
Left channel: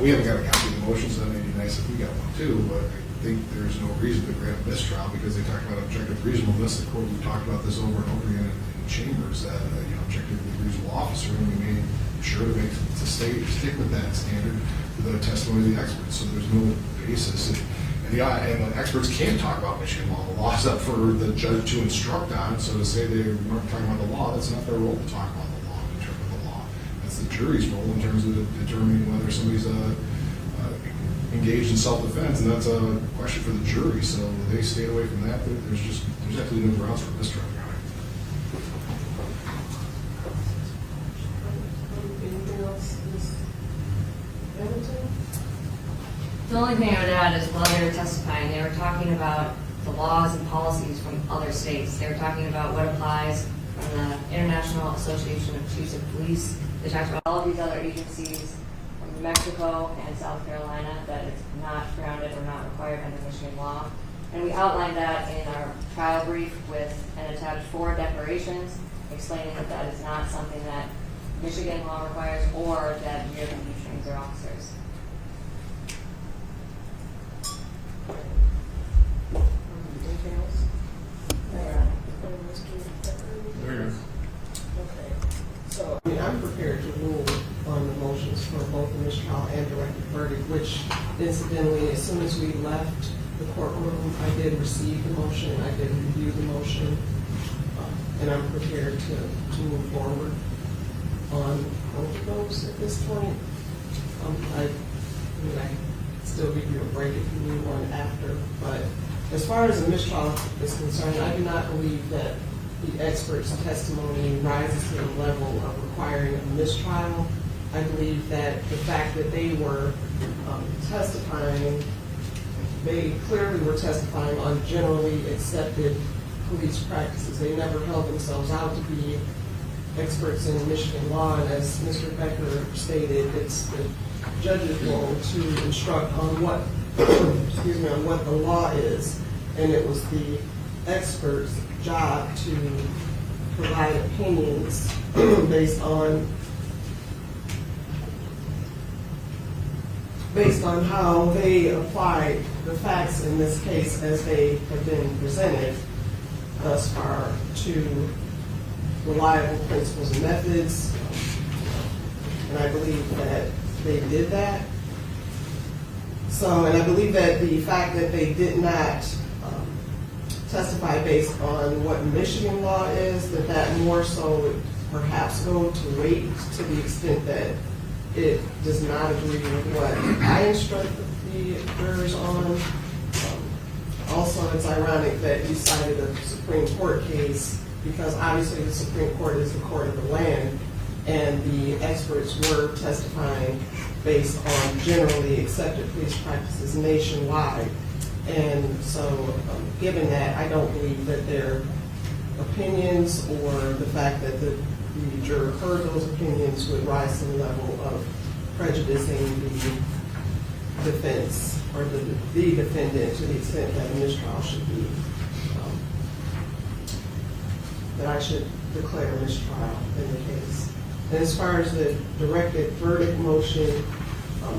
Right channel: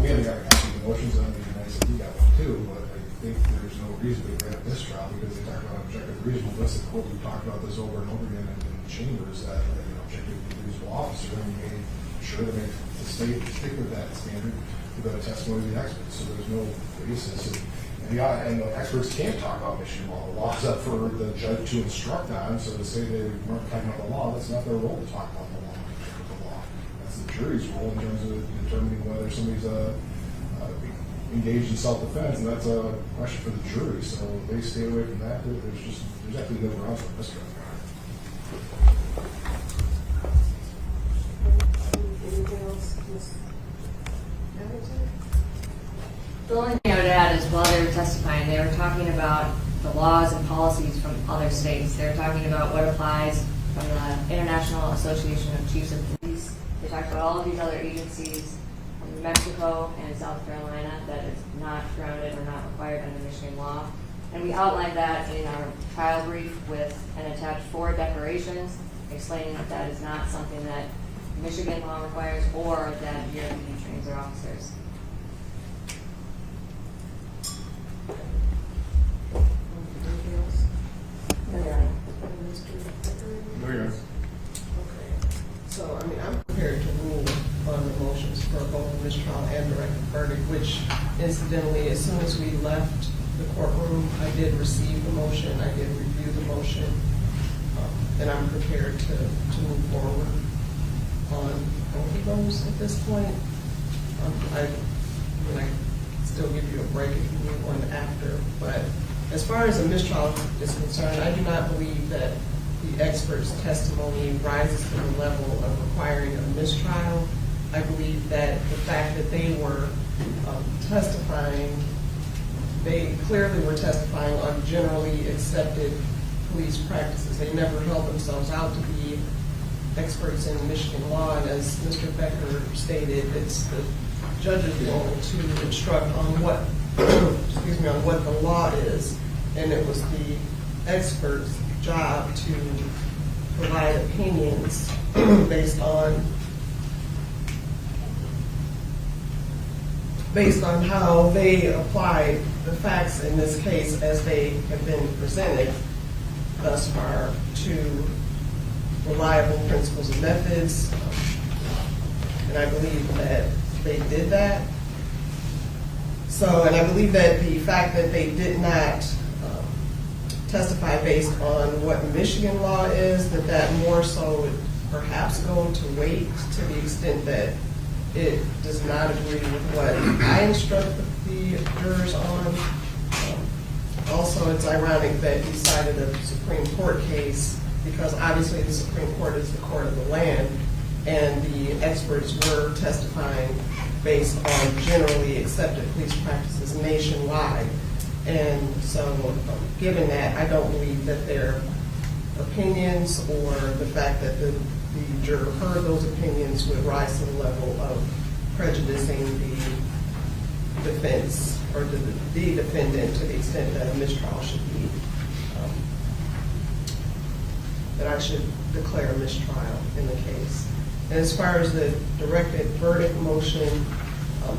We haven't got a copy of the motions, and it'd be nice if we got one too, but I think there's no reason to grant a mistrial because they talk about objective reasonableness. The court, we talked about this over and over again in chambers that, objectively reasonable officer, and we made sure to stick with that standard with the testimony of the experts, so there's no basis. And the experts can't talk about Michigan law. The law's up for the judge to instruct on, so to say they weren't talking about the law, that's not their role to talk about the law, in terms of the law. That's the jury's role in terms of determining whether somebody's engaged in self-defense, and that's a question for the jury, so they stay away from that. There's absolutely no grounds for mistrial. Anything else, Ms. Hamilton? The only thing I would add is while they were testifying, they were talking about the laws and policies from other states. They were talking about what applies from the International Association of Chiefs of Police. They talked about all of these other agencies from New Mexico and South Carolina that it's not grounded or not required under Michigan law. And we outlined that in our trial brief with and attached 4 declarations explaining that that is not something that Michigan law requires or that GRPD trains their officers. Anything else? No, Your Honor. Mr. Baker? No, Your Honor. Okay, so, I'm prepared to rule on the motions for both the mistrial and directed verdict, which incidentally, as soon as we left the courtroom, I did receive the motion, I did review the motion. and I'm prepared to move forward on both of those at this point. I still give you a break if you need one after, but as far as a mistrial is concerned, I do not believe that the expert's testimony rises to the level of requiring a mistrial. I believe that the fact that they were testifying, they clearly were testifying on generally accepted police practices. They never held themselves out to be experts in Michigan law, and as Mr. Becker stated, it's the judge's role to instruct on what, excuse me, on what the law is, and it was the expert's job to provide opinions based on how they applied the facts in this case as they have been presented thus far to reliable principles and methods, and I believe that they did that. So, and I believe that the fact that they did not testify based on what Michigan law is, that more so would perhaps go to weight to the extent that it does not agree with what I instruct the jurors on. Also, it's ironic that you cited a Supreme Court case because obviously the Supreme Court is the court of the land, and the experts were testifying based on generally accepted police practices nationwide. And so, given that, I don't believe that their opinions or the fact that the juror heard those opinions would rise to the level of prejudicing the defense or the defendant to the extent that a mistrial should be, that I should declare a mistrial in the case. And as far as the directed verdict motion,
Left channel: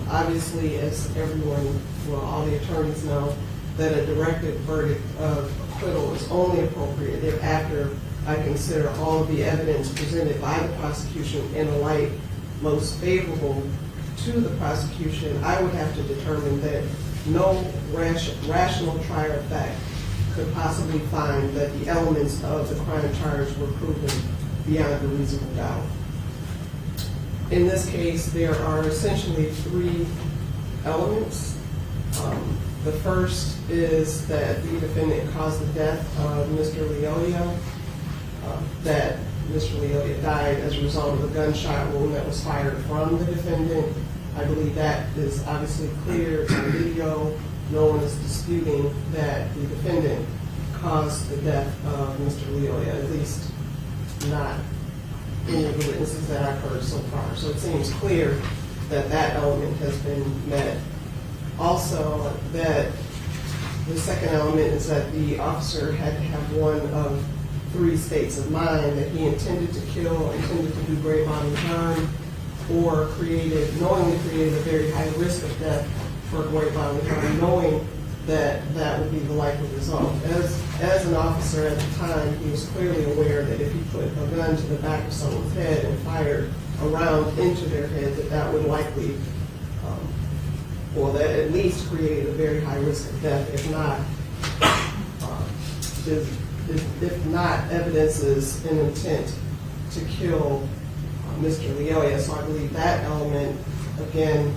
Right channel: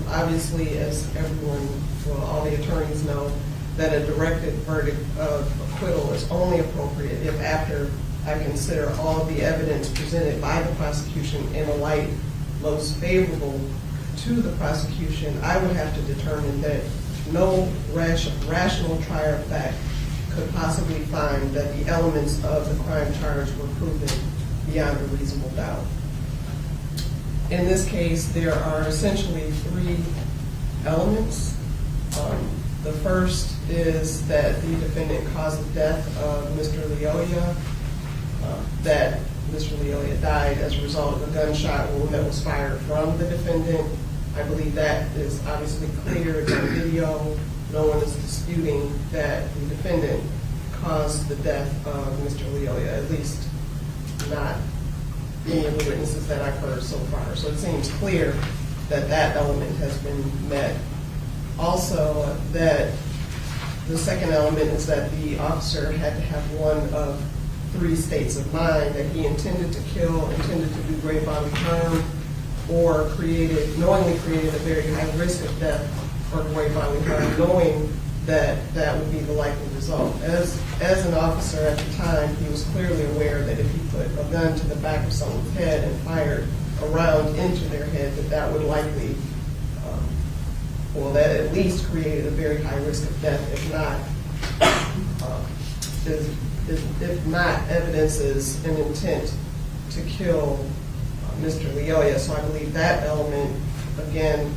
obviously, as everyone, well, all the attorneys know, that a directed verdict of acquittal is only appropriate if after I consider all of the evidence presented by the prosecution in a light most favorable to the prosecution, I would have to determine that no rational trier of fact could possibly find that the elements of the crime charge were proven beyond a reasonable doubt. In this case, there are essentially three elements. The first is that the defendant caused the death of Mr. Lyoya, that Mr. Lyoya died as a result of a gunshot wound that was fired from the defendant. I believe that is obviously clear. It's on video. No one is disputing that the defendant caused the death of Mr. Lyoya, at least not any of the witnesses that I've heard so far. So it seems clear that that element has been met. Also, that the second element is that the officer had to have one of three states of mind: that he intended to kill, intended to do great bodily harm, or knowingly created a very high risk of death for great bodily harm, knowing that that would be the likely result. As an officer at the time, he was clearly aware that if he put a gun to the back of someone's head and fired a round into their head, that would likely, that at least created a very high risk of death, if not evidences an intent to kill Mr. Lyoya. So I believe that element, again,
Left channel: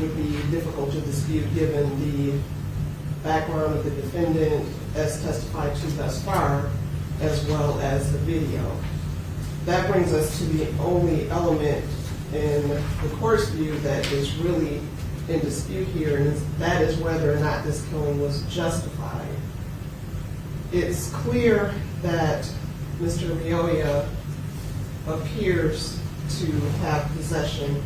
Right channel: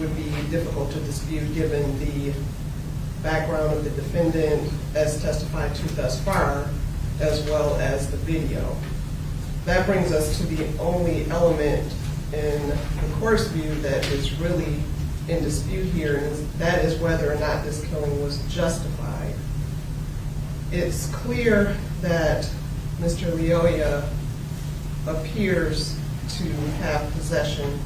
would be difficult to dispute given the background of the defendant as testified to thus far, as well as the video. That brings us to the only element in the court's view that is really in dispute here, and that is whether or not this killing was justified. It's clear that Mr. Lyoya appears to have possession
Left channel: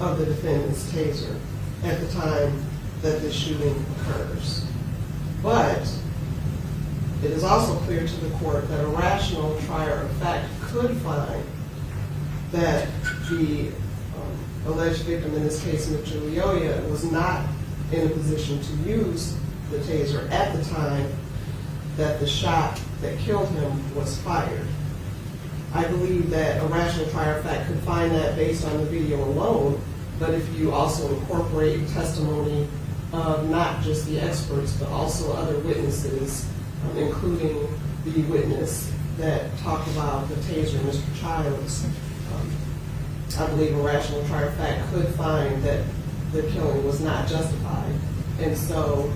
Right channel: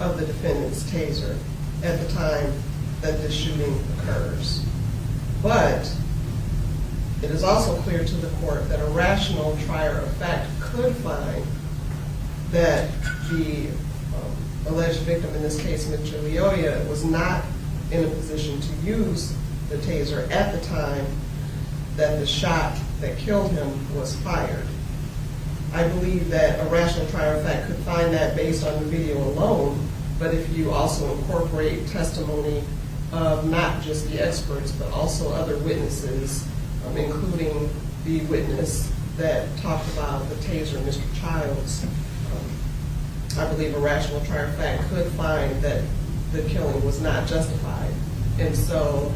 of the defendant's taser at the time that this shooting occurs. But it is also clear to the court that a rational trier of fact could find that the alleged victim, in this case Mr. Lyoya, was not in a position to use the taser at the time that the shot that killed him was fired. I believe that a rational trier of fact could find that based on the video alone, but if you also incorporate testimony of not just the experts, but also other witnesses, including the witness that talk about the Taser, Mr. Childs, I believe a rational trier of fact could find that the killing was not justified. And so,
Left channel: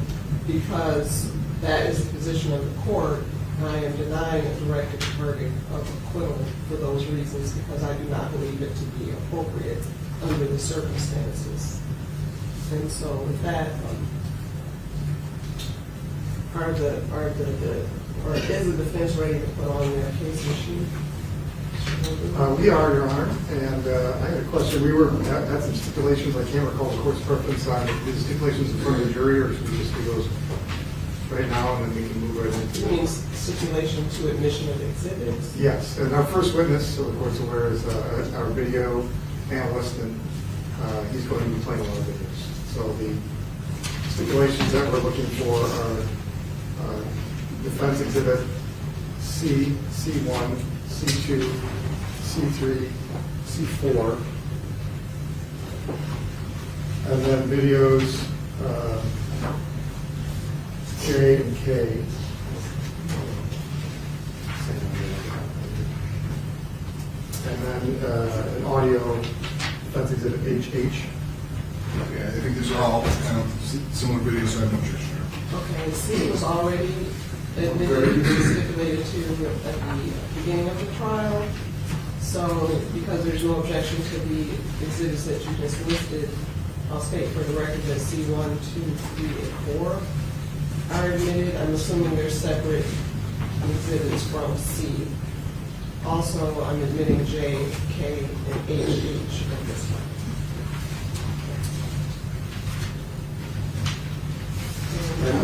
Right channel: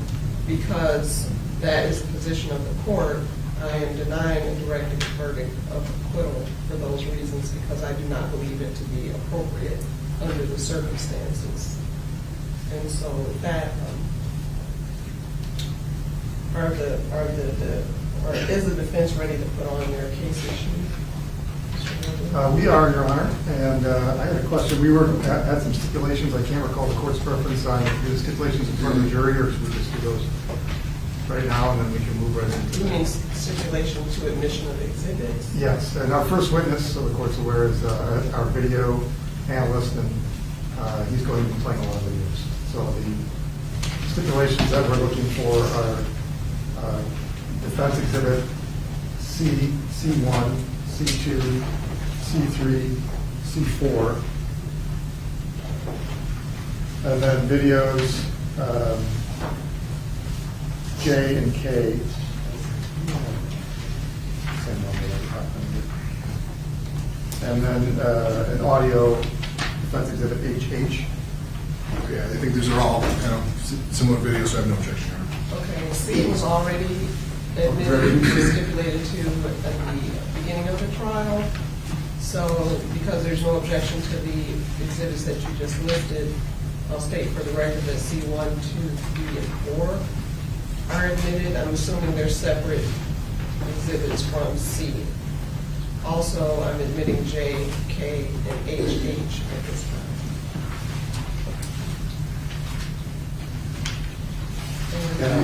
because that is the position of the court, I am denying a directed verdict of acquittal for those reasons, because I do not believe it to be appropriate under the circumstances. And so with that, is the defense ready to put on their case issue? We are, Your Honor, and I had a question. We were at some stipulations. I can't recall the court's preference on the stipulations in front of the jury, or should we just do those right now, and then we can move right into You it? mean stipulation to admission of exhibits? Yes, and our first witness, so the court's aware, is our video analyst, and he's going to be playing a lot of videos. So the stipulations that we're looking for are defense exhibit C, C1, C2, C3, C4, and then videos J and K. And then an audio defense exhibit HH. Okay, I think these are all similar videos, so I have no objection. Okay, C was already admitted, stipulated to at the beginning of the trial. So because there's no objection to the exhibits that you just listed, I'll state for the record that C1, 2, 3, and 4 are admitted. I'm assuming they're separate exhibits from C. Also, I'm admitting J, K, and HH at this time.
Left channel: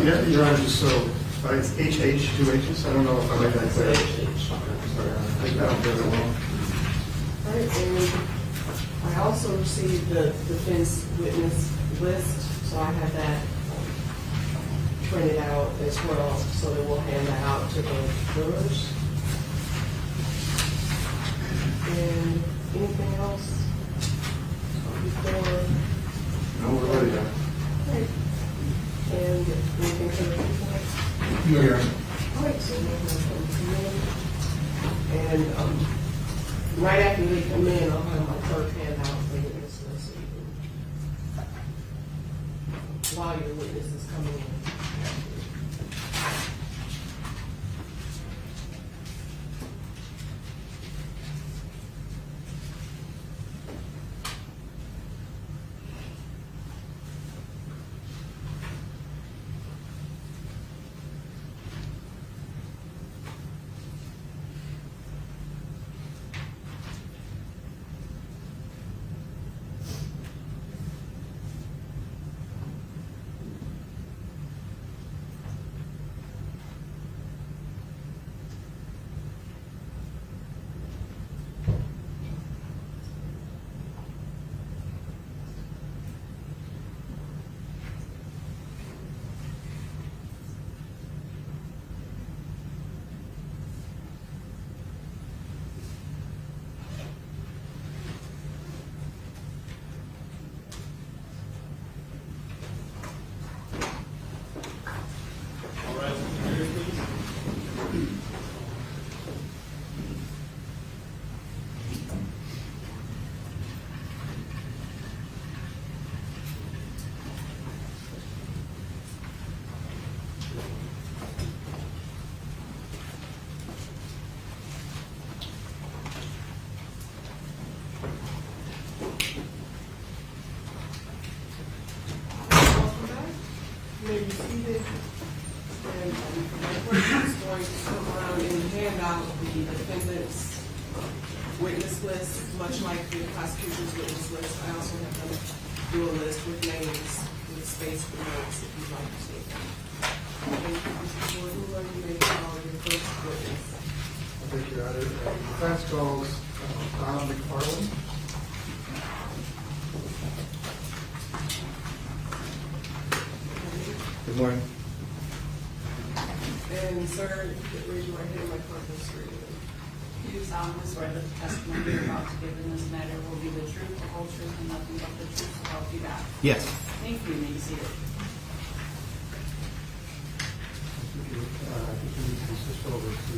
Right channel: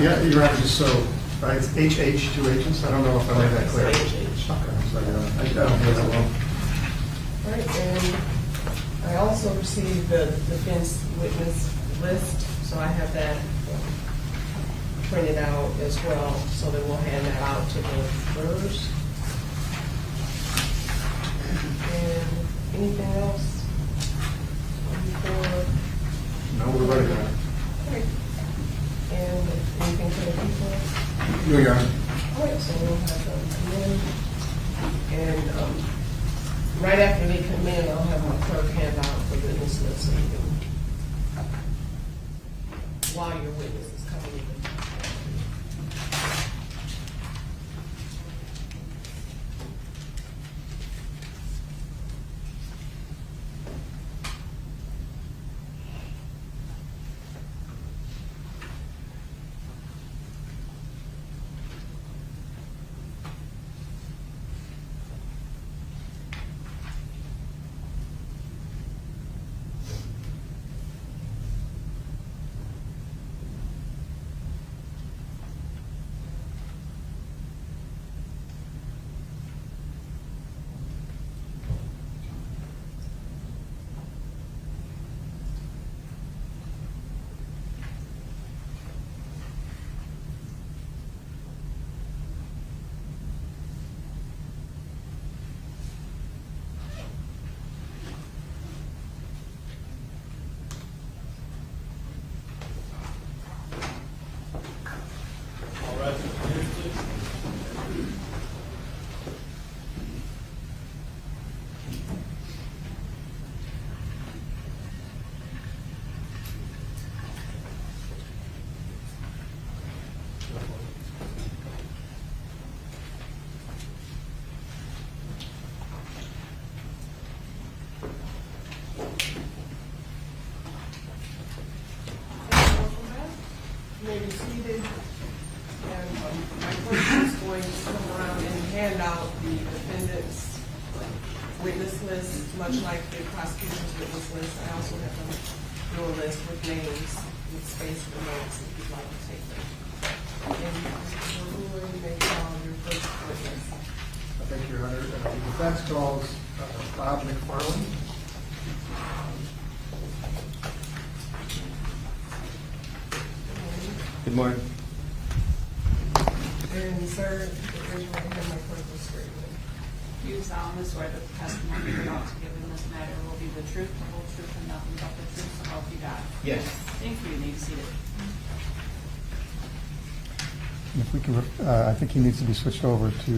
Yeah, Your Honor, just so, it's HH, 2 H's. I don't know if I made that clear. HH. Okay, I'm sorry, Your Honor. I don't hear that well. All right, and I also received the defense witness list, so I have that printed out as well, so that we'll hand that out to the jurors. And anything else before? No, we're ready now. Right. And anything for the people? No, Your Honor. All right, so we'll have them come in. And right after they come in, I'll have my clerk hand out the witness list, so you can, while your witness is coming in. Maybe seated, and my clerk is going to come around and hand out the defendant's witness list, much like the prosecution's witness list. I also have them do a list with names, with space for notes if you'd like to take them. And Mr. Ward, you may call your first witness. Thank you, Your Honor. The defense calls Bob McFarland. Good morning. And sir, raise your right hand, my clerk will swear you in. Do you solemnly swear that the testimony you're about to give in this matter will be the truth, the whole truth, and nothing but the truth, so help you God? Yes. Thank you, you may be seated. If we can, I think he needs to be switched over to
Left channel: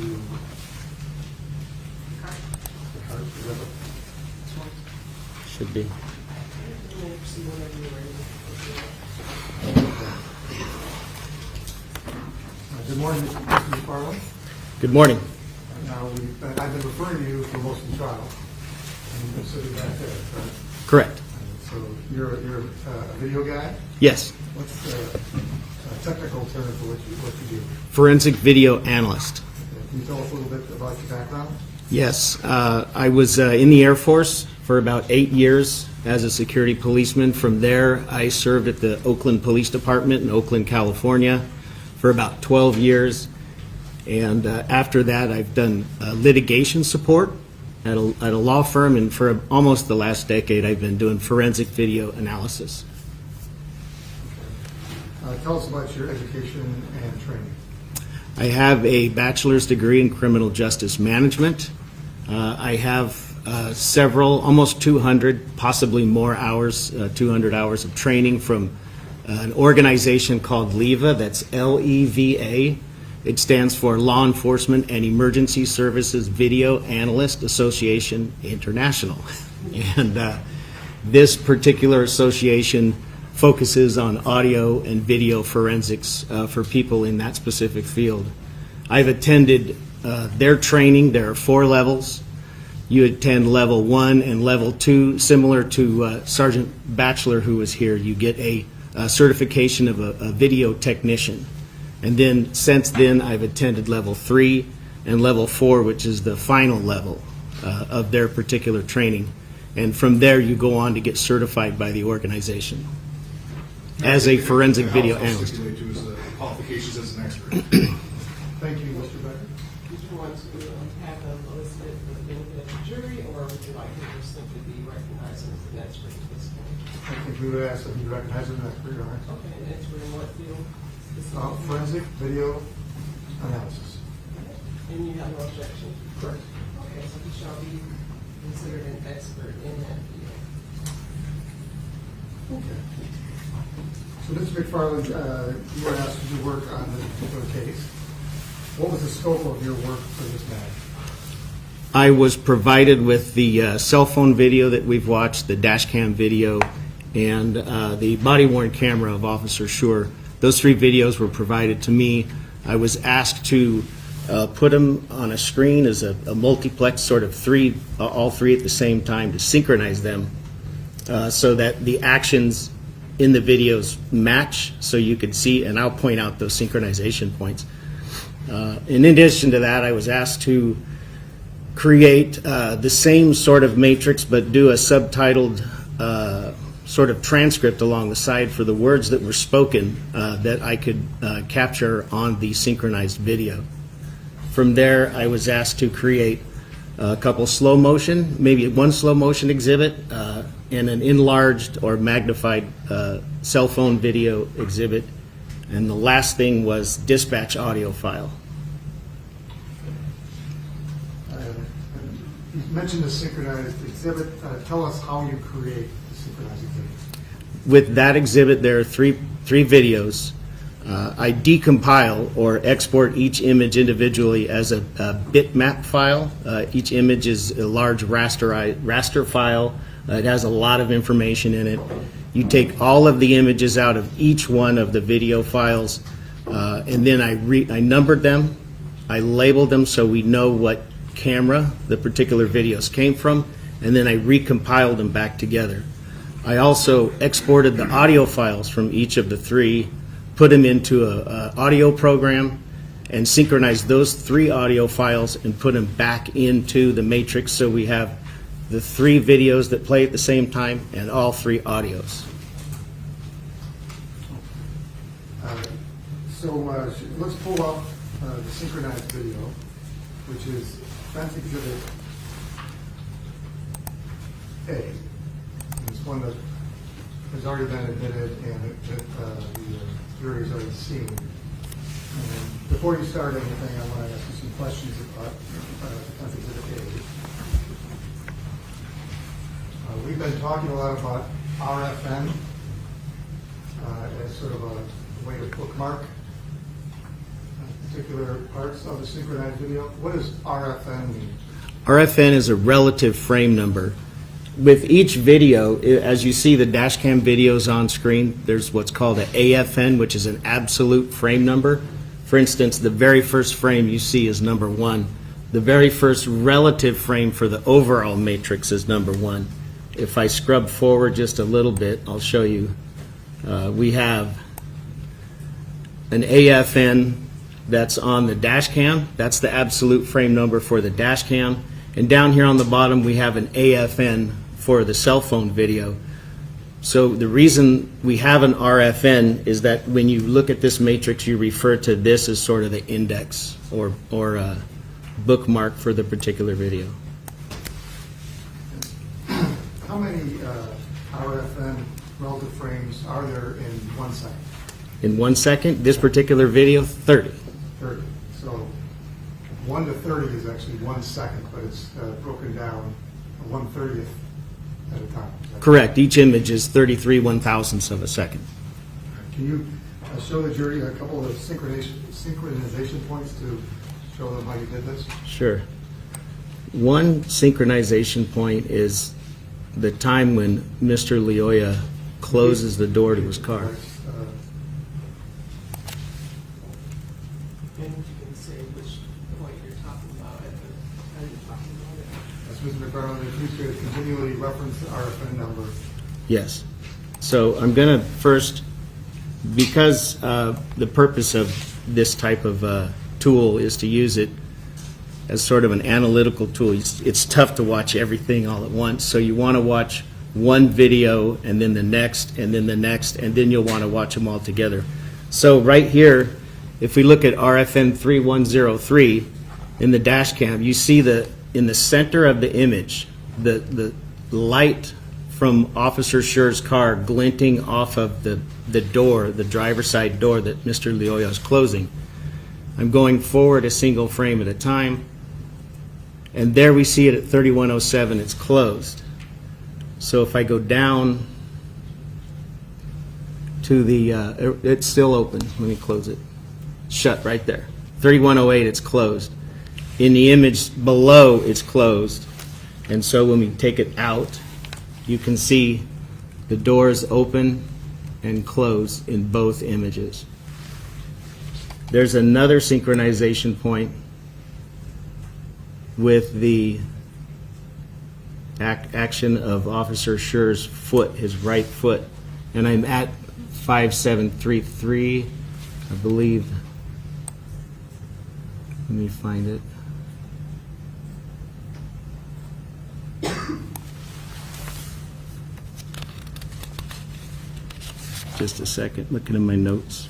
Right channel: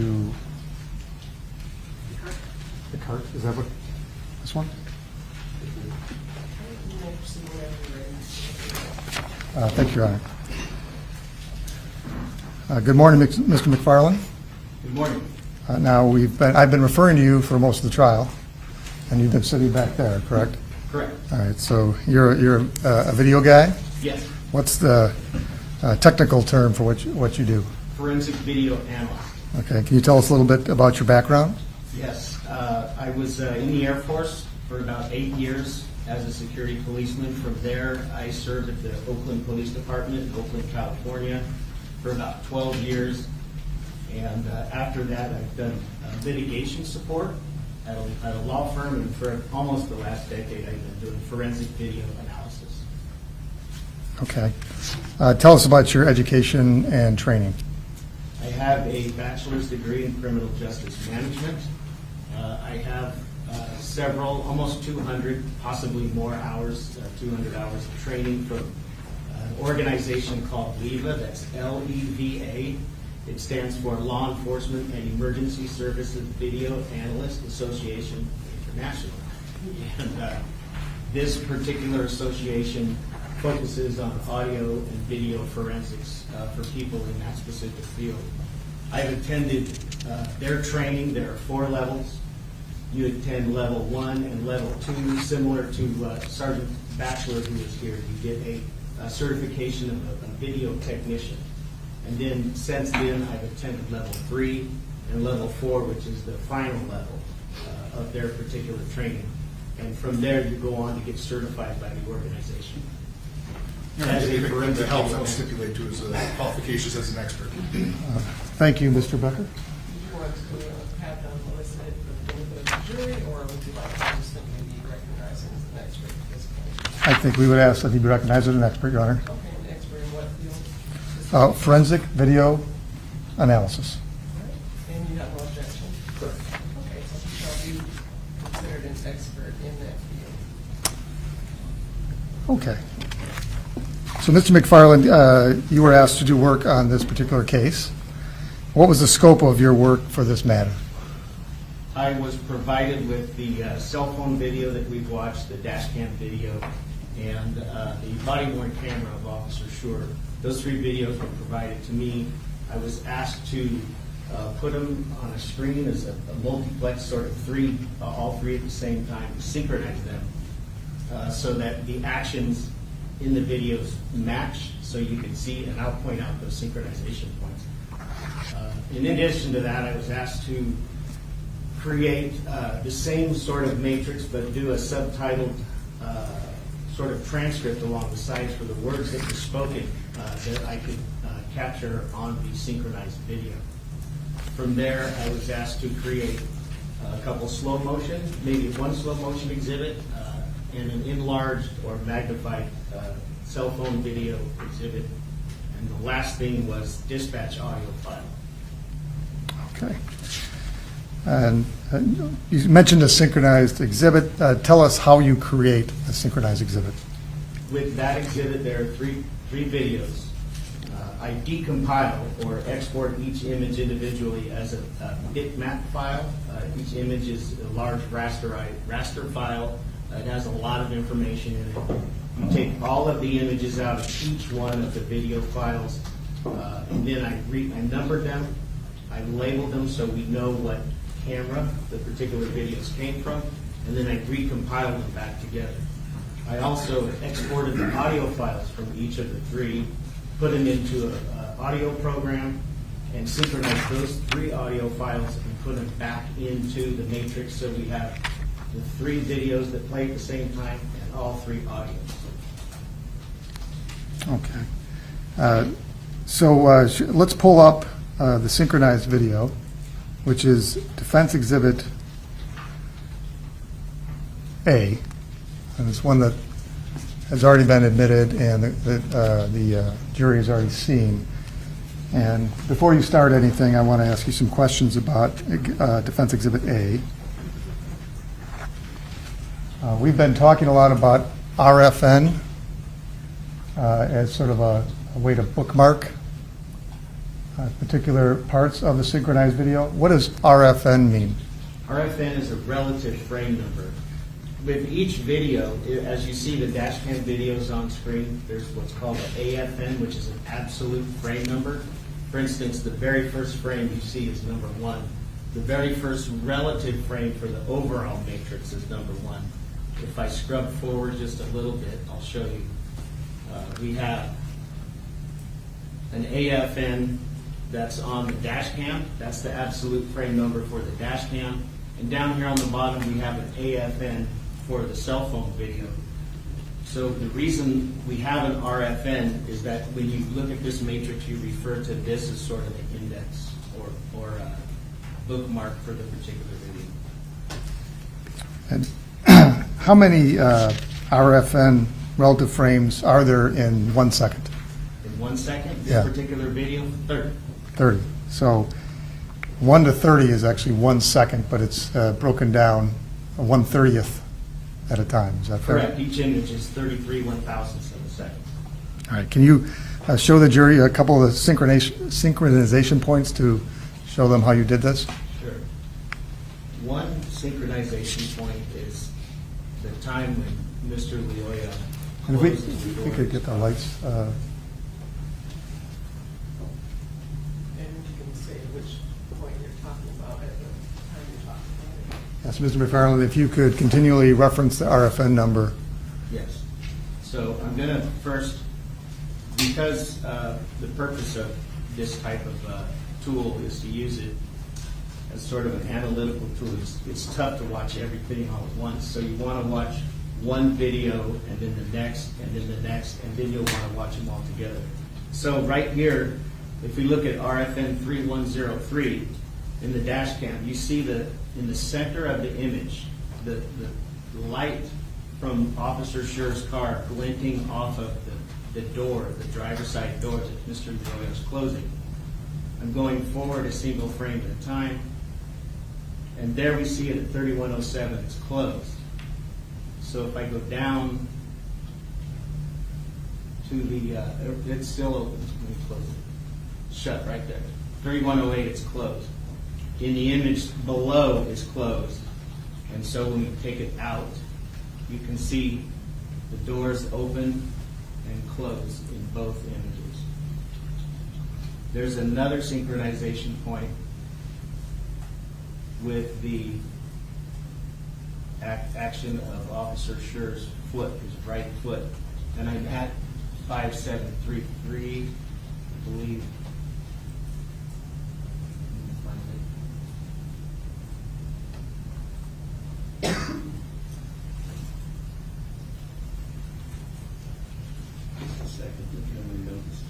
part. Is that what, this one? Should be. Thank you, Your Honor. Good morning, Mr. McFarland. Good morning. Now, I've been referring to you for most of the trial, and you've been sitting back there, correct? Correct. All right, so you're a video guy? Yes. What's the technical term for what you do? Forensic video analyst. Okay, can you tell us a little bit about your background? Yes. I was in the Air Force for about 8 years as a security policeman. From there, I served at the Oakland Police Department in Oakland, California for about 12 years. And after that, I've done litigation support at a law firm, and for almost the last decade, I've been doing forensic video analysis. Okay. Tell us about your education and training. I have a bachelor's degree in criminal justice management. I have several, almost 200, possibly more hours, 200 hours of training from an organization called LEVA, that's L-E-V-A. It stands for Law Enforcement and Emergency Services Video Analyst Association International. And this particular association focuses on audio and video forensics for people in that specific field. I've attended their training. There are 4 levels. You attend level 1 and level 2, similar to Sergeant Batchelor, who was here. You get a certification of a video technician. And then since then, I've attended level 3 and level 4, which is the final level of their particular training. And from there, you go on to get certified by the organization as a forensic video analyst. To his qualifications as an expert. Thank you, Mr. Becker. Did you want to have them elicited for the benefit of the jury, or would you like to just simply be recognized as an expert at this point? I think we would ask that he be recognized as an expert, Your Honor. Okay, an expert in what field? Forensic video analysis. And you have no objection? Correct. Okay, so he shall be considered an expert in that field. Okay. So, Mr. McFarland, you were asked to do work on this particular case. What was the scope of your work for this matter? I was provided with the cell phone video that we've watched, the dash cam video, and the body-worn camera of Officer Schurr. Those 3 videos were provided to me. I was asked to put them on a screen as a multiplex, sort of all 3 at the same time, to synchronize them so that the actions in the videos match, so you could see, and I'll point out those synchronization points. In addition to that, I was asked to create the same sort of matrix, but do a subtitled sort of transcript along the side for the words that were spoken that I could capture on the synchronized video. From there, I was asked to create a couple slow motion, maybe 1 slow motion exhibit, and an enlarged or magnified cell phone video exhibit. And the last thing was dispatch audio file. Okay. And you mentioned a synchronized exhibit. Tell us how you create a synchronized exhibit. With that exhibit, there are three videos. I decompile or export each image individually as a bitmap file. Each image is a large raster file. It has a lot of information in it. You take all of the images out of each one of the video files, and then I numbered them. I labeled them so we know what camera the particular videos came from, and then I recompiled them back together. I also exported the audio files from each of the 3, put them into an audio program, and synchronized those 3 audio files and put them back into the matrix so we have the 3 videos that play at the same time and all 3 audios. Okay. So let's pull up the synchronized video, which is Defense Exhibit A. And it's one that has already been admitted and the jury has already seen. And before you start anything, I want to ask you some questions about Defense Exhibit A. We've been talking a lot about RFN as sort of a way to bookmark particular parts of the synchronized video. What does RFN mean? RFN is a relative frame number. With each video, as you see the dash cam videos on screen, there's what's called an AFN, which is an absolute frame number. For instance, the very first frame you see is number 1. The very first relative frame for the overall matrix is number 1. If I scrub forward just a little bit, I'll show you. We have an AFN that's on the dash cam. That's the absolute frame number for the dash cam. And down here on the bottom, we have an AFN for the cell phone video. So the reason we have an RFN is that when you look at this matrix, you refer to this as sort of the index or bookmark for the particular video. And how many RFN relative frames are there in 1 second? In 1 second, this Yeah. particular video, 30. 30. So 1 to 30 is actually 1 second, but it's broken down 1/30th at a time. Is that Correct. Each image is 33 1,000ths of a second. All right. Can you show the jury a couple of the synchronization points to show them how you did this? Sure. One synchronization point is the time when Mr. Lyoya closes the door to his car. And you can say which point you're talking about at the time you're talking about it. Yes, Mr. McFarland, if you could continually reference the RFN number. Yes. So I'm going to first, because the purpose of this type of tool is to use it as sort of an analytical tool. It's tough to watch everything all at once, so you want to watch one video and then the next and then the next, and then you'll want to watch them all together. So right here, if we look at RFN 3103 in the dash cam, you see in the center of the image, the light from Officer Schurr's car glinting off of the door, the driver's side door that Mr. Lyoya is closing. I'm going forward a single frame at a time, and there we see it at 3107, it's closed. So if I go down to the, it's still open, let me close it. Shut right there. 3108, it's closed. In the image below, it's closed. And so when we take it out, you can see the doors open and close in both images. There's another synchronization point with the action of Officer Schurr's foot, his right foot. And I'm at 5733, I believe. Let me find it. Just a second, looking at my notes.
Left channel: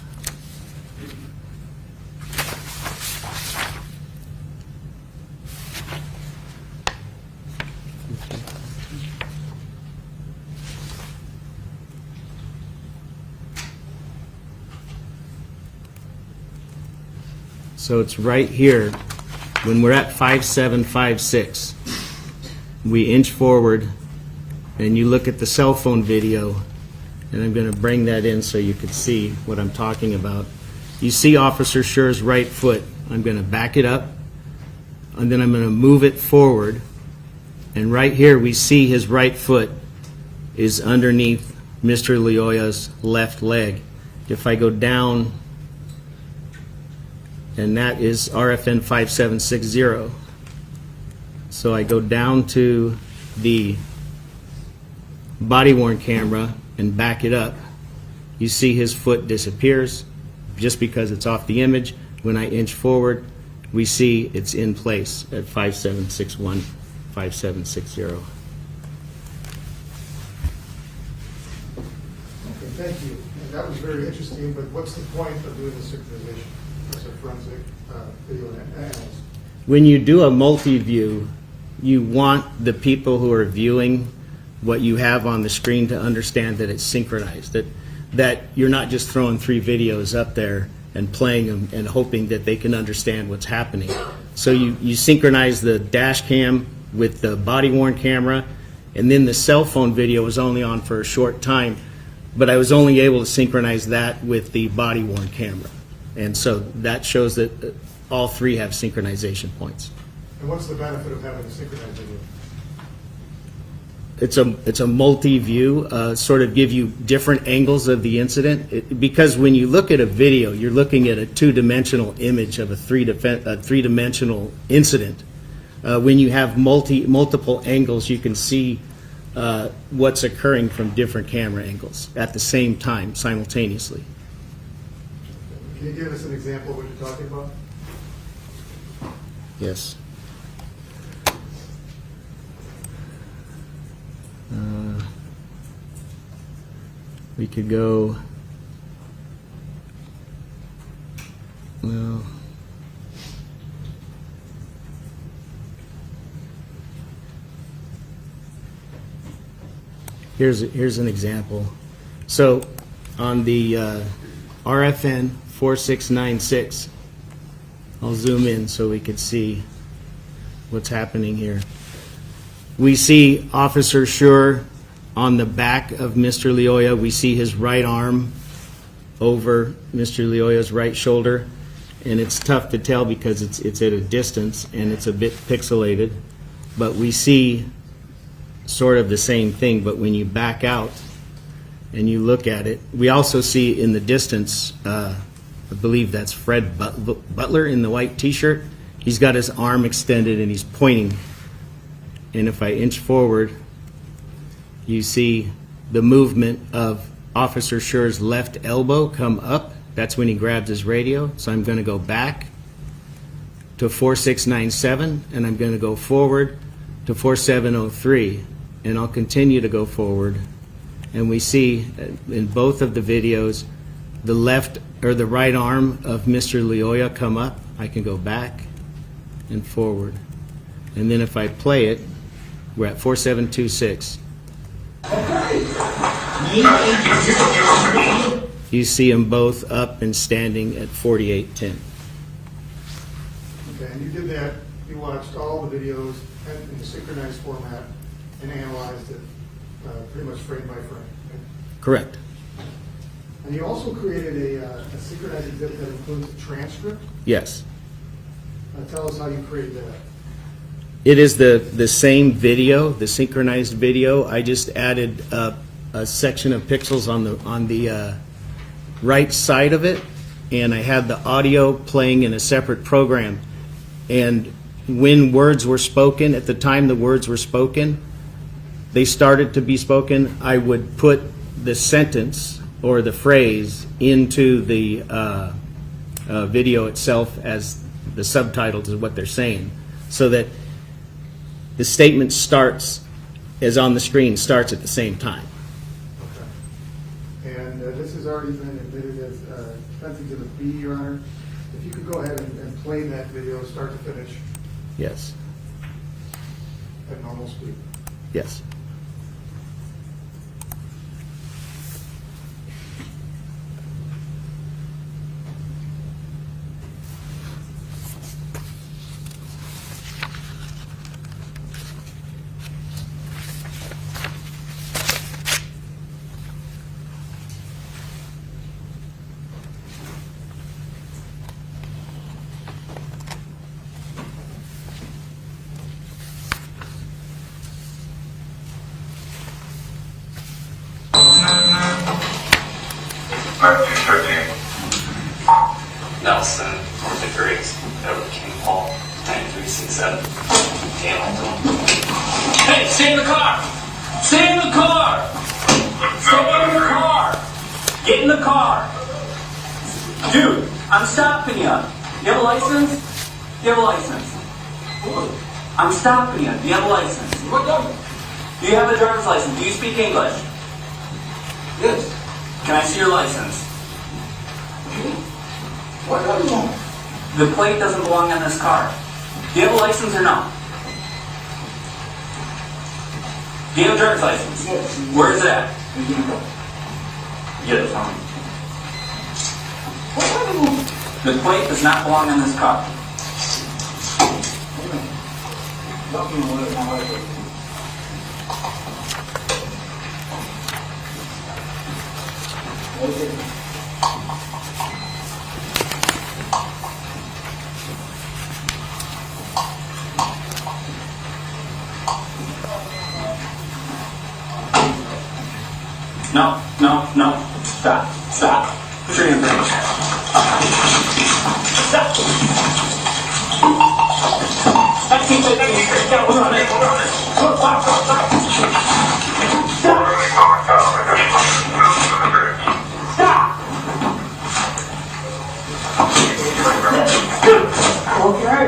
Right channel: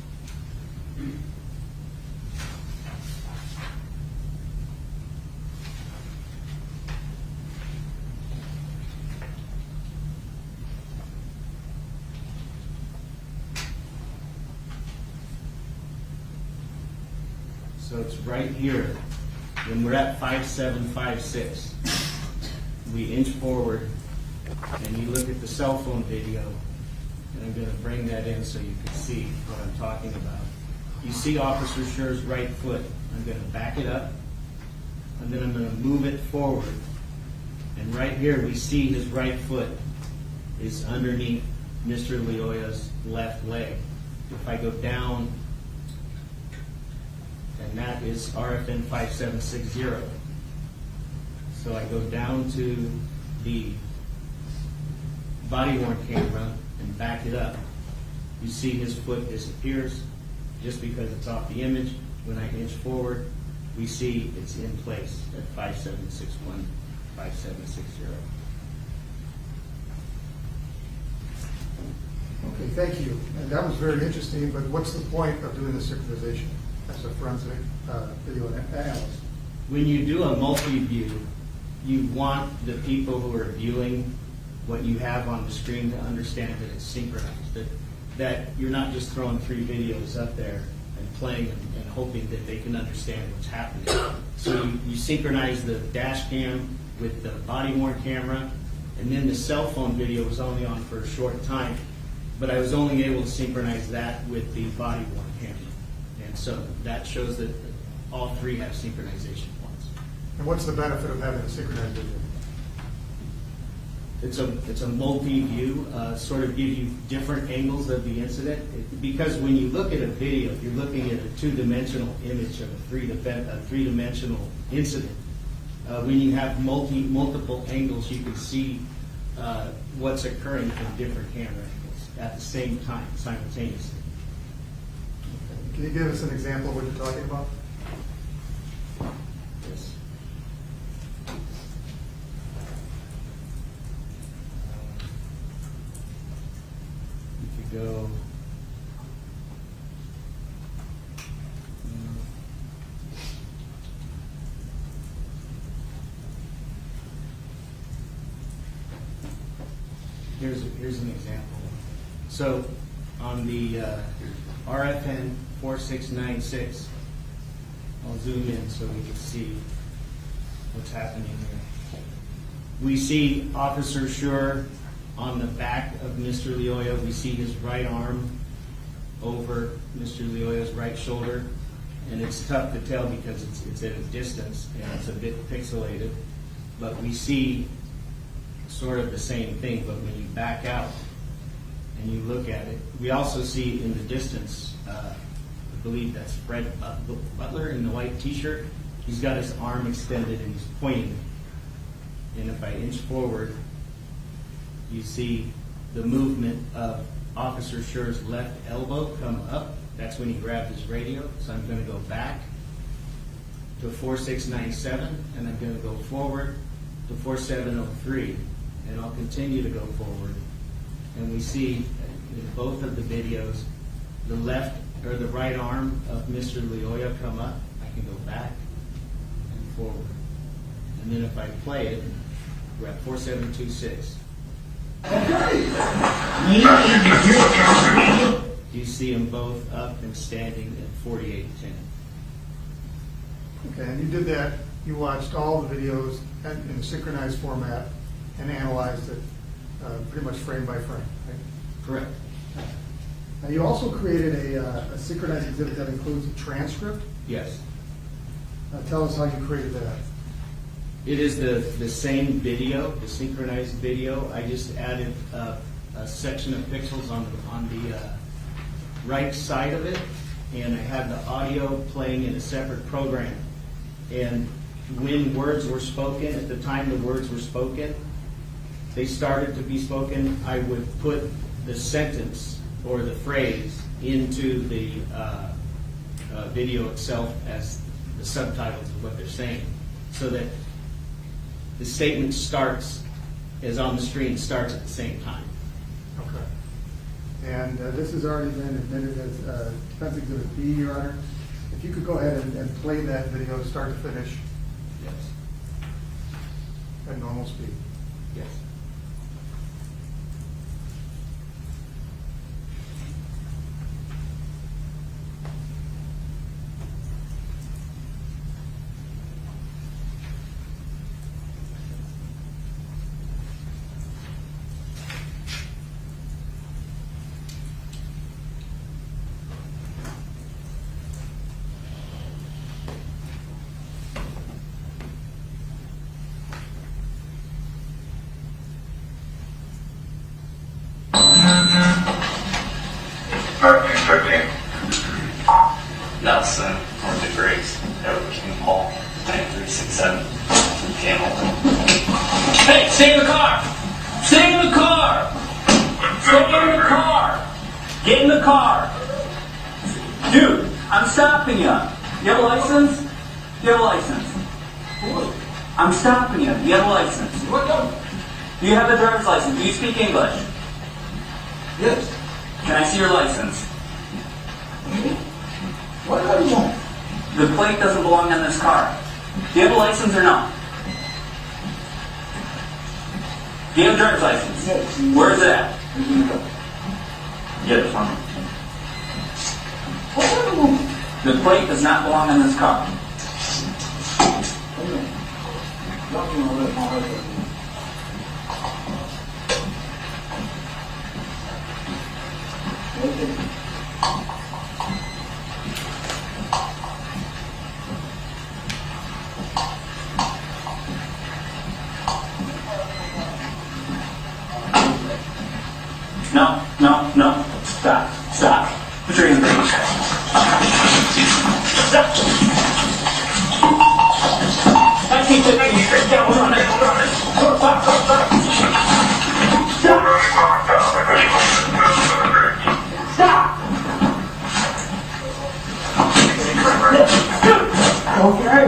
So it's right here, when we're at 5756, we inch forward, and you look at the cell phone video, and I'm going to bring that in so you can see what I'm talking about. You see Officer Schurr's right foot. I'm going to back it up, and then I'm going to move it forward, and right here we see his right foot is underneath Mr. Lyoya's left leg. If I go down, and that is RFN 5760. So I go down to the body-worn camera and back it up. You see his foot disappears just because it's off the image. When I inch forward, we see it's in place at 5761, 5760. Okay, thank you. And that was very interesting, but what's the point of doing the synchronization as a forensic video analyst? When you do a multi-view, you want the people who are viewing what you have on the screen to understand that it's synchronized, that you're not just throwing 3 videos up there and playing them and hoping that they can understand what's happening. So you synchronize the dash cam with the body-worn camera, and then the cell phone video was only on for a short time, but I was only able to synchronize that with the body-worn camera. And so that shows that all 3 have synchronization points. And what's the benefit of having a synchronized video? It's a multi-view, sort of give you different angles of the incident. Because when you look at a video, you're looking at a two-dimensional image of a three-dimensional incident. When you have multiple angles, you can see what's occurring from different camera angles at the same time, simultaneously. Can you give us an example of what you're talking about? Yes. We could go, well, here's an example. So on the RFN 4696, I'll zoom in so we can see what's happening here. We see Officer Schurr on the back of Mr. Lyoya. We see his right arm over Mr. Lyoya's right shoulder, and it's tough to tell because it's at a distance and it's a bit pixelated, but we see sort of the same thing. But when you back out and you look at it, we also see in the distance, I believe that's Fred Butler in the white t-shirt. He's got his arm extended and he's pointing. And if I inch forward, you see the movement of Officer Schurr's left elbow come up. That's when he grabs his radio. So I'm going to go back to 4697, and I'm going to go forward to 4703, and I'll continue to go forward. And we see in both of the videos the left or the right arm of Mr. Lyoya come up. I can go back and forward. And then if I play it, we're at 4726. You see them both up and standing at 4810. Okay, and you did that, you watched all the videos in synchronized format and analyzed it pretty much frame by frame, right? Correct. And you also created a synchronized exhibit that includes a transcript. Yes. Tell us how you created that. It is the same video, the synchronized video. I just added a section of pixels on the right side of it, and I had the audio playing in a separate program. And when words were spoken, at the time the words were spoken, they started to be spoken, I would put the sentence or the phrase into the video itself as the subtitles of what they're saying, so that the statement starts, as on the screen, starts at the same time. Okay. And this has already been admitted as defense exhibit B, Your Honor. If you could go ahead and play that video start to finish Yes. at normal speed. Yes. Nelson, North of Grace, Edward King Hall, 9367, Hamilton. Hey, stay in the car! Stay in the car! Stay in the car! Get in the car! Dude, I'm stopping you. You have a license? You have a license? I'm stopping you. Do you have a license? Do you have a driver's license? Do you speak English? Yes. Can I see your license? What do you want? The plate doesn't belong in this car. Do you have a license or no? Do you have a driver's license? Yes. Where is it at? Get it for me. The plate does not belong in this car. No, no, no. Stop, stop. Put your hands up. Stop. 1915. Yeah, we're on it. Go, stop, stop, stop. Stop. Stop. Okay.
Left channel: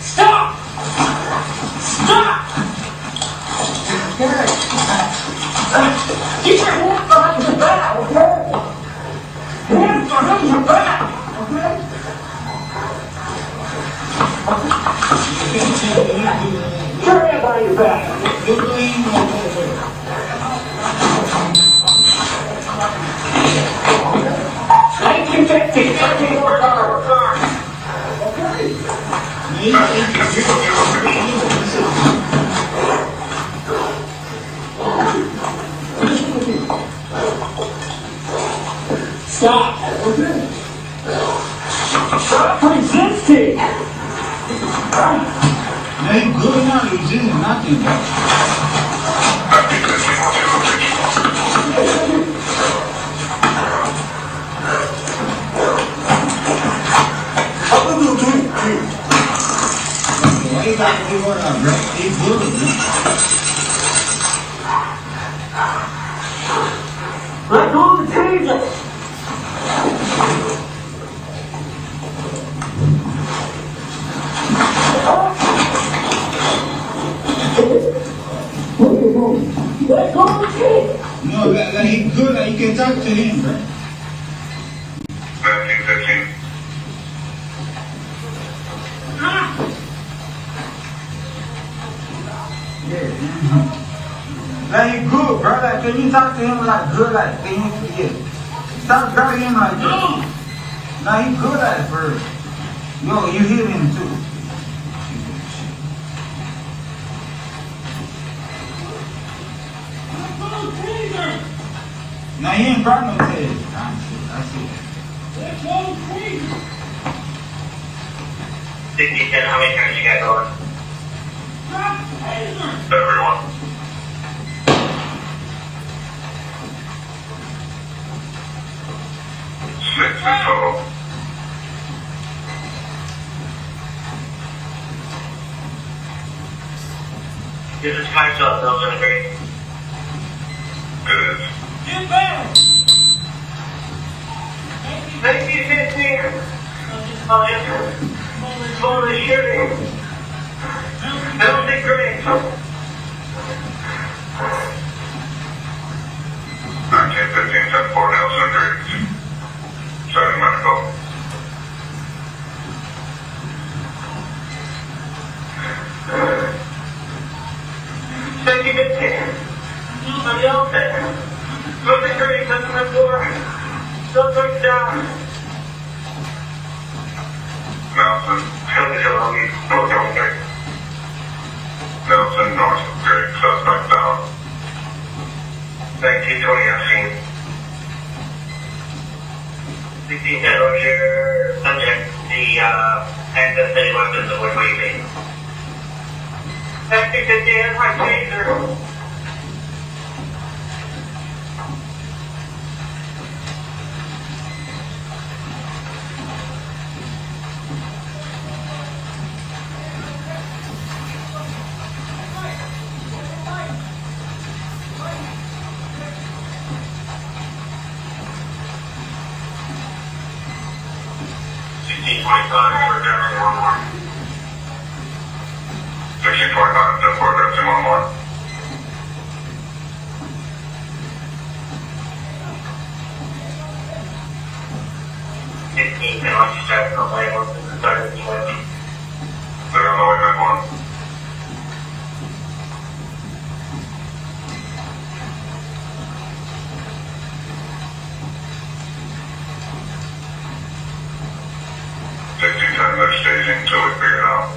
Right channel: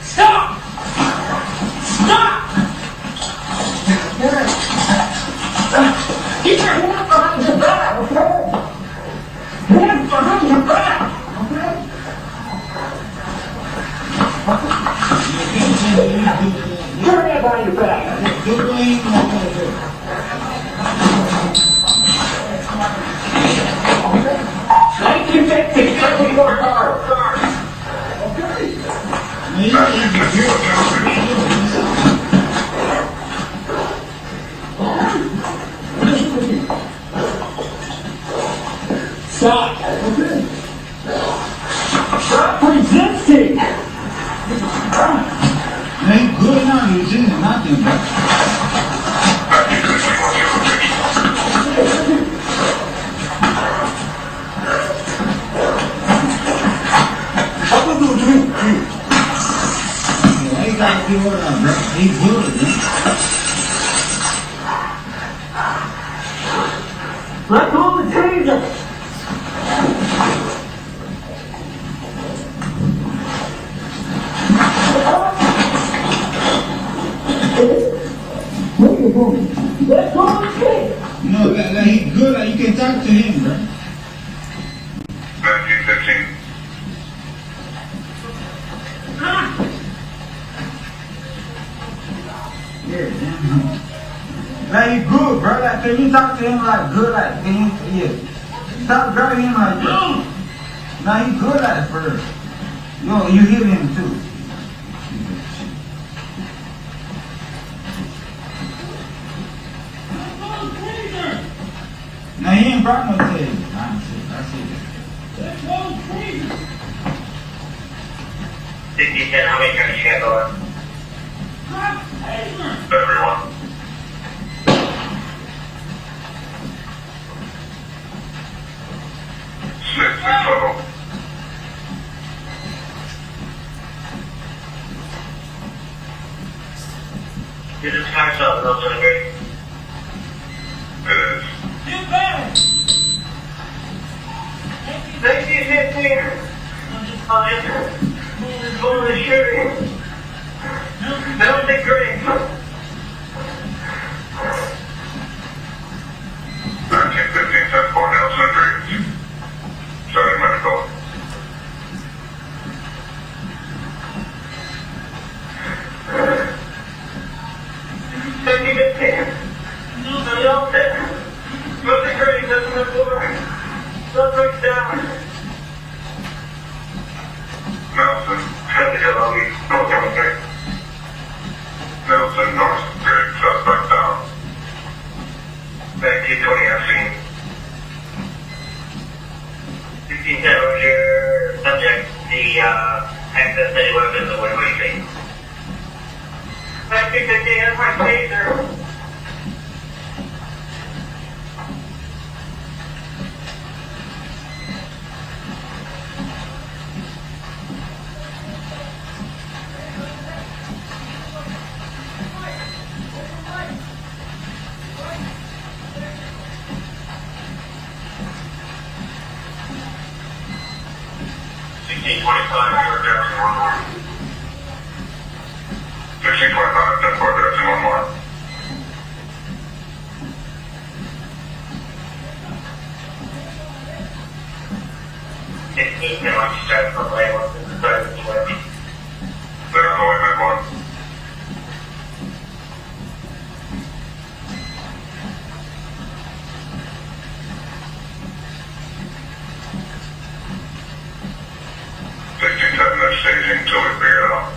Stop. Stop. Get your hands behind your back. Okay. Hands behind your back. Okay. Get your hands behind your back. Okay. 1915. 13 more cars. Stop. Okay. Stop resisting. Ain't good now, you see nothing, bro. Why you gotta do what up, bro? He good, man. Let go of the taser. What you doing? Let go of the taser. No, like he good, like you can talk to him, bro. 1915. Yeah, man. Like he good, bro. Like, can you talk to him like good, like, can you, yeah. Stop grabbing him like that. Nah, he good at first. Yo, you hit him too. Nah, he ain't got no taser. I see. Let's go of the taser. 50, how many turns you got going? Drop the taser. Everyone. Six in total. Is this time zone, no celebrate? It is. Get back. 1915. Oh, yes. Full of the shooting. That was great. 1915, 10-4, Nelson agrees. Sorry, medical. Nelson, Nelson, North Grade, suspect down. 1920, I've seen. 1610, what's your subject? The access to any weapons, what do you think? 1950, here's my taser. for addressing one more. 1625, 10 for addressing one more. And once you start from label, start with 20. There's always been one. They're staging till we figure it out.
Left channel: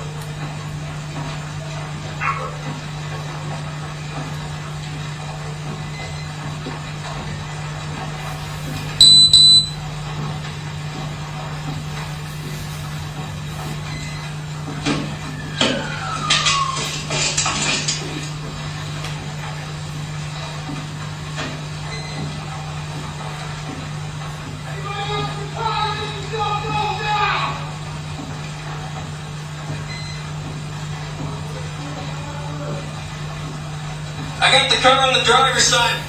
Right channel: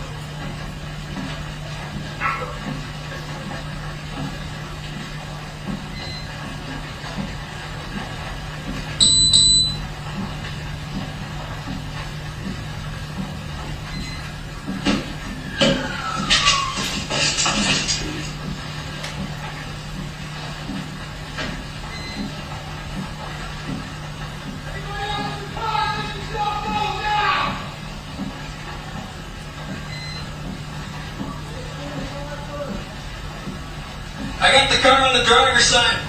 car on the driver's side.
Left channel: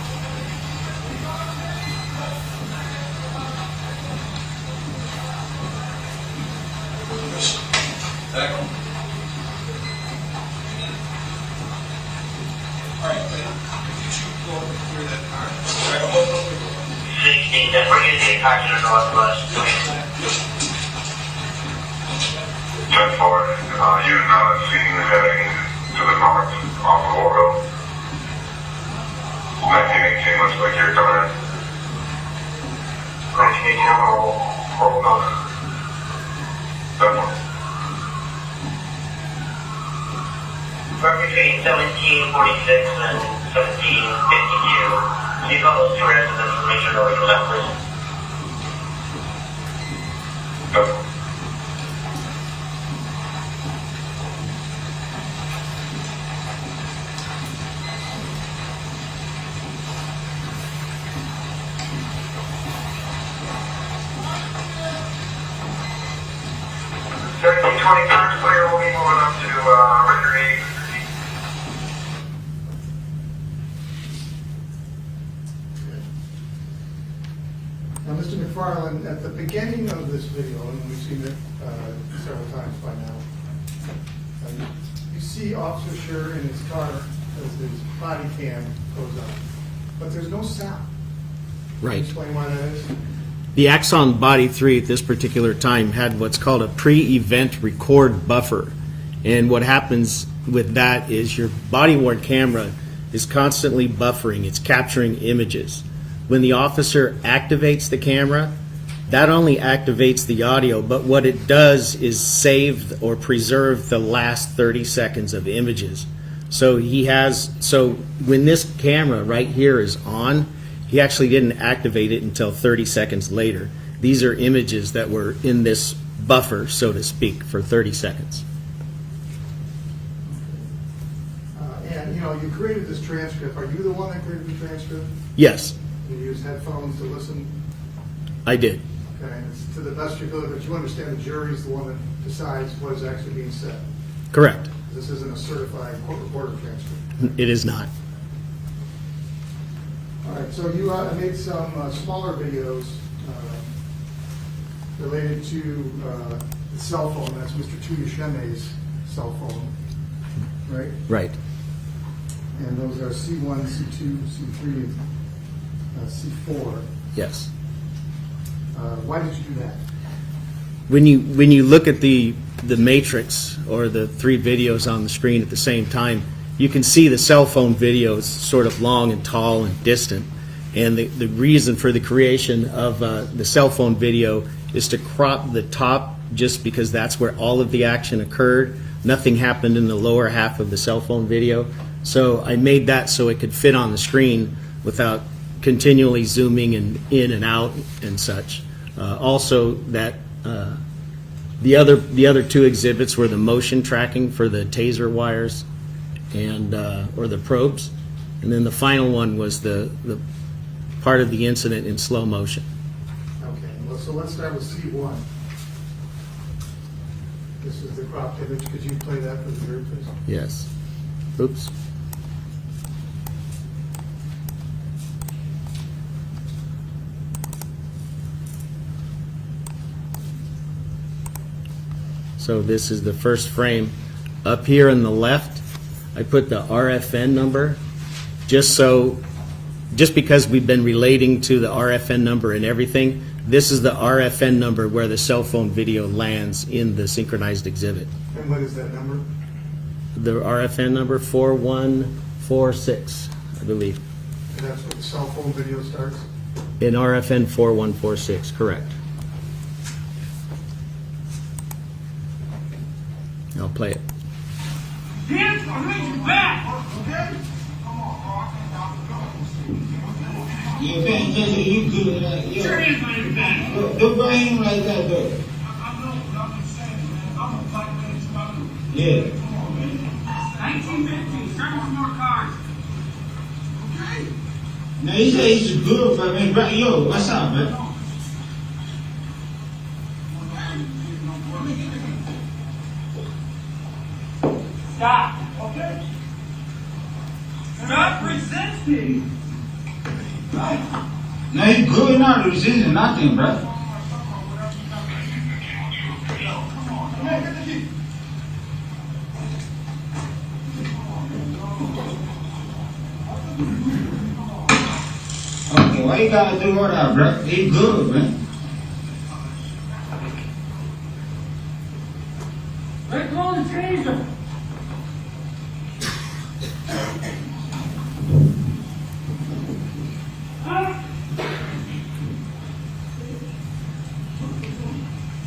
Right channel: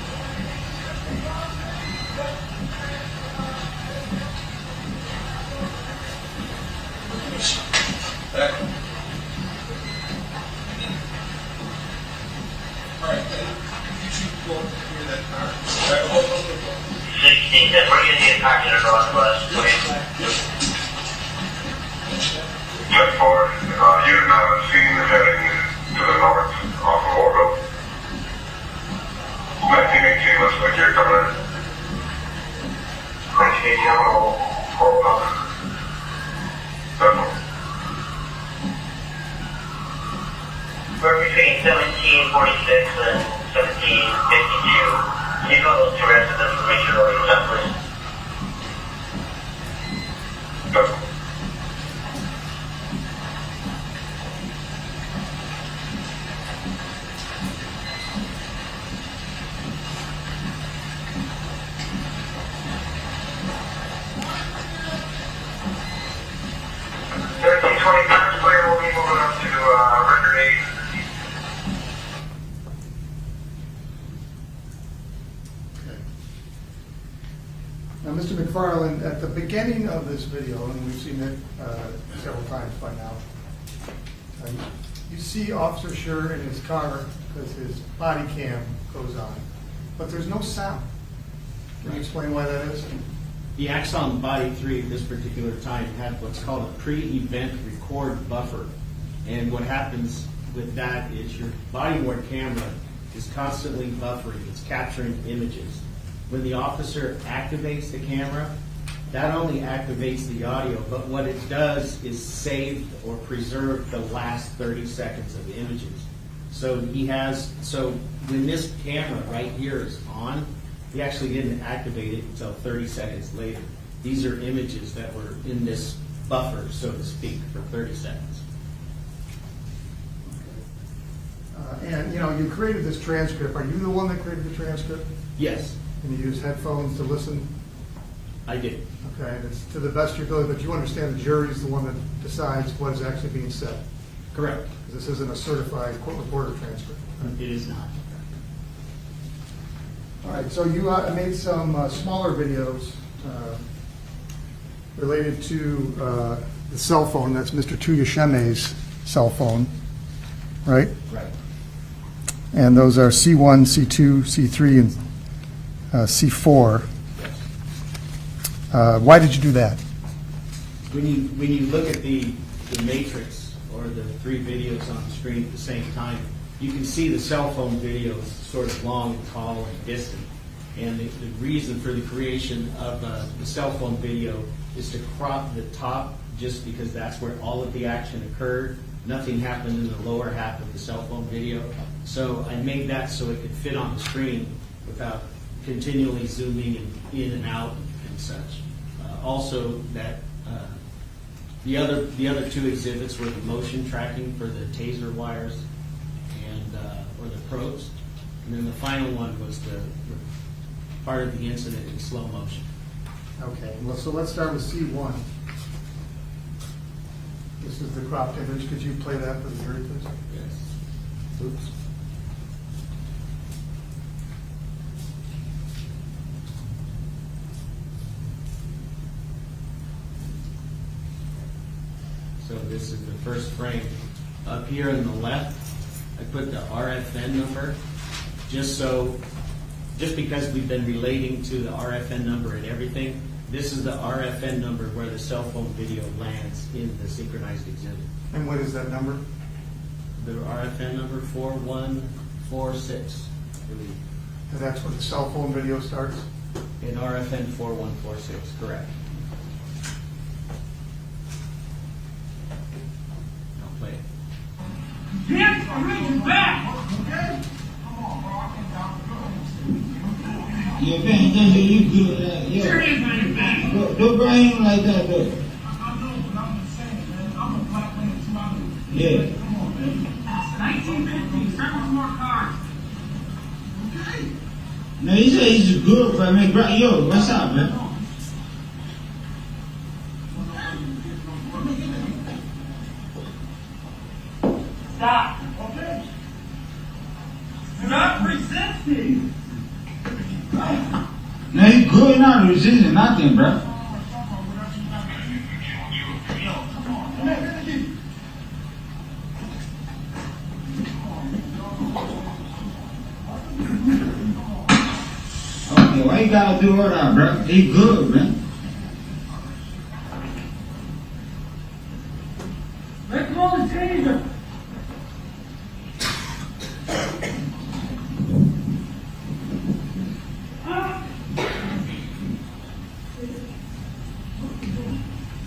Alright, you should go up and clear that car. 16, then we're going to get back to the northwest. Check 4, unit now seen heading to the north off of Oakville. 1918, looks like you're coming in. 1918, Oakville. Definitely. We're between 1746 and 1752. Can you call those two residents for Richard over for that, please? Definitely. Clear, we'll be moving up to record 8. Now, Mr. McFarland, at the beginning of this video, and we've seen it several times by now, you see Officer Schurr in his car as his body cam goes on, but there's no sound. Can you Right. explain why that is? The Axon Body 3 at this particular time had what's called a pre-event record buffer. And what happens with that is your body-worn camera is constantly buffering. It's capturing images. When the officer activates the camera, that only activates the audio, but what it does is save or preserve the last 30 seconds of images. So when this camera right here is on, he actually didn't activate it until 30 seconds later. These are images that were in this buffer, so to speak, for 30 seconds. And, you know, you created this transcript. Are you the one that created the transcript? Yes, And you use headphones to listen? I did. Okay, and it's to the best of your ability, but you understand the jury's the one that decides what is actually being said. Correct. This isn't a certified court reporter transcript. It is not. All right, so you made some smaller videos related to the cell phone. That's Mr. Tuyasheme's cell phone, right? Right. And those are C1, C2, C3, and C4. Yes. Why did you do that? When you look at the matrix or the three videos on the screen at the same time, you can see the cell phone videos sort of long and tall and distant. And the reason for the creation of the cell phone video is to crop the top just because that's where all of the action occurred. Nothing happened in the lower half of the cell phone video. So I made that so it could fit on the screen without continually zooming in and out and such. Also, that the other two exhibits were the motion tracking for the taser wires and or the probes, and then the final one was the part of the incident in slow motion. Okay, well, so let's start with C1. This is the cropped image. Could you play that for the jury, please? Yes. Oops. So this is the first frame. Up here on the left, I put the RFN number, just because we've been relating to the RFN number and everything. This is the RFN number where the cell phone video lands in the synchronized exhibit. And what is that number? The RFN number 4146, I believe. And that's when the cell phone video starts? In RFN 4146, correct. I'll play it. Hands behind your back! Yeah, man, you good, like, yeah. Your hands behind your back! Don't bring him like that, though. I know, but I'm just saying, man. I'm a black man, too. Yeah. Come on, man. 1915, start with more cards. Okay? Now, he said he's a good friend, man. Bro, yo, what's up, man? Stop. Okay. Do not present No, he good now. The decision, nothing, bro. Okay, why you gotta do all that, bro? He good, man. Let go of the taser.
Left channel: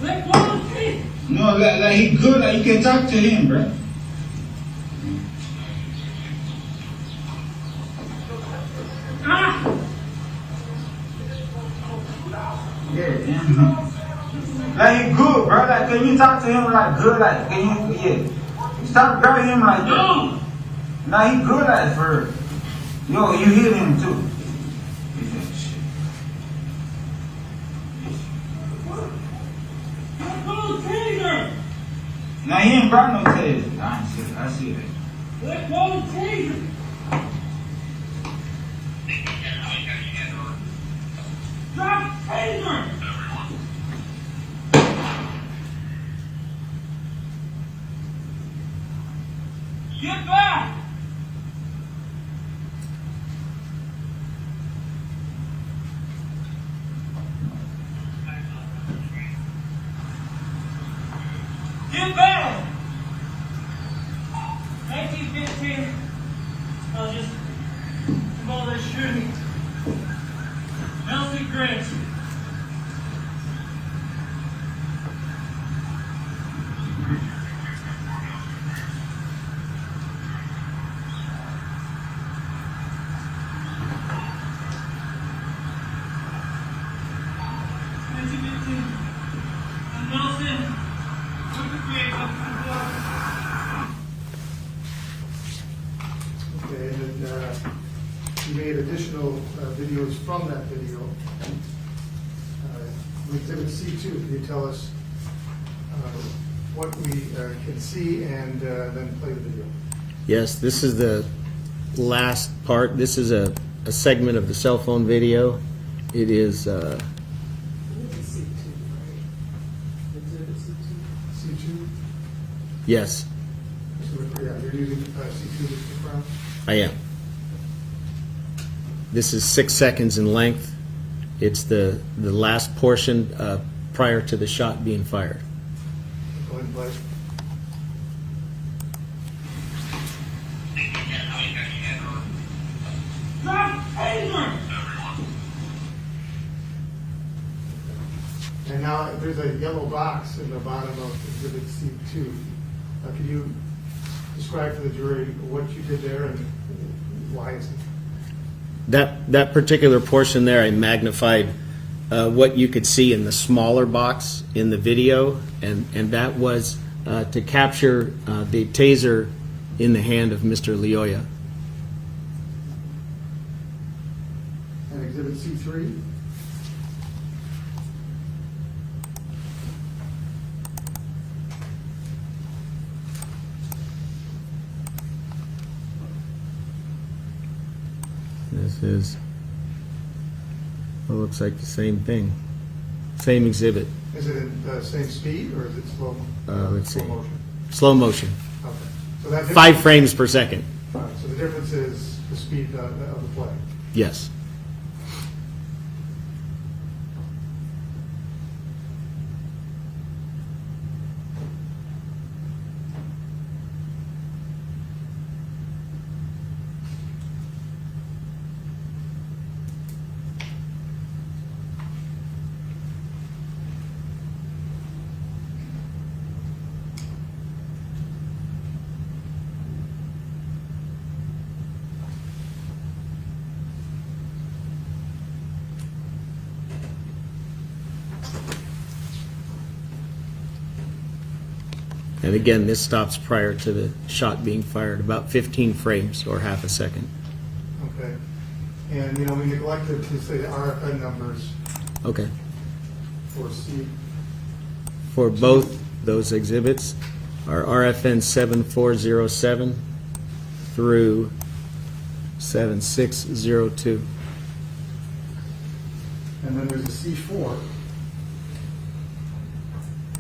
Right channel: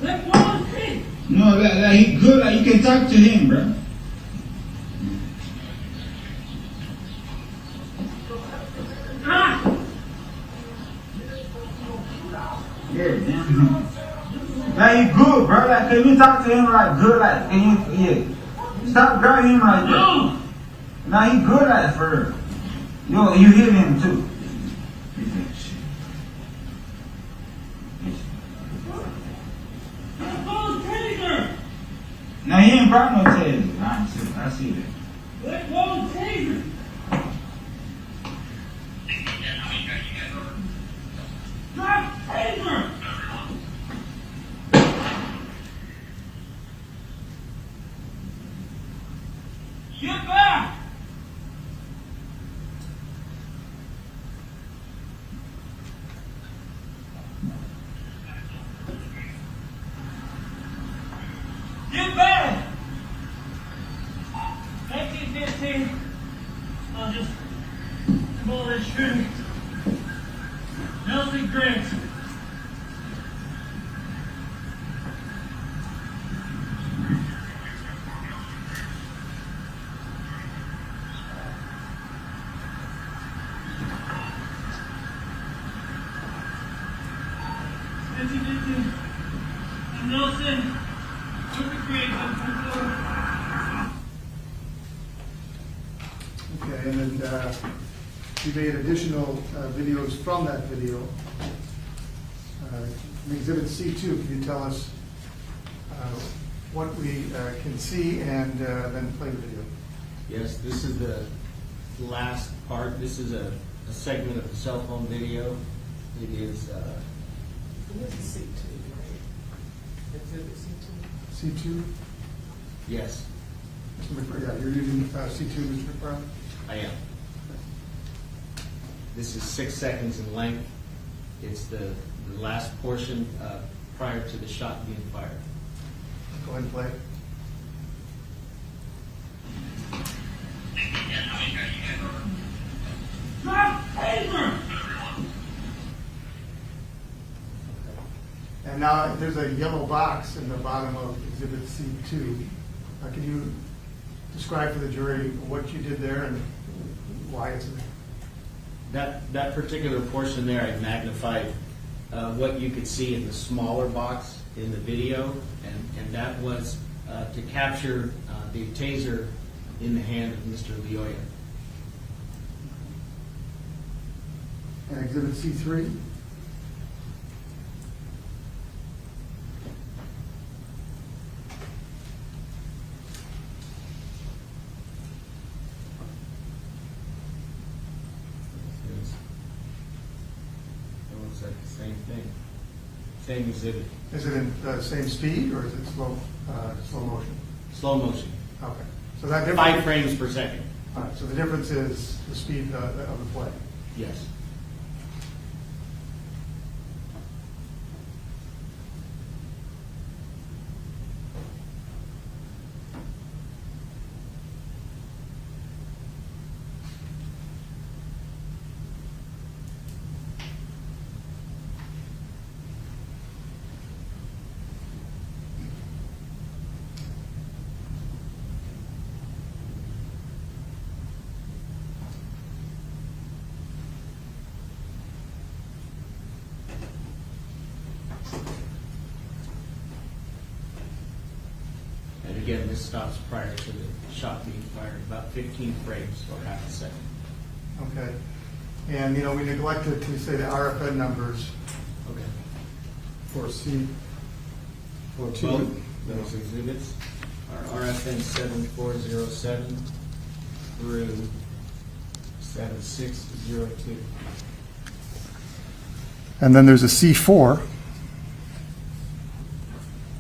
Let go of the taser. No, like he good. Like you can talk to him, bro. Yeah. Like he good, bro. Like can you talk to him like good? Like can you? Yeah. Stop grabbing him like that. No, he good like for real. Yo, you hear him too. Let go of the taser. No, he ain't brought no taser. I see that. Let go of the taser. Drop the taser. Get back. Get back! 1915, I was just involved in shooting. Nelson Grant. Nelson. Okay, and then you made additional videos from that video. Exhibit C2, can you tell us what we can see and then play the video? Yes, this is the last part. This is a segment of the cell phone video. It is, This is C2, right? Exhibit C2? C2? yes, Yeah, you're using C2, Mr. Brown? I am. This is 6 seconds in length. It's the last portion prior to the shot being fired. Go ahead and play. Drop the taser. And now there's a yellow box in the bottom of Exhibit C2. Can you describe to the jury what you did there and why it's there? That particular portion there, I magnified what you could see in the smaller box in the video, and that was to capture the taser in the hand of Mr. Lyoya. And Exhibit C3? This is, it looks like the same thing, same exhibit. Is it in the same speed or is it slow? Let's slow see. motion? Slow motion, Okay. So that 5 frames per second. All right, so the difference is the speed of the play. Yes. And again, this stops prior to the shot being fired, about 15 frames or half a second. Okay. And, you know, we neglected to say the RFN numbers Okay. for C. For both those exhibits are RFN 7407 through 7602. And then there's a C4.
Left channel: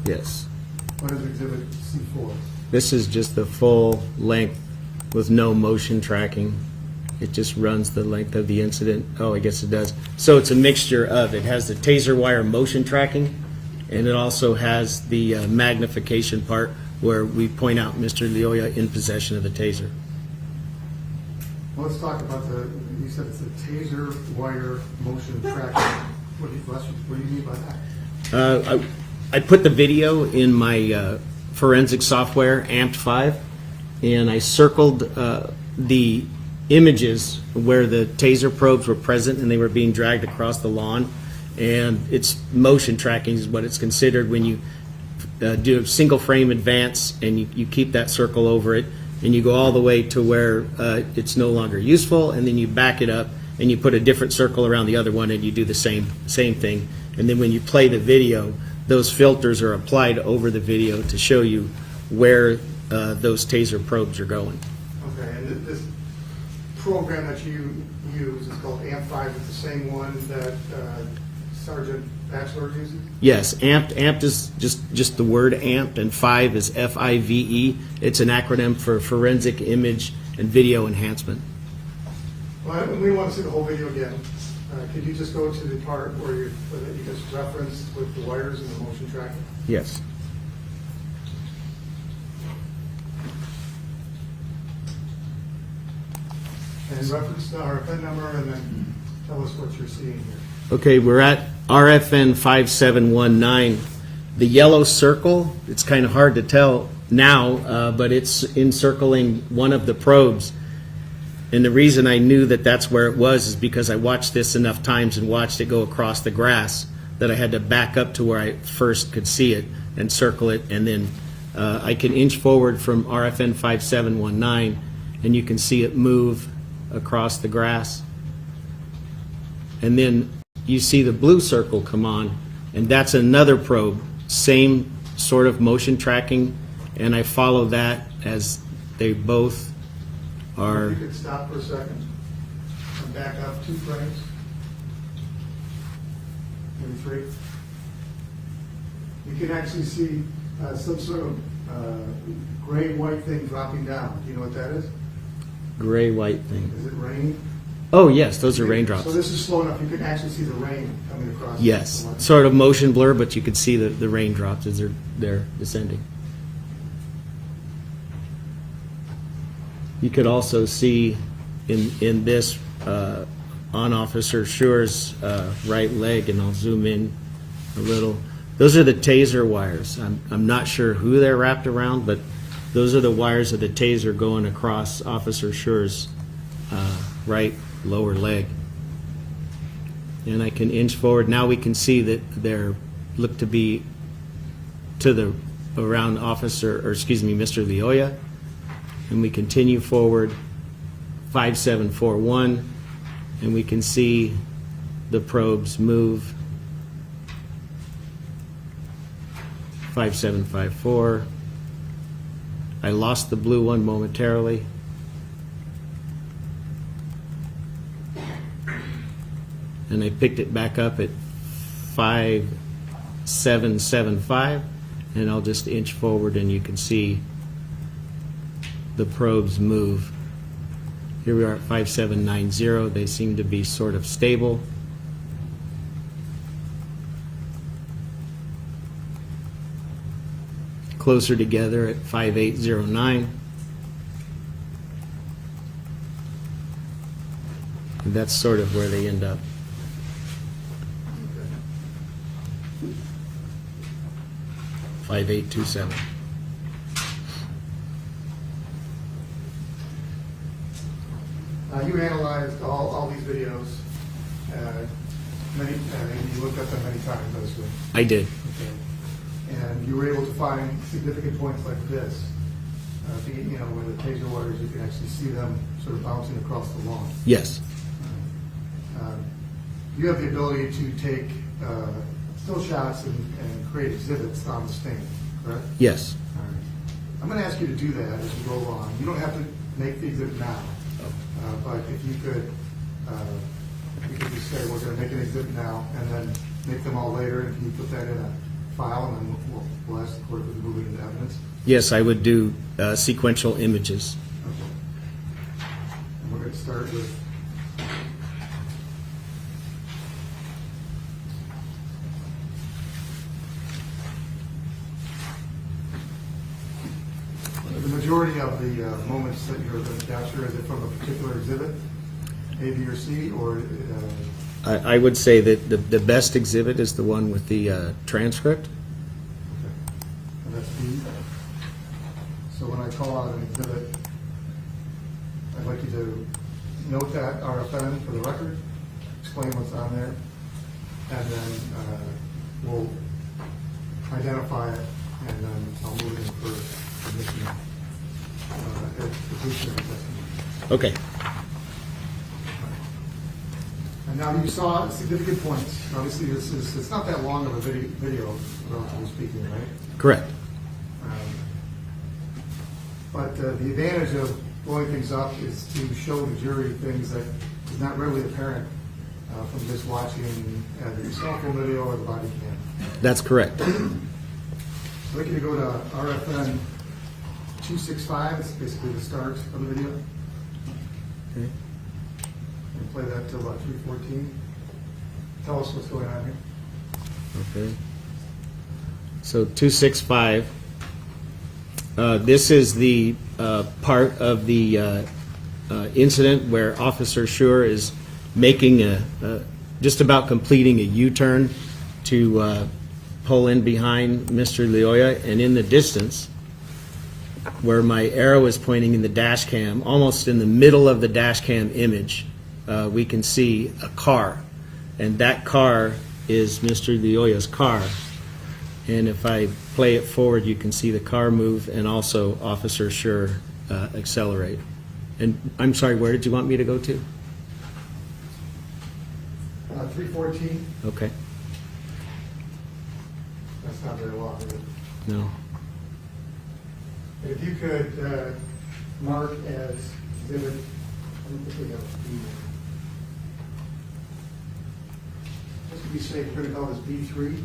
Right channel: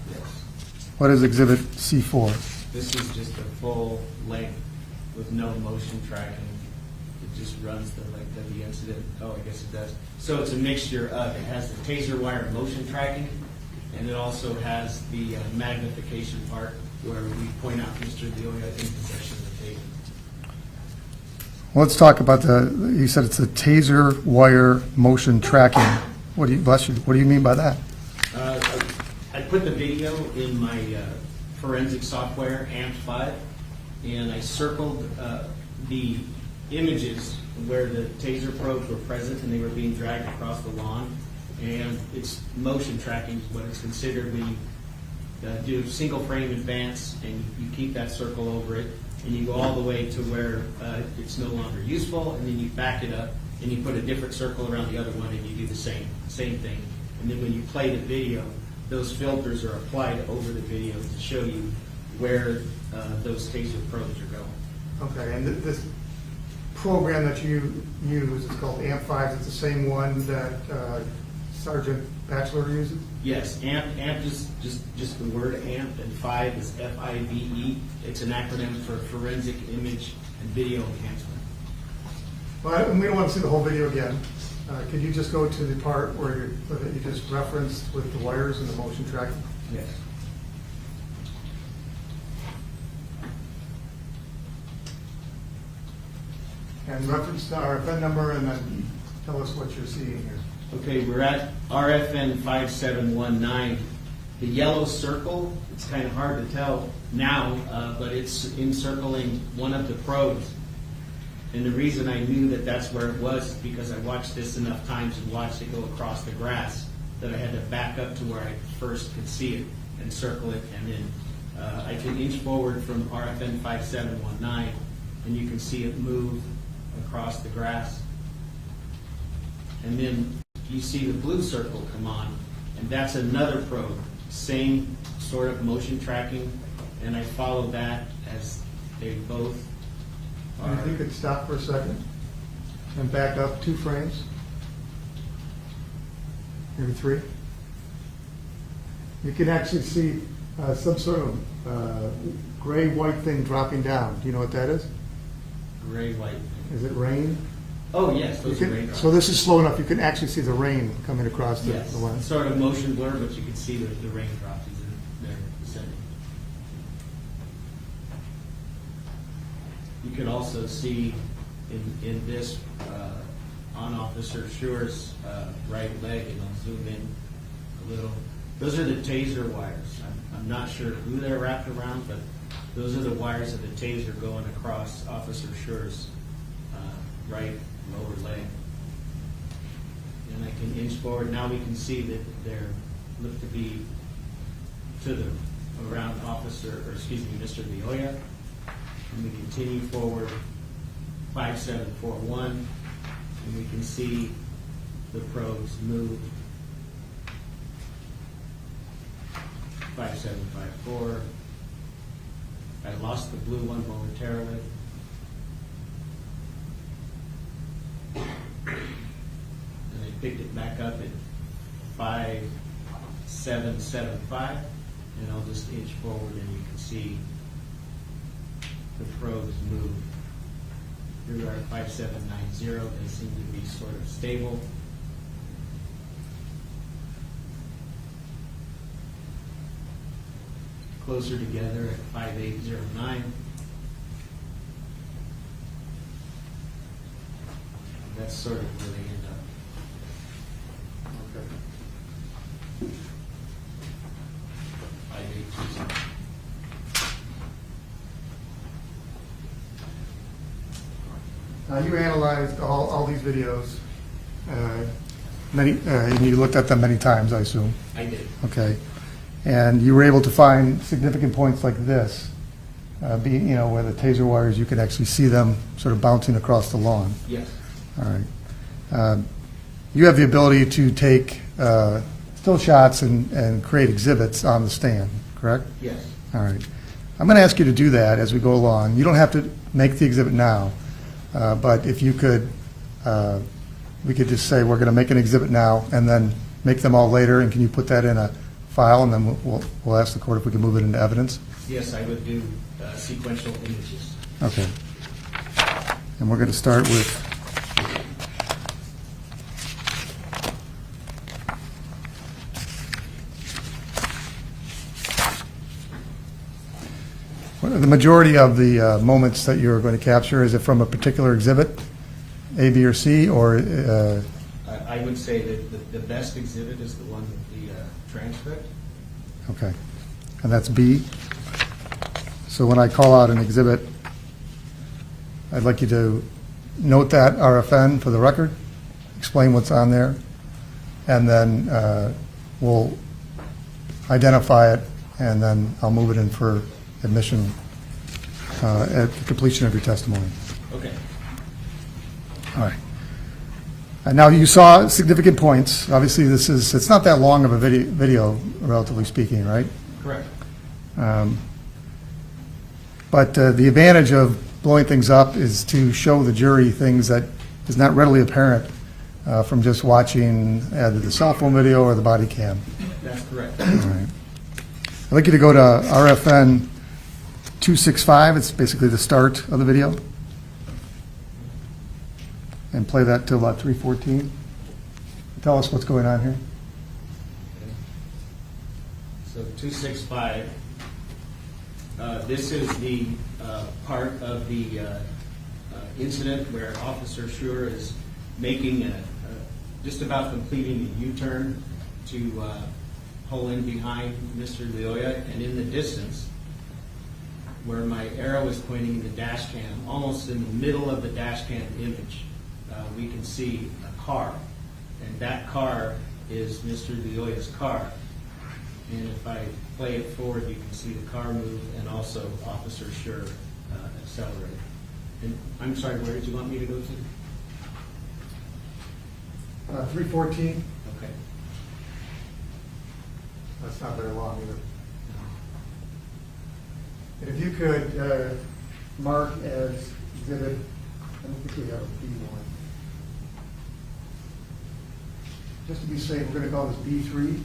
Yes. What is Exhibit C4? This is just the full length with no motion tracking. It just runs the length of the incident. Oh, I guess it does. So it's a mixture of, it has the taser wire motion tracking, and it also has the magnification part where we point out Mr. Lyoya in possession of the taser. Well, let's talk about you said it's a taser wire motion tracking. What do you, bless you, what do you mean by that? I put the video in my forensic software, AMP5, and I circled the images where the taser probes were present and they were being dragged across the lawn. And it's motion tracking is what it's considered when you do a single frame advance and you keep that circle over it and you go all the way to where it's no longer useful, and then you back it up and you put a different circle around the other one and you do the same thing. And then when you play the video, those filters are applied over the video to show you where those taser probes are going. Okay, and this program that you use is called AMP5. It's the same one that Sergeant Batchelor uses? Yes, AMP is just the word AMP, and 5 is FIVE. It's an acronym for Forensic Image and Video Enhancement. Well, we don't want to see the whole video again. Could you just go to the part where you just referenced with the wires and the motion tracking? Yes. And reference the RFN number and then tell us what you're seeing here. Okay, we're at RFN 5719. The yellow circle, it's kind of hard to tell now, but it's encircling one of the probes. And the reason I knew that that's where it was is because I watched this enough times and watched it go across the grass that I had to back up to where I first could see it and circle it. And then I can inch forward from RFN 5719 and you can see it move across the grass. And then you see the blue circle come on, and that's another probe, same sort of motion tracking, and I follow that as they both are. You could stop for a second and back up 2 frames, maybe 3. You can actually see some sort of gray-white thing dropping down. Do you know what that is? Gray-white thing. Is it rain? Oh, yes, those are raindrops. So this is slow enough, you can actually see the rain coming across Yes, the way. sort of motion blur, but you can see the raindrops as they're descending. You could also see in this on Officer Schurr's right leg, and I'll zoom in a little. Those are the taser wires. I'm not sure who they're wrapped around, but those are the wires of the taser going across Officer Schurr's right lower leg. And I can inch forward. Now we can see that they're look to be to the around Mr. Lyoya. And we continue forward 5741, and we can see the probes move 5754. I lost the blue one momentarily. And I picked it back up at 5775, and I'll just inch forward and you can see the probes move. Here we are at 5790. They seem to be sort of stable. Closer together at 5809. And that's sort of where they end up. 5827. You analyzed all these videos, you looked at them many times, I assume. I did. Okay. And you were able to find significant points like this, where the taser wires, you could actually see them sort of bouncing across the lawn. Yes. All right. You have the ability to take still shots and create exhibits on the stand, correct? Yes. All right. I'm going to ask you to do that as we go along. You don't have to make the exhibit now. But if you could, we could just say, we're going to make an exhibit now, and then make them all later, and can you put that in a file, and then we'll ask the court if we can move it into evidence? Yes, I would do sequential images. Okay. And we're going to start with the majority of the moments that you're going to capture. Is it from a particular exhibit, A, B, or C, or? I would say that the best exhibit is the one with the transcript. Okay, and that's B. So when I call out an exhibit, I'd like you to note that RFN for the record, explain what's on there, and then we'll identify it, and then I'll move it in for admission at the completion of your testimony. Okay. All right. And now you saw significant points. Obviously, it's not that long of a video, relatively speaking, right? Correct. But the advantage of blowing things up is to show the jury things that is not readily apparent from just watching either the cell phone video or the body cam. That's correct. All right. I'd like you to go to RFN 265. It's basically the start of the video. And play that till about 3:14. Tell us what's going on here. Okay. So 265. This is the part of the incident where Officer Schurr is making just about completing a U-turn to pull in behind Mr. Lyoya, and in the distance, where my arrow is pointing in the dash cam, almost in the middle of the dash cam image, we can see a car, and that car is Mr. Lyoya's car. And if I play it forward, you can see the car move and also Officer Schurr accelerate. And I'm sorry, where did you want me to go to? 3:14. Okay. That's not very long, is it? No. And if you could mark as exhibit, I don't think we have a B one. Just to be safe, we're going to call this B3.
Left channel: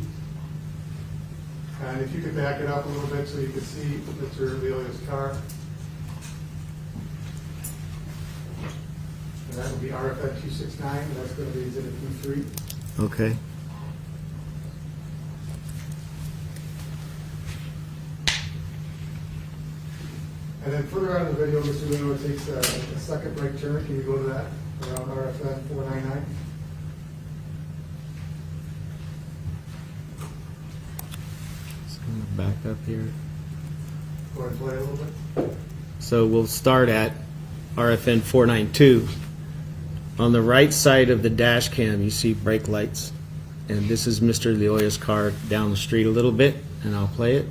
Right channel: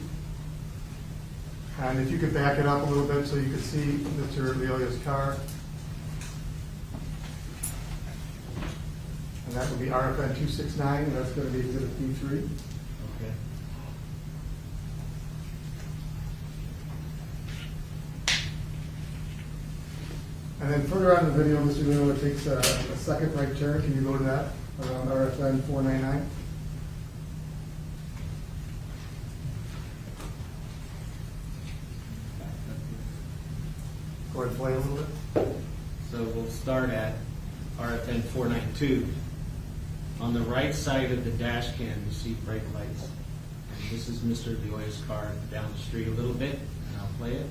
And if you could back it up a little bit so you could see Mr. Lyoya's car. And that would be RFN 269, and that's going to be exhibit B3. Okay. And then further on in the video, Mr. Lyoya takes a second right turn. Can you go to that around RFN 499? Back up here. Go ahead and play a little bit. So we'll start at RFN 492. On the right side of the dash cam, you see brake lights. And this is Mr. Lyoya's car down the street a little bit, and I'll play it.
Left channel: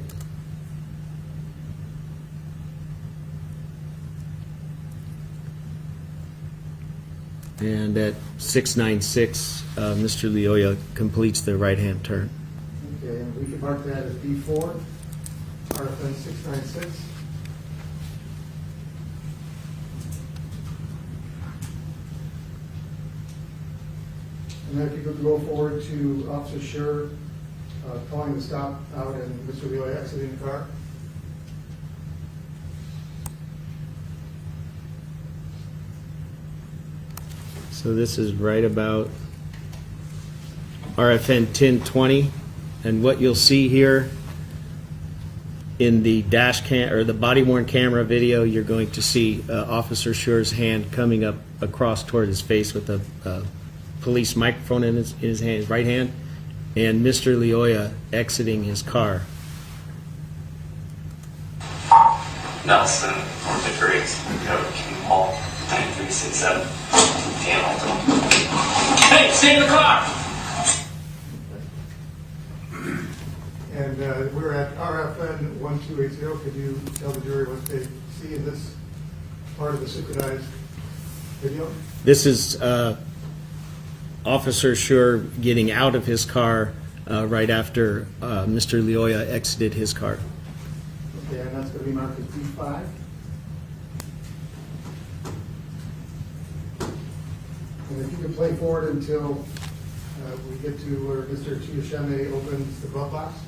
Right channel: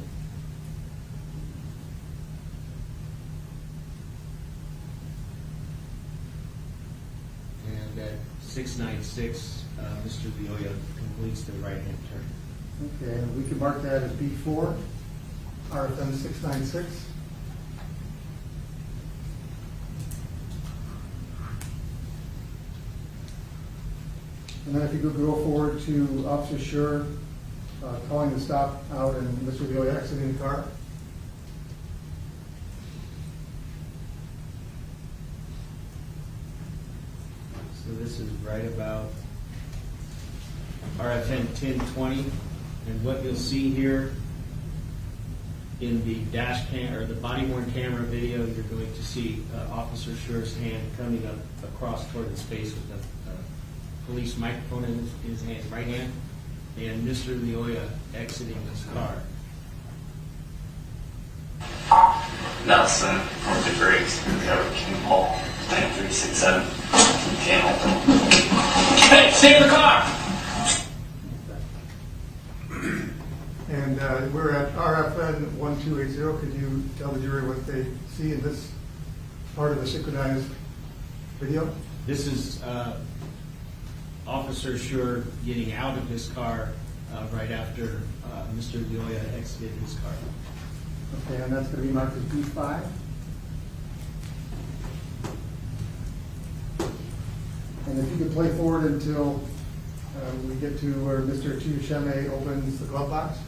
And at 696, Mr. Lyoya completes the right-hand turn. Okay, and we can mark that as B4, RFN 696. And then if you could go forward to Officer Schurr calling the stop out and Mr. Lyoya exiting the car. So this is right about RFN 1020, and what you'll see here in the dash cam or the body-worn camera video, you're going to see Officer Schurr's hand coming up across toward his face with a police microphone in his hand, right hand, and Mr. Lyoya exiting his car. Nelson, North of Grace, recovered King Paul, 9367. Hey, stay in the car! And we're at RFN 1280. Could you tell the jury what they see in this part of the synchronized video? This is Officer Schurr getting out of his car right after Mr. Lyoya exited his car. Okay, and that's going to be marked as B5. And if you could play forward until we get to where Mr. Chiyoshime opens the glove box.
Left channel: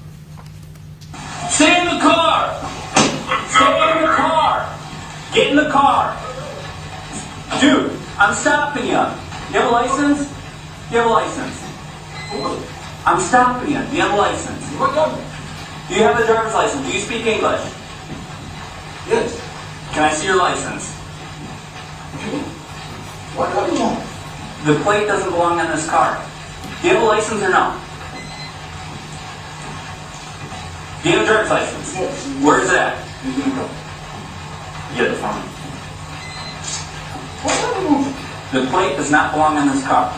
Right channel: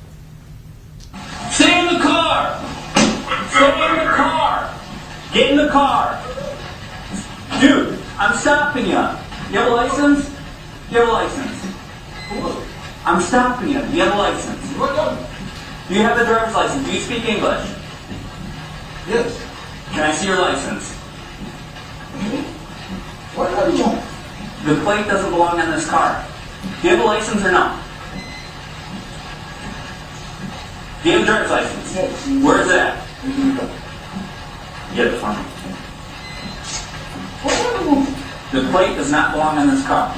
Stay in the car! Stay in the car! Get in the car! Dude, I'm stopping you. You have a license? Do you have a license? I'm stopping you. Do you have a license? Do you have a driver's license? Do you speak English? Yes. Can I see your license? What do you want? The plate doesn't belong on this car. Do you have a license or no? Do you have a driver's license? Yes. Where is it at? Get it for me. What do you want? The plate does not belong on this car.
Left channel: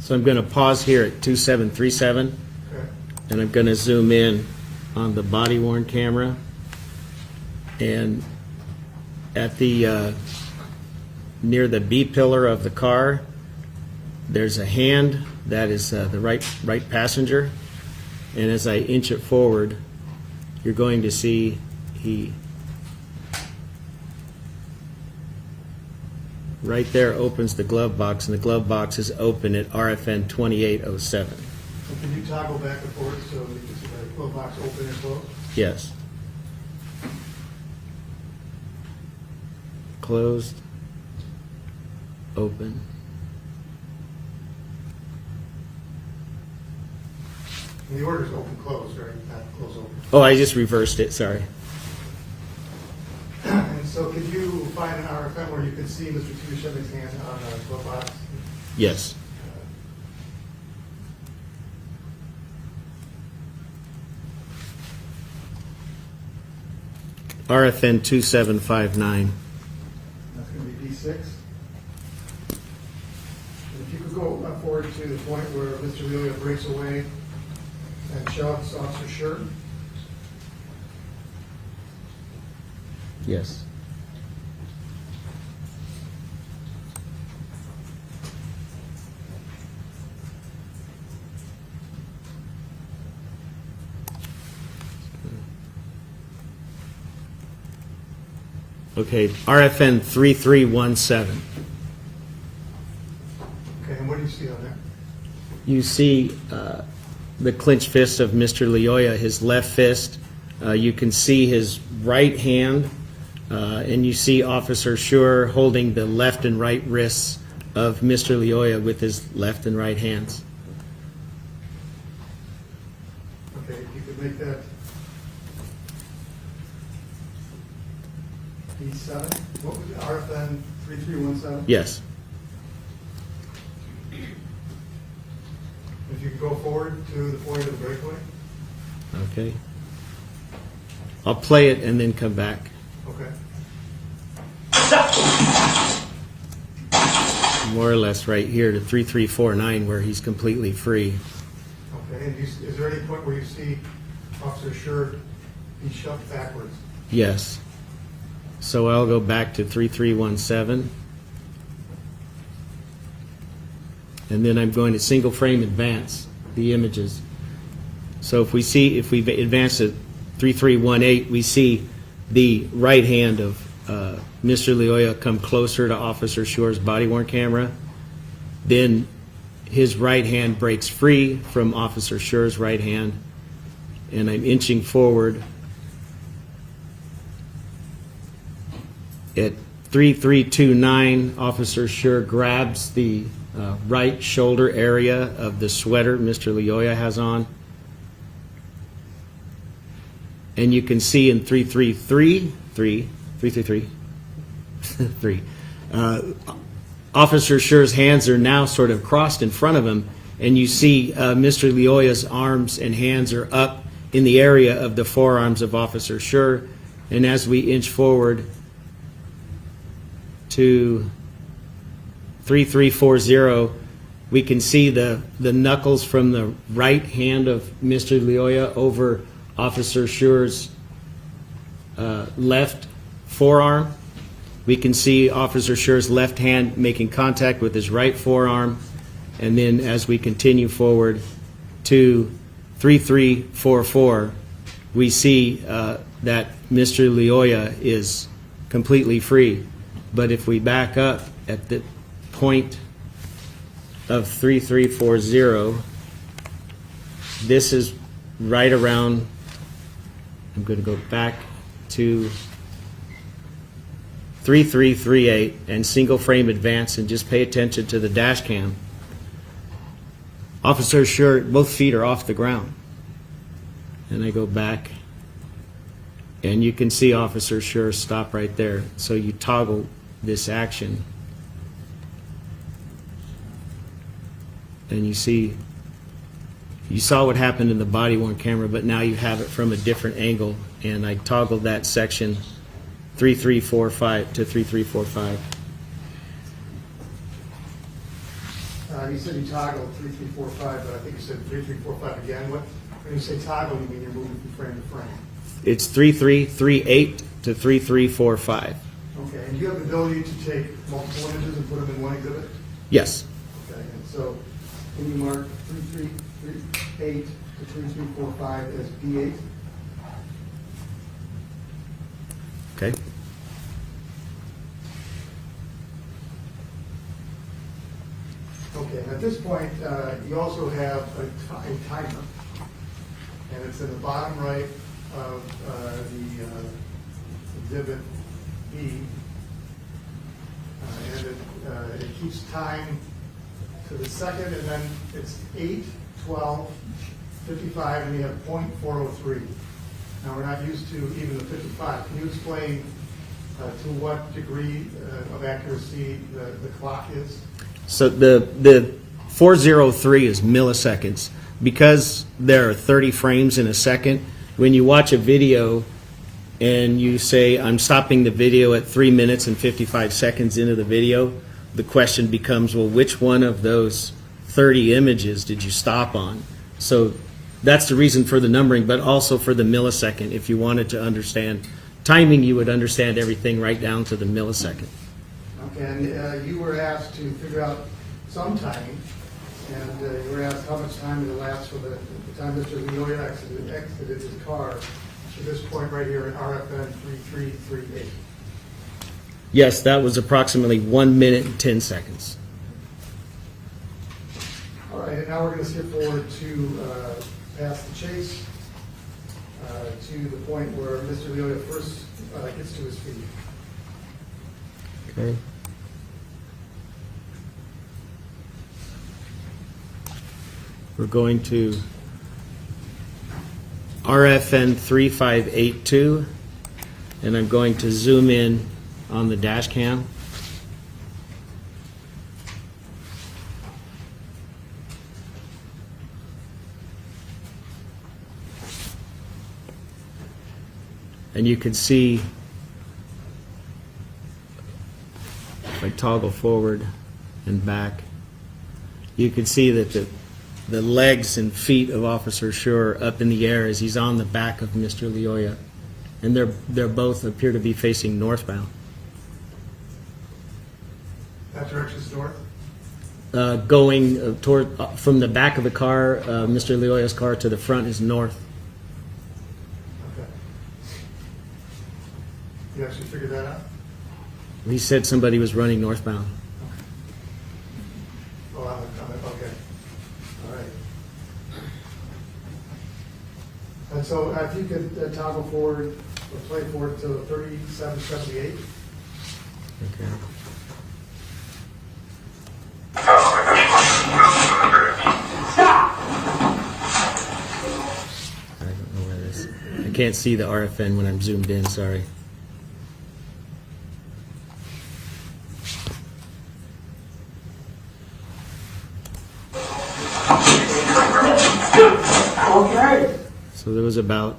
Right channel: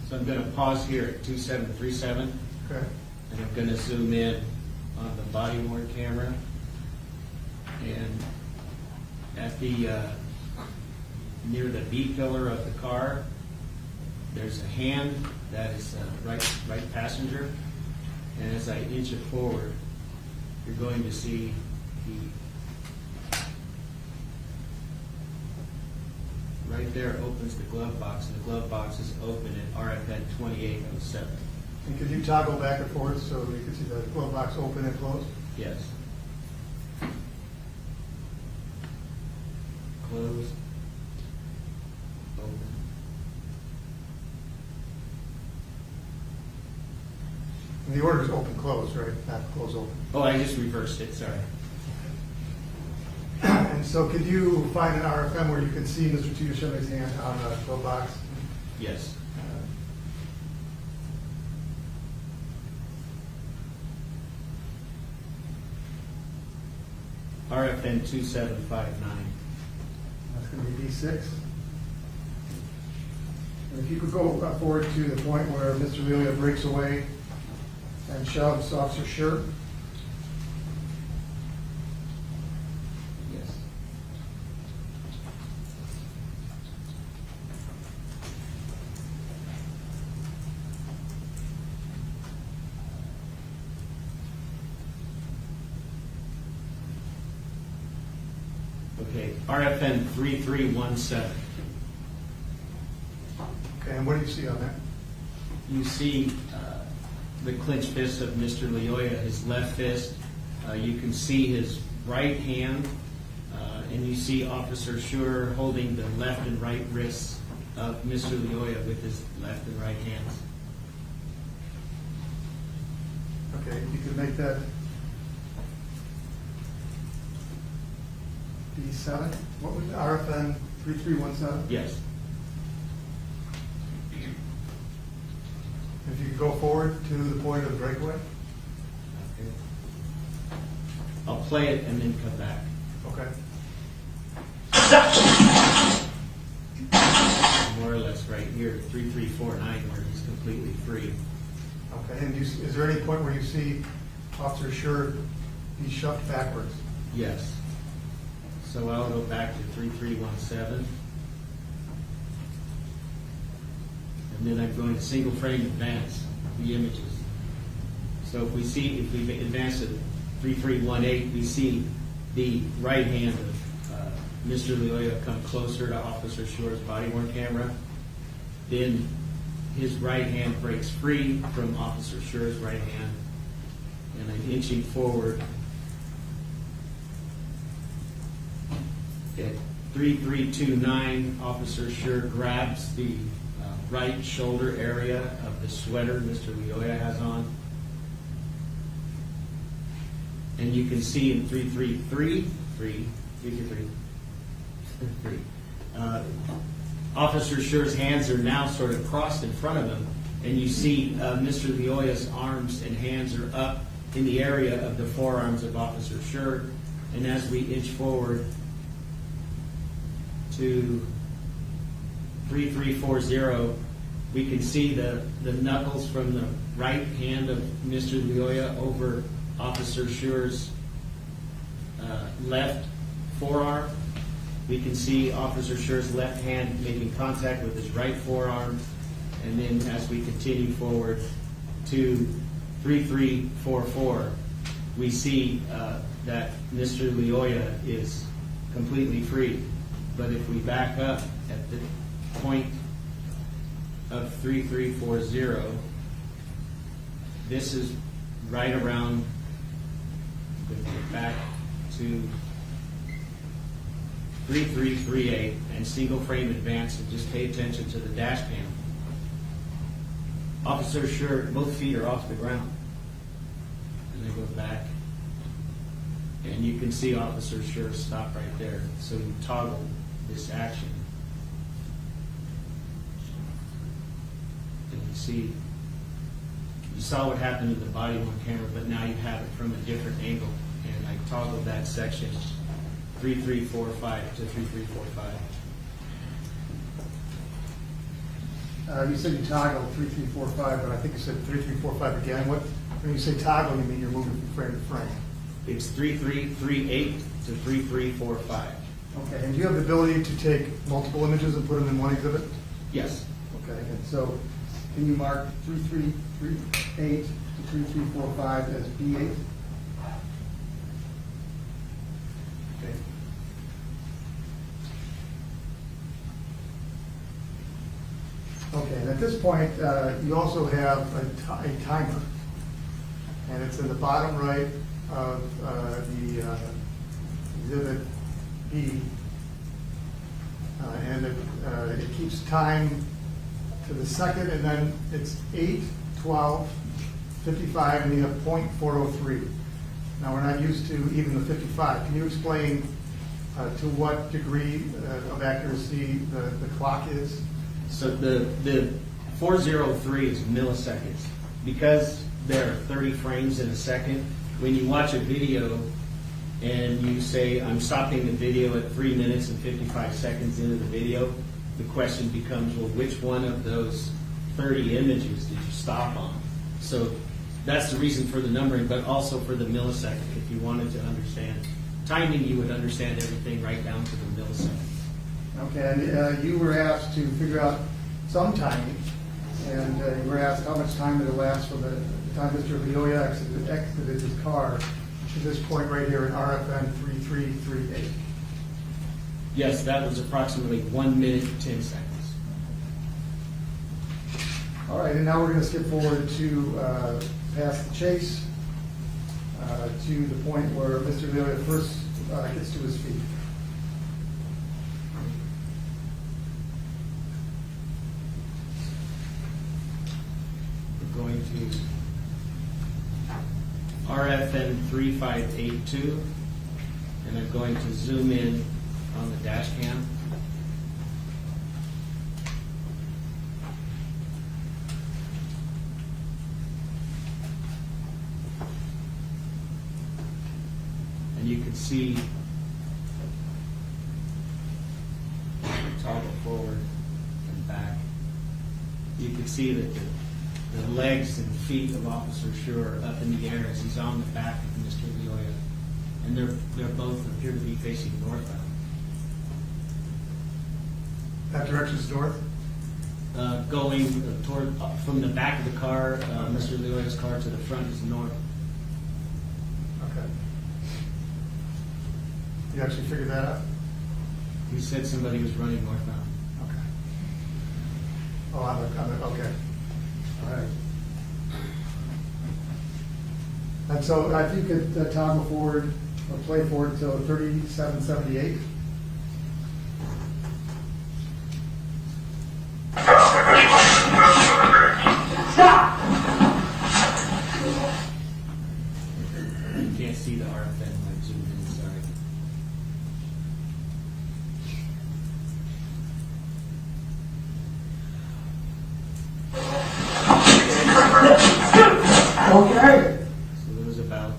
So I'm going to pause here at 2737, Okay. and I'm going to zoom in on the body-worn camera. And at the near the B pillar of the car, there's a hand that is the right passenger. And as I inch it forward, you're going to see he right there opens the glove box, and the glove box is open at RFN 2807. And can you toggle back and forth so we can see the glove box open and close? Yes. Closed. Open. And the order's open, close, right? Not close, open. Oh, I just reversed it, sorry. And so could you find an RFM where you can see Mr. Chiyoshime's hand on the glove box? Yes. RFN 2759. That's going to be B6. And if you could go forward to the point where Mr. Lyoya breaks away and shoves Officer Schurr. Yes. Okay, RFN 3317. Okay, and what do you see on that? You see the clenched fist of Mr. Lyoya, his left fist. You can see his right hand, and you see Officer Schurr holding the left and right wrists of Mr. Lyoya with his left and right hands. Okay, you could make that B7. What was it? RFN 3317? Yes. If you could go forward to the point of the breakaway. Okay. I'll play it and then come back. Okay. More or less right here to 3349 where he's completely free. Okay, and is there any point where you see Officer Schurr be shoved backwards? Yes. So I'll go back to 3317. And then I'm going to single frame advance the images. So if we advance to 3318, we see the right hand of Mr. Lyoya come closer to Officer Schurr's body-worn camera. Then his right hand breaks free from Officer Schurr's right hand, and I'm inching forward. At 3329, Officer Schurr grabs the right shoulder area of the sweater Mr. Lyoya has on. And you can see in 333, Officer Schurr's hands are now sort of crossed in front of him, and you see Mr. Lyoya's arms and hands are up in the area of the forearms of Officer Schurr. And as we inch forward to 3340, we can see the knuckles from the right hand of Mr. Lyoya over Officer Schurr's left forearm. We can see Officer Schurr's left hand making contact with his right forearm. And then as we continue forward to 3344, we see that Mr. Lyoya is completely free. But if we back up at the point of 3340, this is right around, I'm going to go back to 3338 and single frame advance and just pay attention to the dash cam. Officer Schurr, both feet are off the ground. And I go back and you can see Officer Schurr stop right there. So you toggle this action and you see, you saw what happened in the body worn camera, but now you have it from a different angle, and I toggled that section 3345 to 3345. You said you toggled 3345, but I think you said 3345 again. When you say toggle, you mean you're moving from frame to frame. It's 3338 to 3345. Okay, and do you have the ability to take multiple images and put them in one exhibit? Yes. Okay, and so can you mark 3338 to 3345 as B8? Okay. Okay, and at this point, you also have a timer, and it's in the bottom right of the exhibit B, and it keeps time to the second, and then it's 8, 12, 55, and you have .403. Now, we're not used to even the 55. Can you explain to what degree of accuracy the clock is? So the 403 is milliseconds. Because there are 30 frames in a second, when you watch a video and you say, I'm stopping the video at 3 minutes and 55 seconds into the video, the question becomes, well, which one of those 30 images did you stop on? So that's the reason for the numbering, but also for the millisecond. If you wanted to understand timing, you would understand everything right down to the millisecond. Okay, and you were asked to figure out some timing, and you were asked how much time it elapsed from the time Mr. Lyoya exited his car to this point right here in RFN 3338. Yes, that was approximately 1 minute and 10 seconds. All right, and now we're going to skip forward to past the chase to the point where Mr. Lyoya first gets to his feet. Okay. We're going to RFN 3582, and I'm going to zoom in on the dash cam. And you can see, if I toggle forward and back, you can see that the legs and feet of Officer Schurr are up in the air as he's on the back of Mr. Lyoya. And they're both appear to be facing northbound. That direction's north? Going toward, from the back of the car, Mr. Lyoya's car, to the front is north. Okay. You actually figured that out? He said somebody was running northbound. Okay. Oh, I'm okay. All right. And so if you could toggle forward or play forward to 3778. Stop! I can't see the RFN when I'm zoomed in, sorry. Okay. So there was about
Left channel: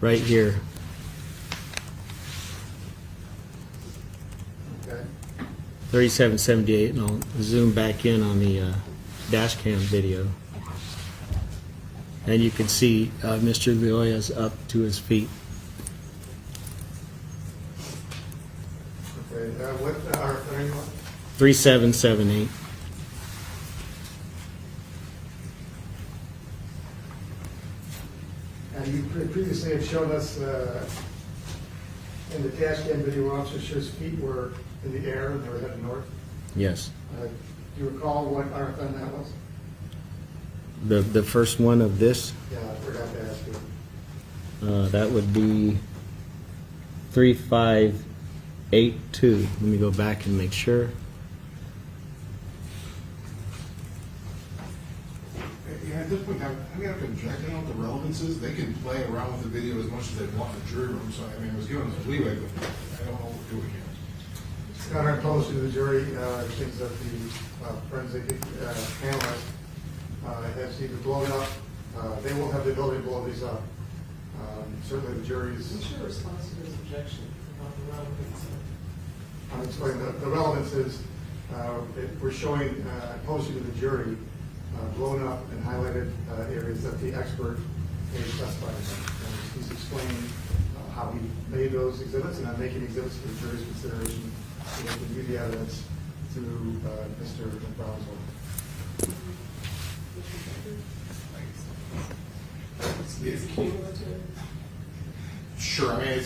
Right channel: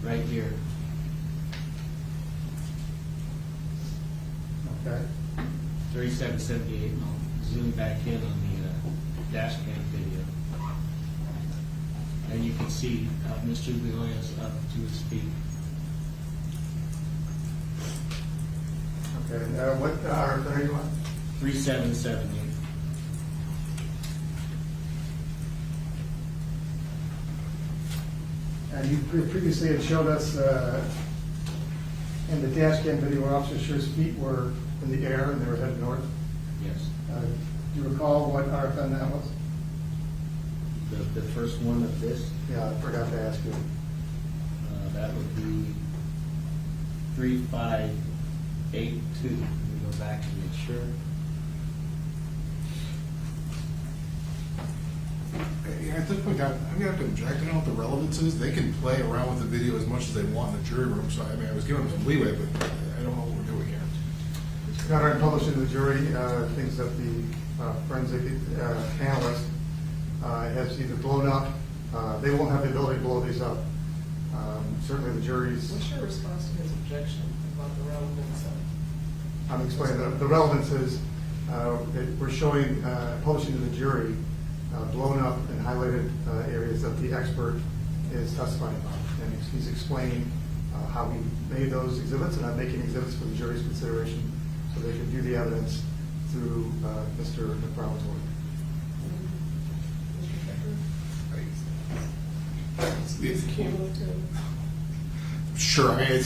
right here. Okay. 3778, and I'll zoom back in on the dash cam video. And you can see Mr. Lyoya's up to his feet. Okay. What RFN are you on? 3778. And you previously had showed us in the dash cam video where Officer Schur's feet were in the air and they were headed north. Yes. Do you recall what RFN that was? The first one of this, Yeah, I forgot to ask you. that would be 3582. Let me go back and make sure. Yeah, at this point, I'm gonna object, you know what the relevance is, they can play around with the video as much as they want in the jury room, so I mean, I was giving them some leeway, but I don't know what we're doing here. Your Honor, I published in the jury things that the forensic analyst has either blown up, they won't have the ability to blow these up. Certainly the jury's, What's your response to his objection about the relevance of? I'm explaining, the relevance is, we're showing, publishing to the jury, blown up and highlighted areas that the expert is specified. And he's explaining how he made those exhibits, and I'm making exhibits for the jury's consideration, so they can view the evidence through Mr. McFarland's work. It's cumulative. Sure, I mean,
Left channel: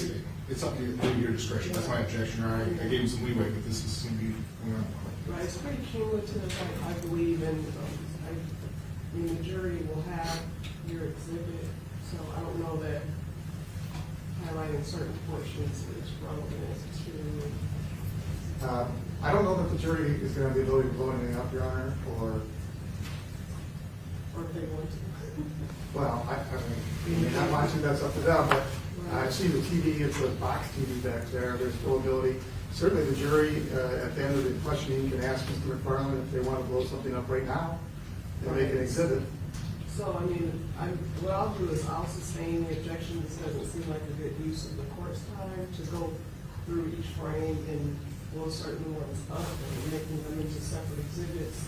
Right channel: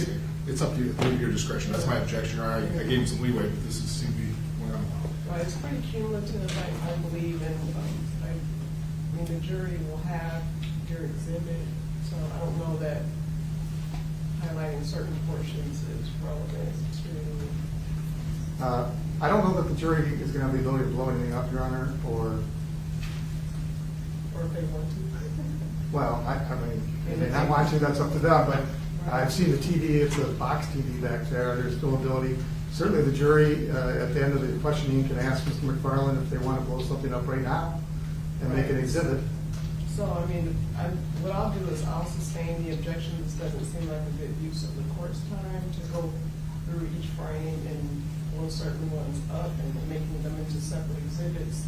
it's up to your discretion, that's my objection, I gave you some leeway, but this is seems to be going on. Right, it's pretty cumulative, I believe, and I mean, the jury will have your exhibit, so I don't know that highlighting certain portions is relevant to. I don't know that the jury is going to have the ability to blow anything up, Your Honor, or Or if they want to. well, I mean, they may not want to, that's up to them, but I've seen the TV, it's a box TV back there, there's still ability. Certainly the jury, at the end of the questioning, can ask Mr. McFarland if they want to blow something up right now and make an exhibit. So, I mean, what I'll do is I'll sustain the objection. This doesn't seem like a good use of the court's time to go through each frame and blow certain ones up and making them into separate exhibits.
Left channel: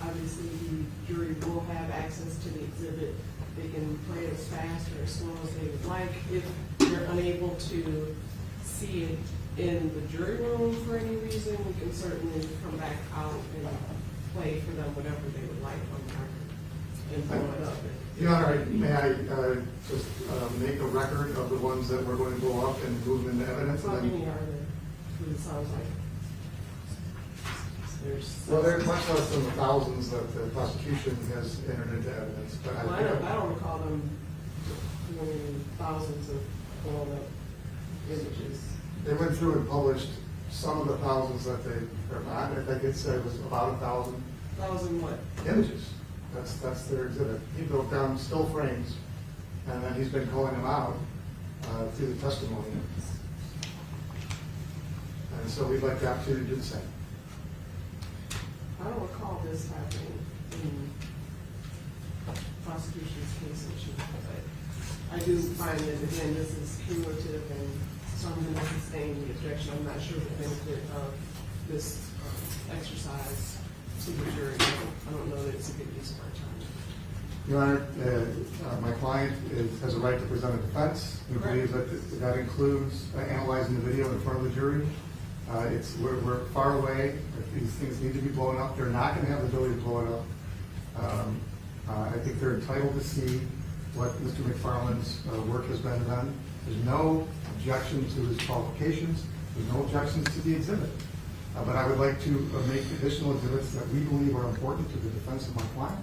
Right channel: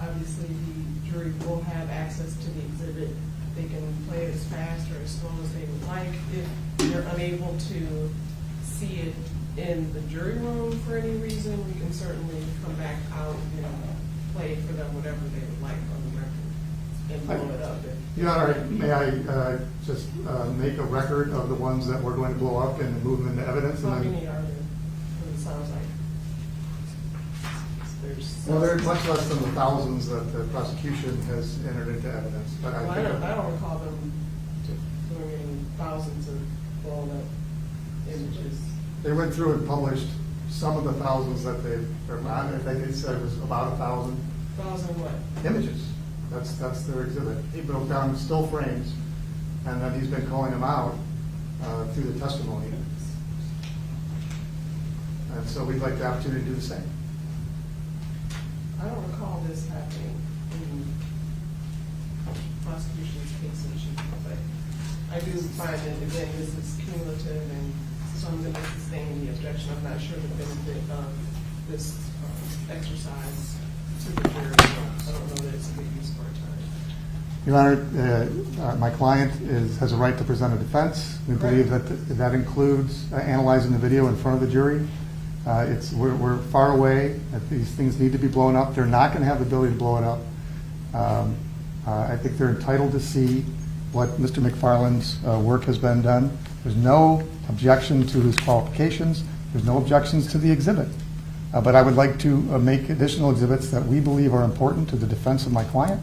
Obviously, the jury will have access to the exhibit. They can play it as fast or as slow as they would like. If they're unable to see it in the jury room for any reason, we can certainly come back out and play for them whatever they would like on the record and blow it up. Your Honor, may I just make a record of the ones that we're going to blow up and move them into evidence? How many are there? Because it sounds like there's. Well, they're much less than the thousands that the prosecution has entered into evidence, but Well, I don't recall them doing any thousands of blown up images. They went through and published some of the thousands that they, I think they said it was about 1,000. 1,000 what? Images. That's their exhibit. He broke down still frames, and then he's been calling them out through the testimony. And so we'd like the opportunity to do the same. I don't recall this happening in prosecution's case in chief, but I do find that, again, this is cumulative, and so I'm going to sustain the objection. I'm not sure the benefit of this exercise to the jury. I don't know that it's a good use of our time. Your Honor, my client has a right to present a defense. We believe that includes analyzing the video in front of the jury. We're far away. If these things need to be blown up, they're not going to have the ability to blow it up. I think they're entitled to see what Mr. McFarland's work has been done. There's no objection to his qualifications. There's no objections to the exhibit. But I would like to make additional exhibits that we believe are important to the defense of my client.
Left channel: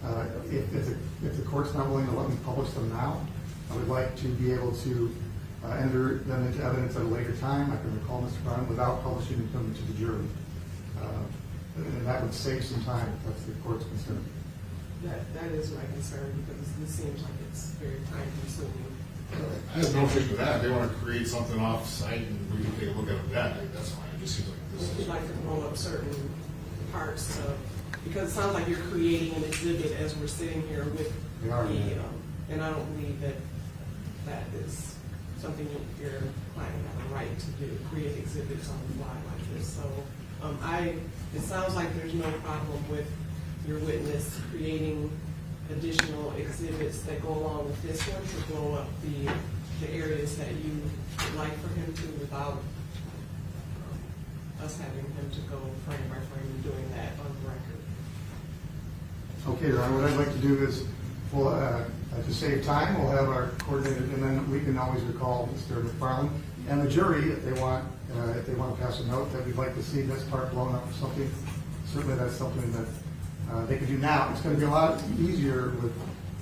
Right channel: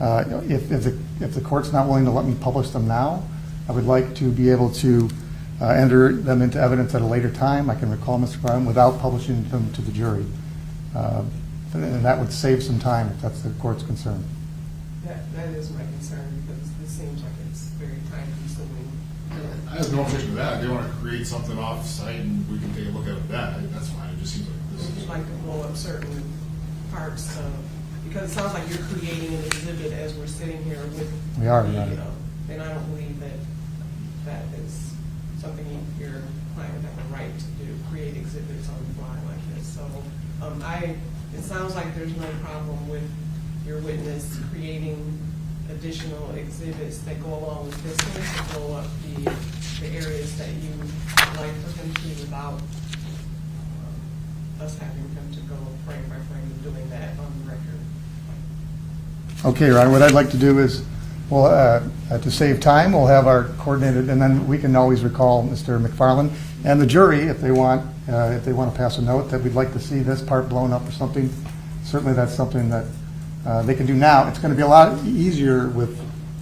If the court's not willing to let me publish them now, I would like to be able to enter them into evidence at a later time. I can recall Mr. McFarland without publishing them to the jury. And that would save some time if that's the court's concern. That is my concern, because this seems like it's very time consuming. I have no objection to that, if they want to create something off-site and we can take a look at it then, that's fine, it just seems like this Would is. you like to blow up certain parts of, because it sounds like you're creating an exhibit as we're sitting here with We are, the, yeah. and I don't believe that is something your client would have a right to do, create exhibits on the fly like this. So, it sounds like there's no problem with your witness creating additional exhibits that go along with this one to blow up the areas that you would like for him to, without us having him to go frame by frame and doing that on the record. Okay, Ryan, what I'd like to do is Well, to save time, we'll have our coordinated, and then we can always recall Mr. McFarland and the jury if they want to pass a note that we'd like to see this part blown up or something. Certainly, that's something that they can do now. It's going to be a lot easier with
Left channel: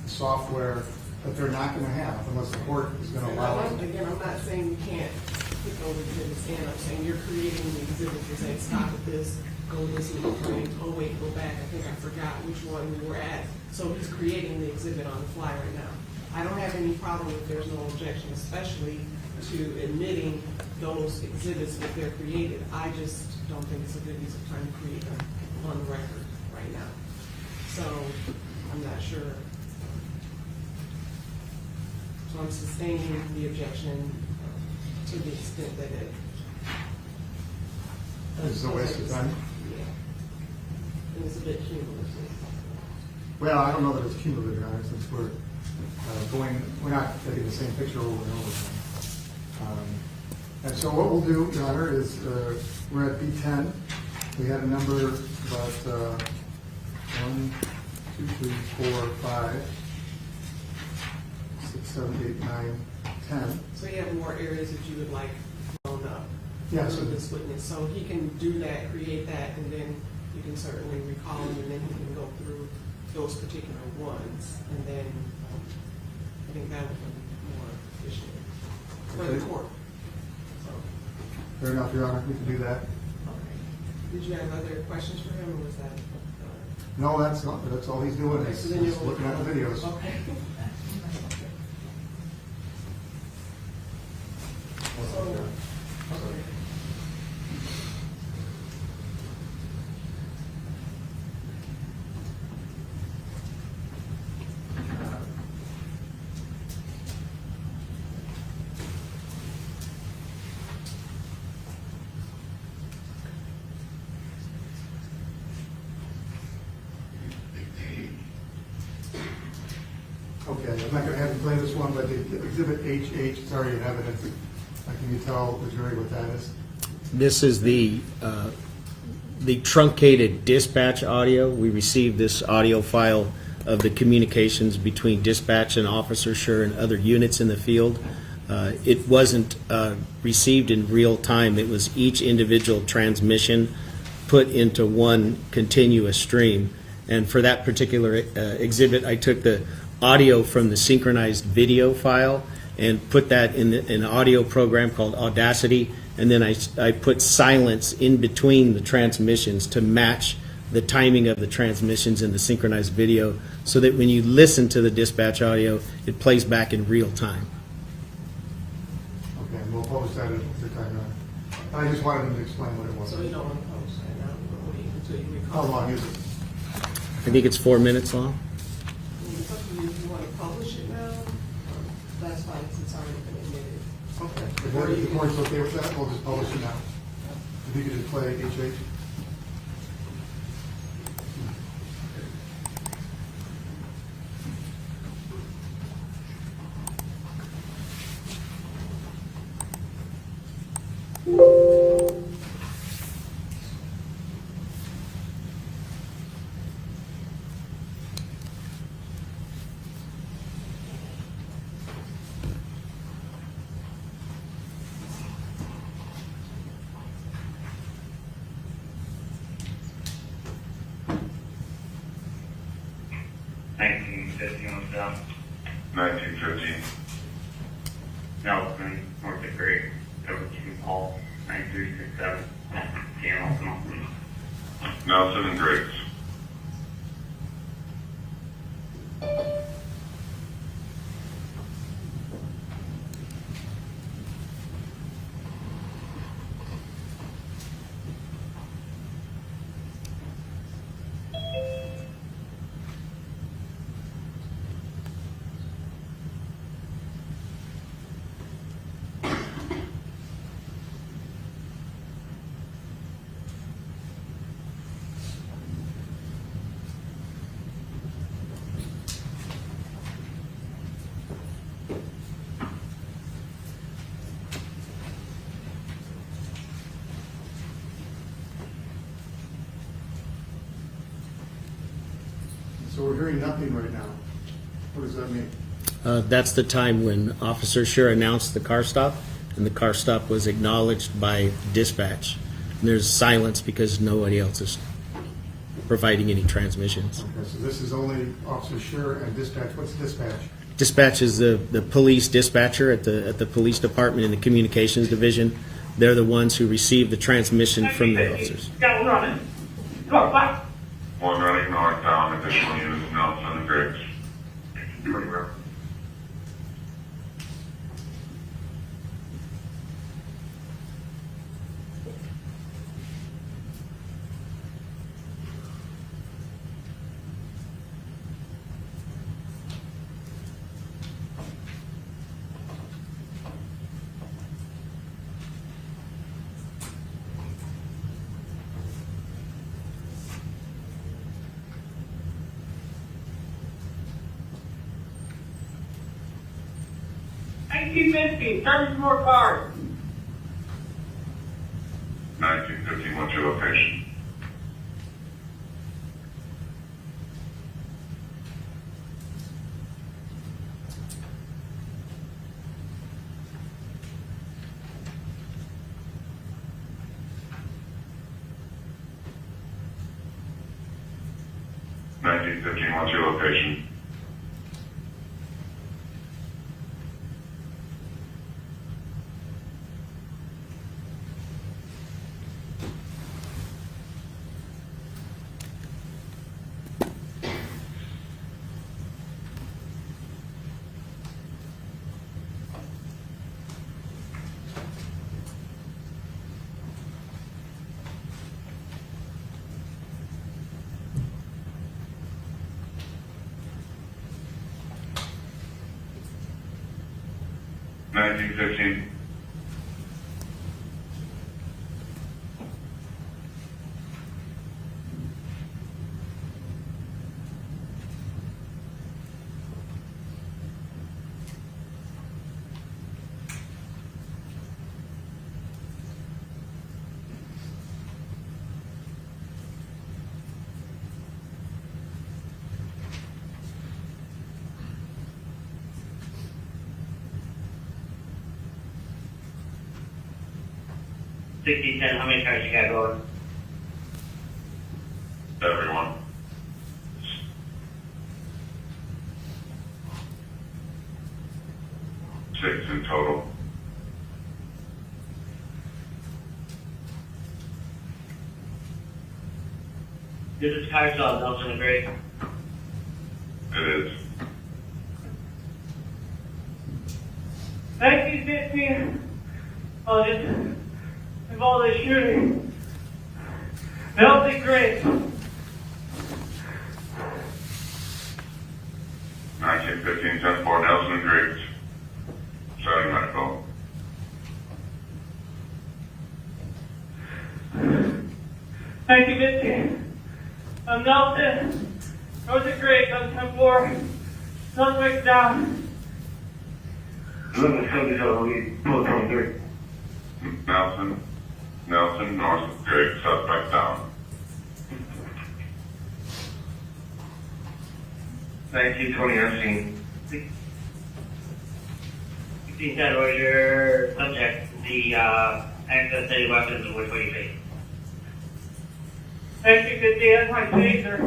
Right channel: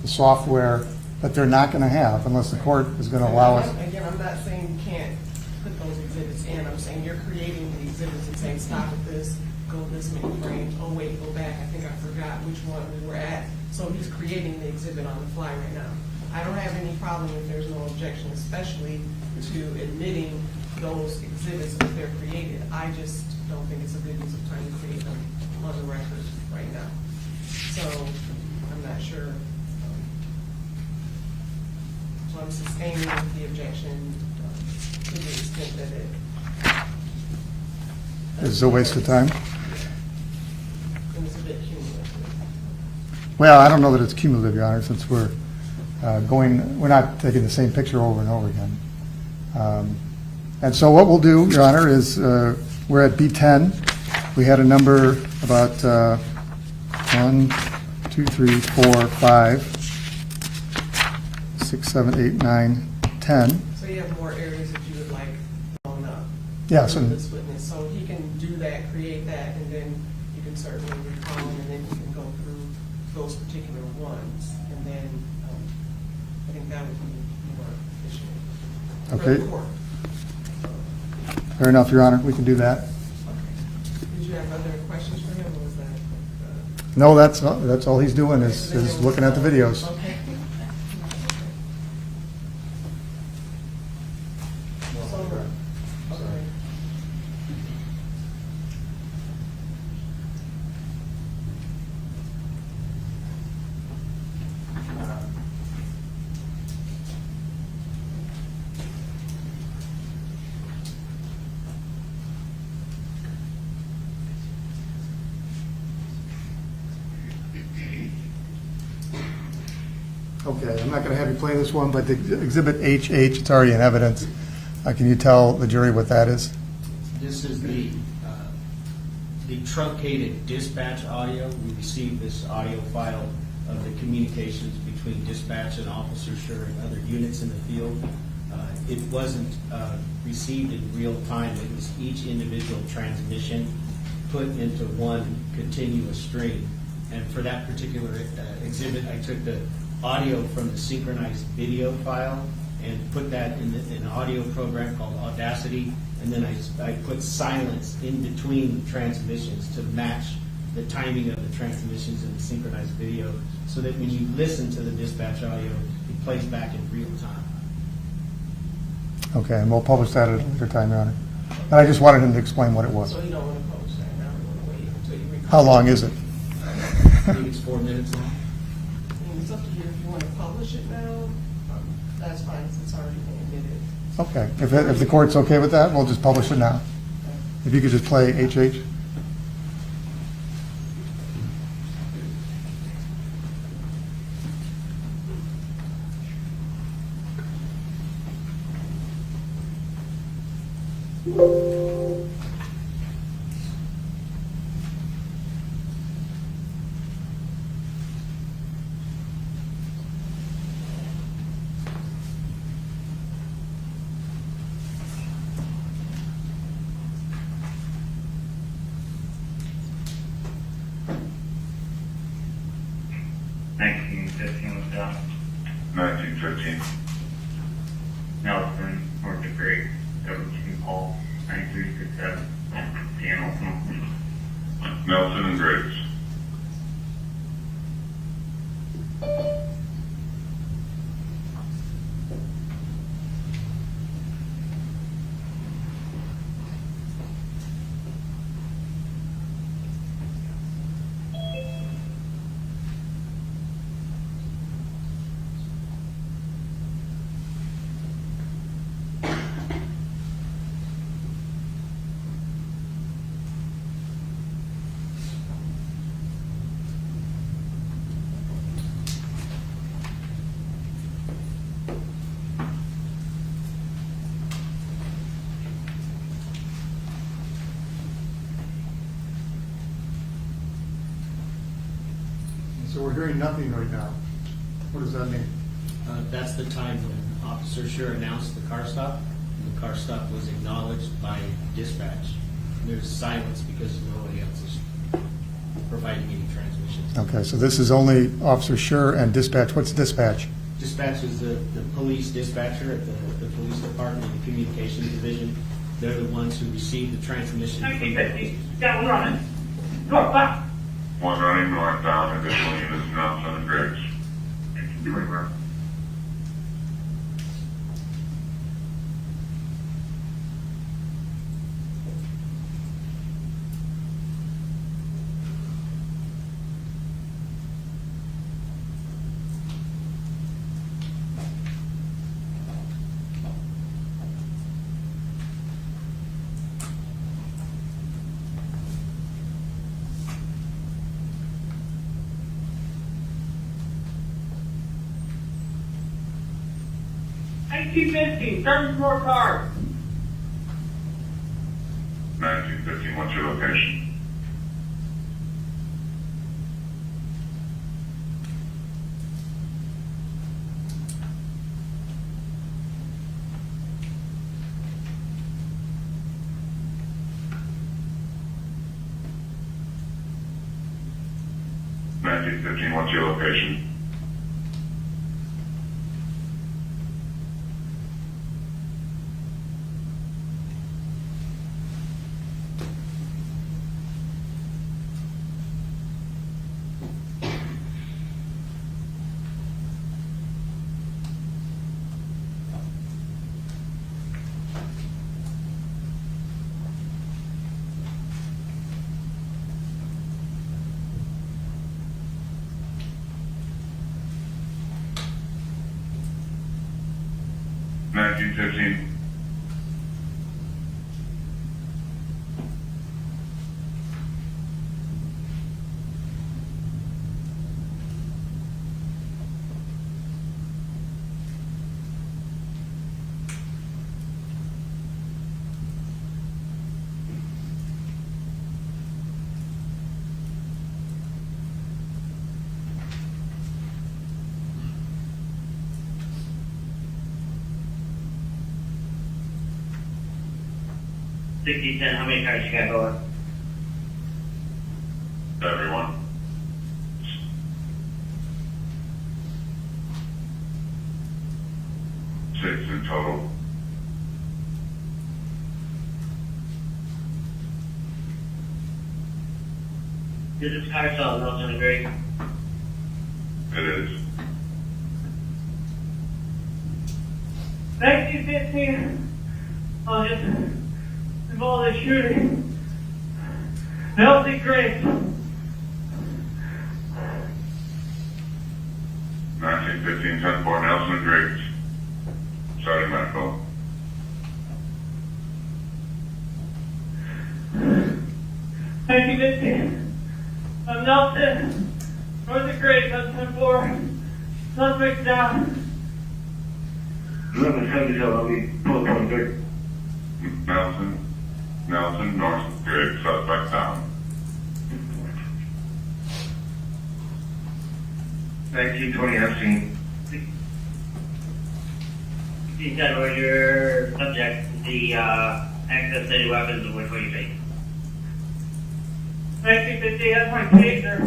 the software that they're not going to have unless the court is going to allow us. Again, I'm not saying you can't put those exhibits in. I'm saying you're creating the exhibits and saying, stop at this, go this many frames, oh wait, go back, I think I forgot which one we were at. So he's creating the exhibit on the fly right now. I don't have any problem if there's no objection, especially to admitting those exhibits if they're created. I just don't think it's a good use of time to create them on the record right now. So I'm not sure. So I'm sustaining the objection to the extent that It's a waste of time. it was a bit cumulative. Well, I don't know that it's cumulative, Your Honor, since we're we're not taking the same picture over and over again. And so what we'll do, Your Honor, is we're at B10. We had a number about 1, 2, 3, 4, 5, 6, 7, 8, 9, 10. So you have more areas that you would like blown up. Yeah, so- through this witness. So he can do that, create that, and then you can certainly recall him, and then he can go through those particular ones, and then I think that would be more efficient for Okay. the court. Fair enough, Your Honor, we can do that. Okay. Did you have other questions for him, or was that? No, that's all he's doing is looking at the videos. Okay. Okay, I'm not going to have you play this one, but the Exhibit HH, it's already in evidence. Can you tell the jury what that is? This is the truncated dispatch audio. We received this audio file of the communications between dispatch and Officer Schurr and other units in the field. It wasn't received in real time. It was each individual transmission put into one continuous stream. And for that particular exhibit, I took the audio from the synchronized video file and put that in an audio program called Audacity, and then I put silence in between the transmissions to match the timing of the transmissions in the synchronized video, so that when you listen to the dispatch audio, it plays back in real time. Okay, and we'll publish that at a time, Your Honor. And I just wanted him to explain what it was. So you don't want to publish that now, we'll wait until you recall. How long is it? I think it's 4 minutes long. It's up to you if you want to publish it now, that's fine, since it's already been admitted. Okay, if the court's okay with that, we'll just publish it now. If you could just play HH. was down. 1915. Nelson, North of Great, King Paul, 9367, Dan Nelson. Nelson and Graves. So we're hearing nothing right now. that mean? That's the time when Officer Schurr announced the car stop, and the car stop was acknowledged by dispatch. And there's silence because nobody else is providing any transmissions. Okay, so this is only Officer Schurr and dispatch. What's dispatch? Dispatch is the police dispatcher at the police department in the communications division. They're the ones who receive the transmission from the officers. Got one running. Go back. One running north down, additional units Nelson and Griggs. Start some more cars. 1915, what's your location? What's your location? $19.15. How many cars you got going? Everyone. Six in total. Is this car still Nelson and Griggs? It is. 1915. I'll just involved in shooting. Nelson Griggs. 1915, 10-4, Nelson and Griggs. Starting my phone. Thank you, Mitzi. I'm Nelson. Northern Griggs on 10-4. Suspect down. 1177, I'll be 1223. Nelson, North Griggs, suspect down. 1920, I've seen. 1510, where's your subject? The access to any weapons and which way you face? 1950 has my taser.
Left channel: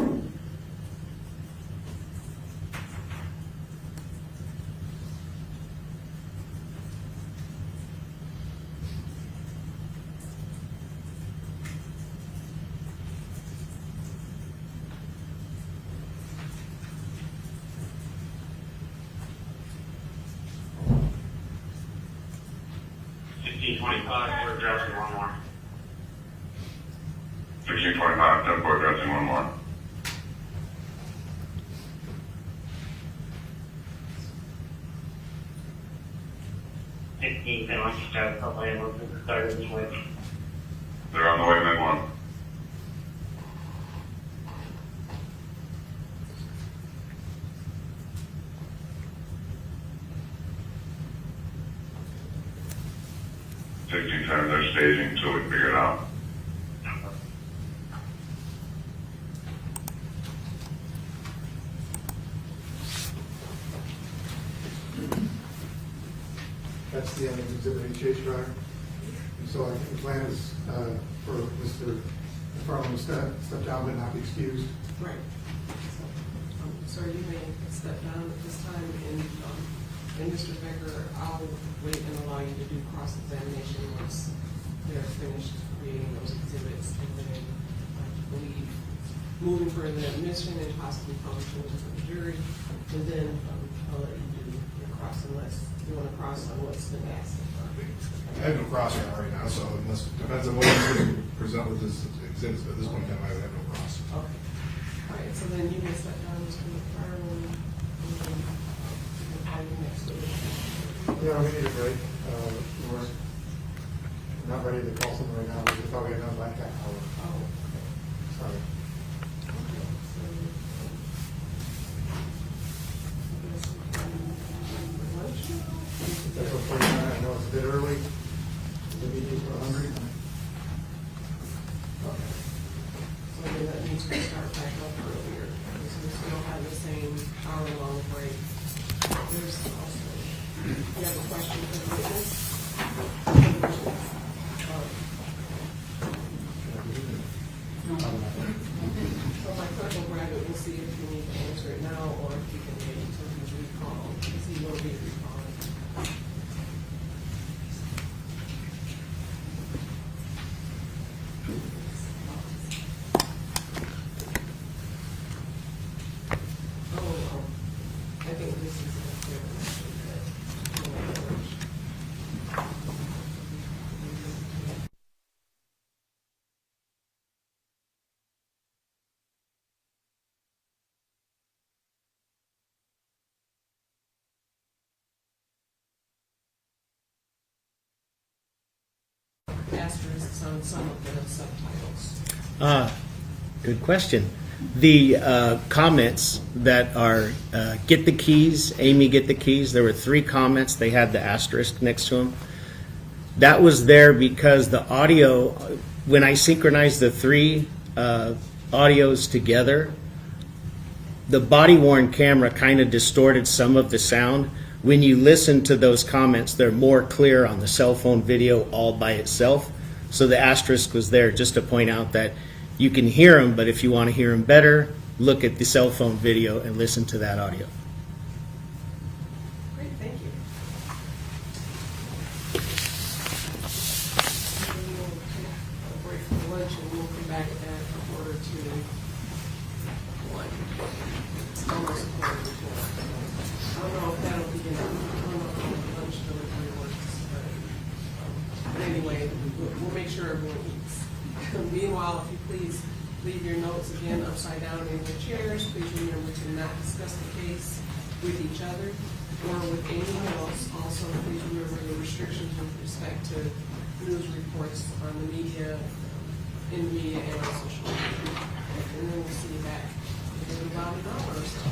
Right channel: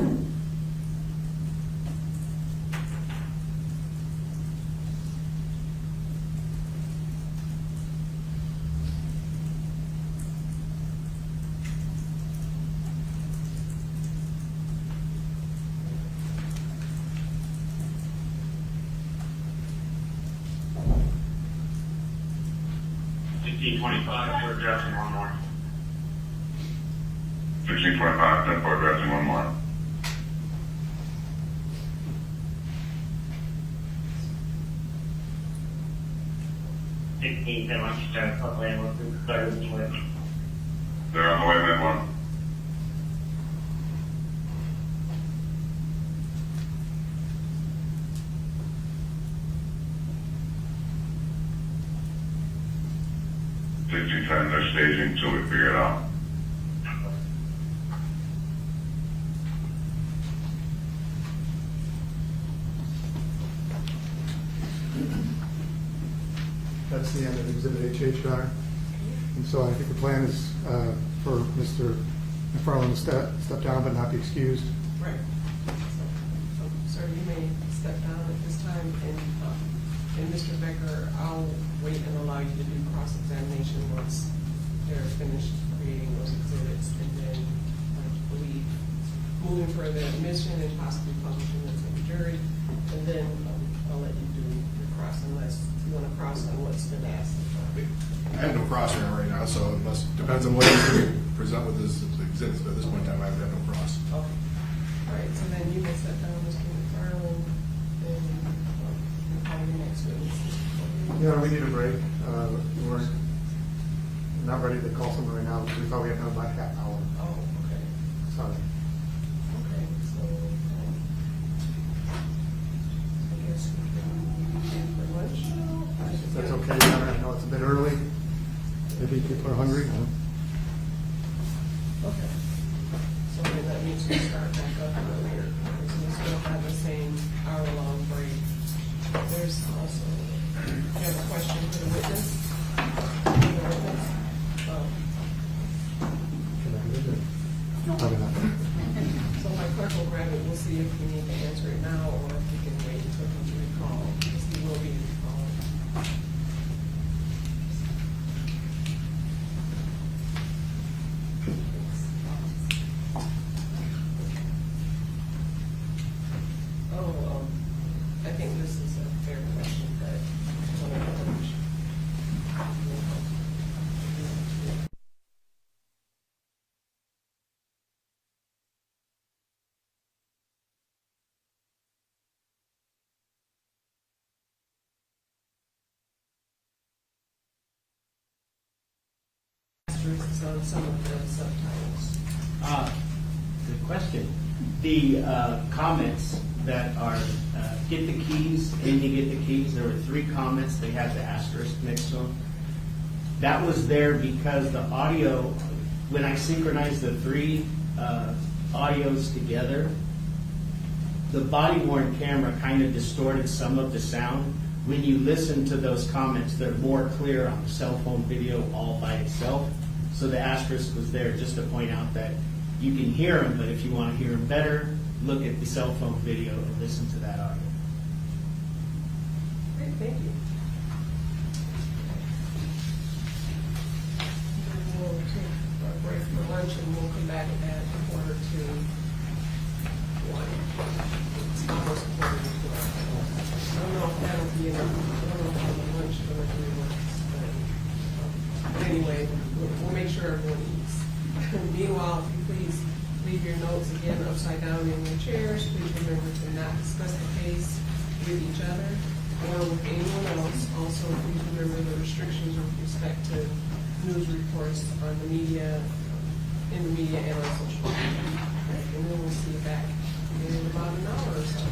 We're addressing one more. 1625, 10-4, addressing one more. Why don't you start a couple ambulances, start the switch. They're on the way, mid one. Times they're staging till we figure it out. That's the end of Exhibit HH, Your Honor. And so I think the plan is for Mr. McFarland to step down but not be excused. Right. So, sir, you may step down at this time, and Mr. Becker, I'll wait and allow you to do cross-examination once they're finished creating those exhibits, and then I believe moving further admission and possibly publishing it for the jury, and then I'll let you do your cross unless you want to cross on what's been asked. I have no cross right now, so it depends on what he's going to present with his exhibits, but at this point in time, I would have no cross. Okay. All right, so then you may step down, Mr. McFarland, and have your next witness. No, we need a break. We're not ready to call someone right now, but we thought we had done by half hour. Oh, okay. Sorry. Okay, so, I guess we can have for lunch now? If that's okay, Your Honor. I know it's a bit early. Maybe people are hungry. Okay. So then that means we start back up earlier, because we still have the same hour-long break. There's also, you have a question for the witness? So my clerk will grab it, we'll see if you need to answer it now, or if you can wait until he's recalled, because he will be recalled. Oh, I think this is a fair question that. Asterisks on some of the subtitles. Good question. The comments that are, get the keys, Amy, get the keys, there were 3 comments, they had the asterisk next to them. That was there because the audio, when I synchronized the 3 audios together, the body-worn camera kind of distorted some of the sound. When you listen to those comments, they're more clear on the cell phone video all by itself. So the asterisk was there just to point out that you can hear them, but if you want to hear them better, look at the cell phone video and listen to that audio. Great, thank you. We will take a break for lunch, and we'll come back at 1:45. It's almost 1:45. I don't know if that'll be enough. I don't know if the lunch delivery works, but anyway, we'll make sure everyone eats. Meanwhile, if you please leave your notes again upside down in your chairs. Please remember to not discuss the case with each other or with anyone else. Also, please remember the restrictions with respect to news reports on the media, in the media, and on social media. And then we'll see you back in about an hour or so.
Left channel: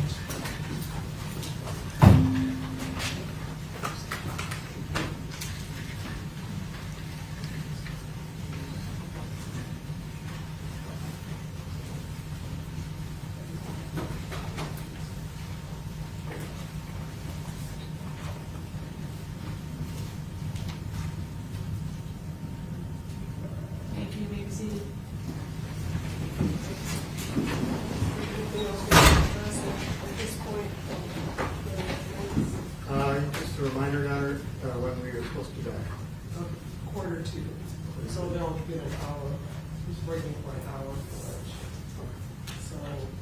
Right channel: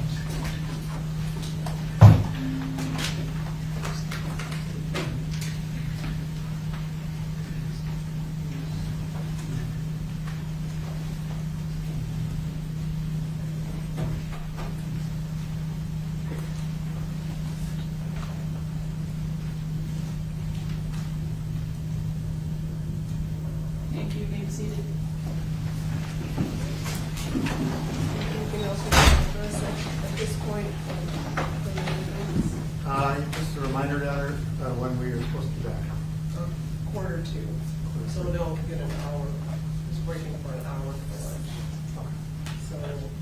Thank you, you may be seated. Anything else we want to address at this point? Just a reminder, rather, when we are supposed to be back. 1:45. So they'll get an hour, just breaking for an hour for lunch. So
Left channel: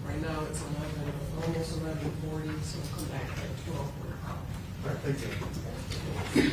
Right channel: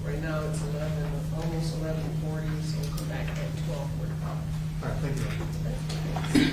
right now it's 11, almost 11:40, so we'll come back at 12:45. All right, thank you.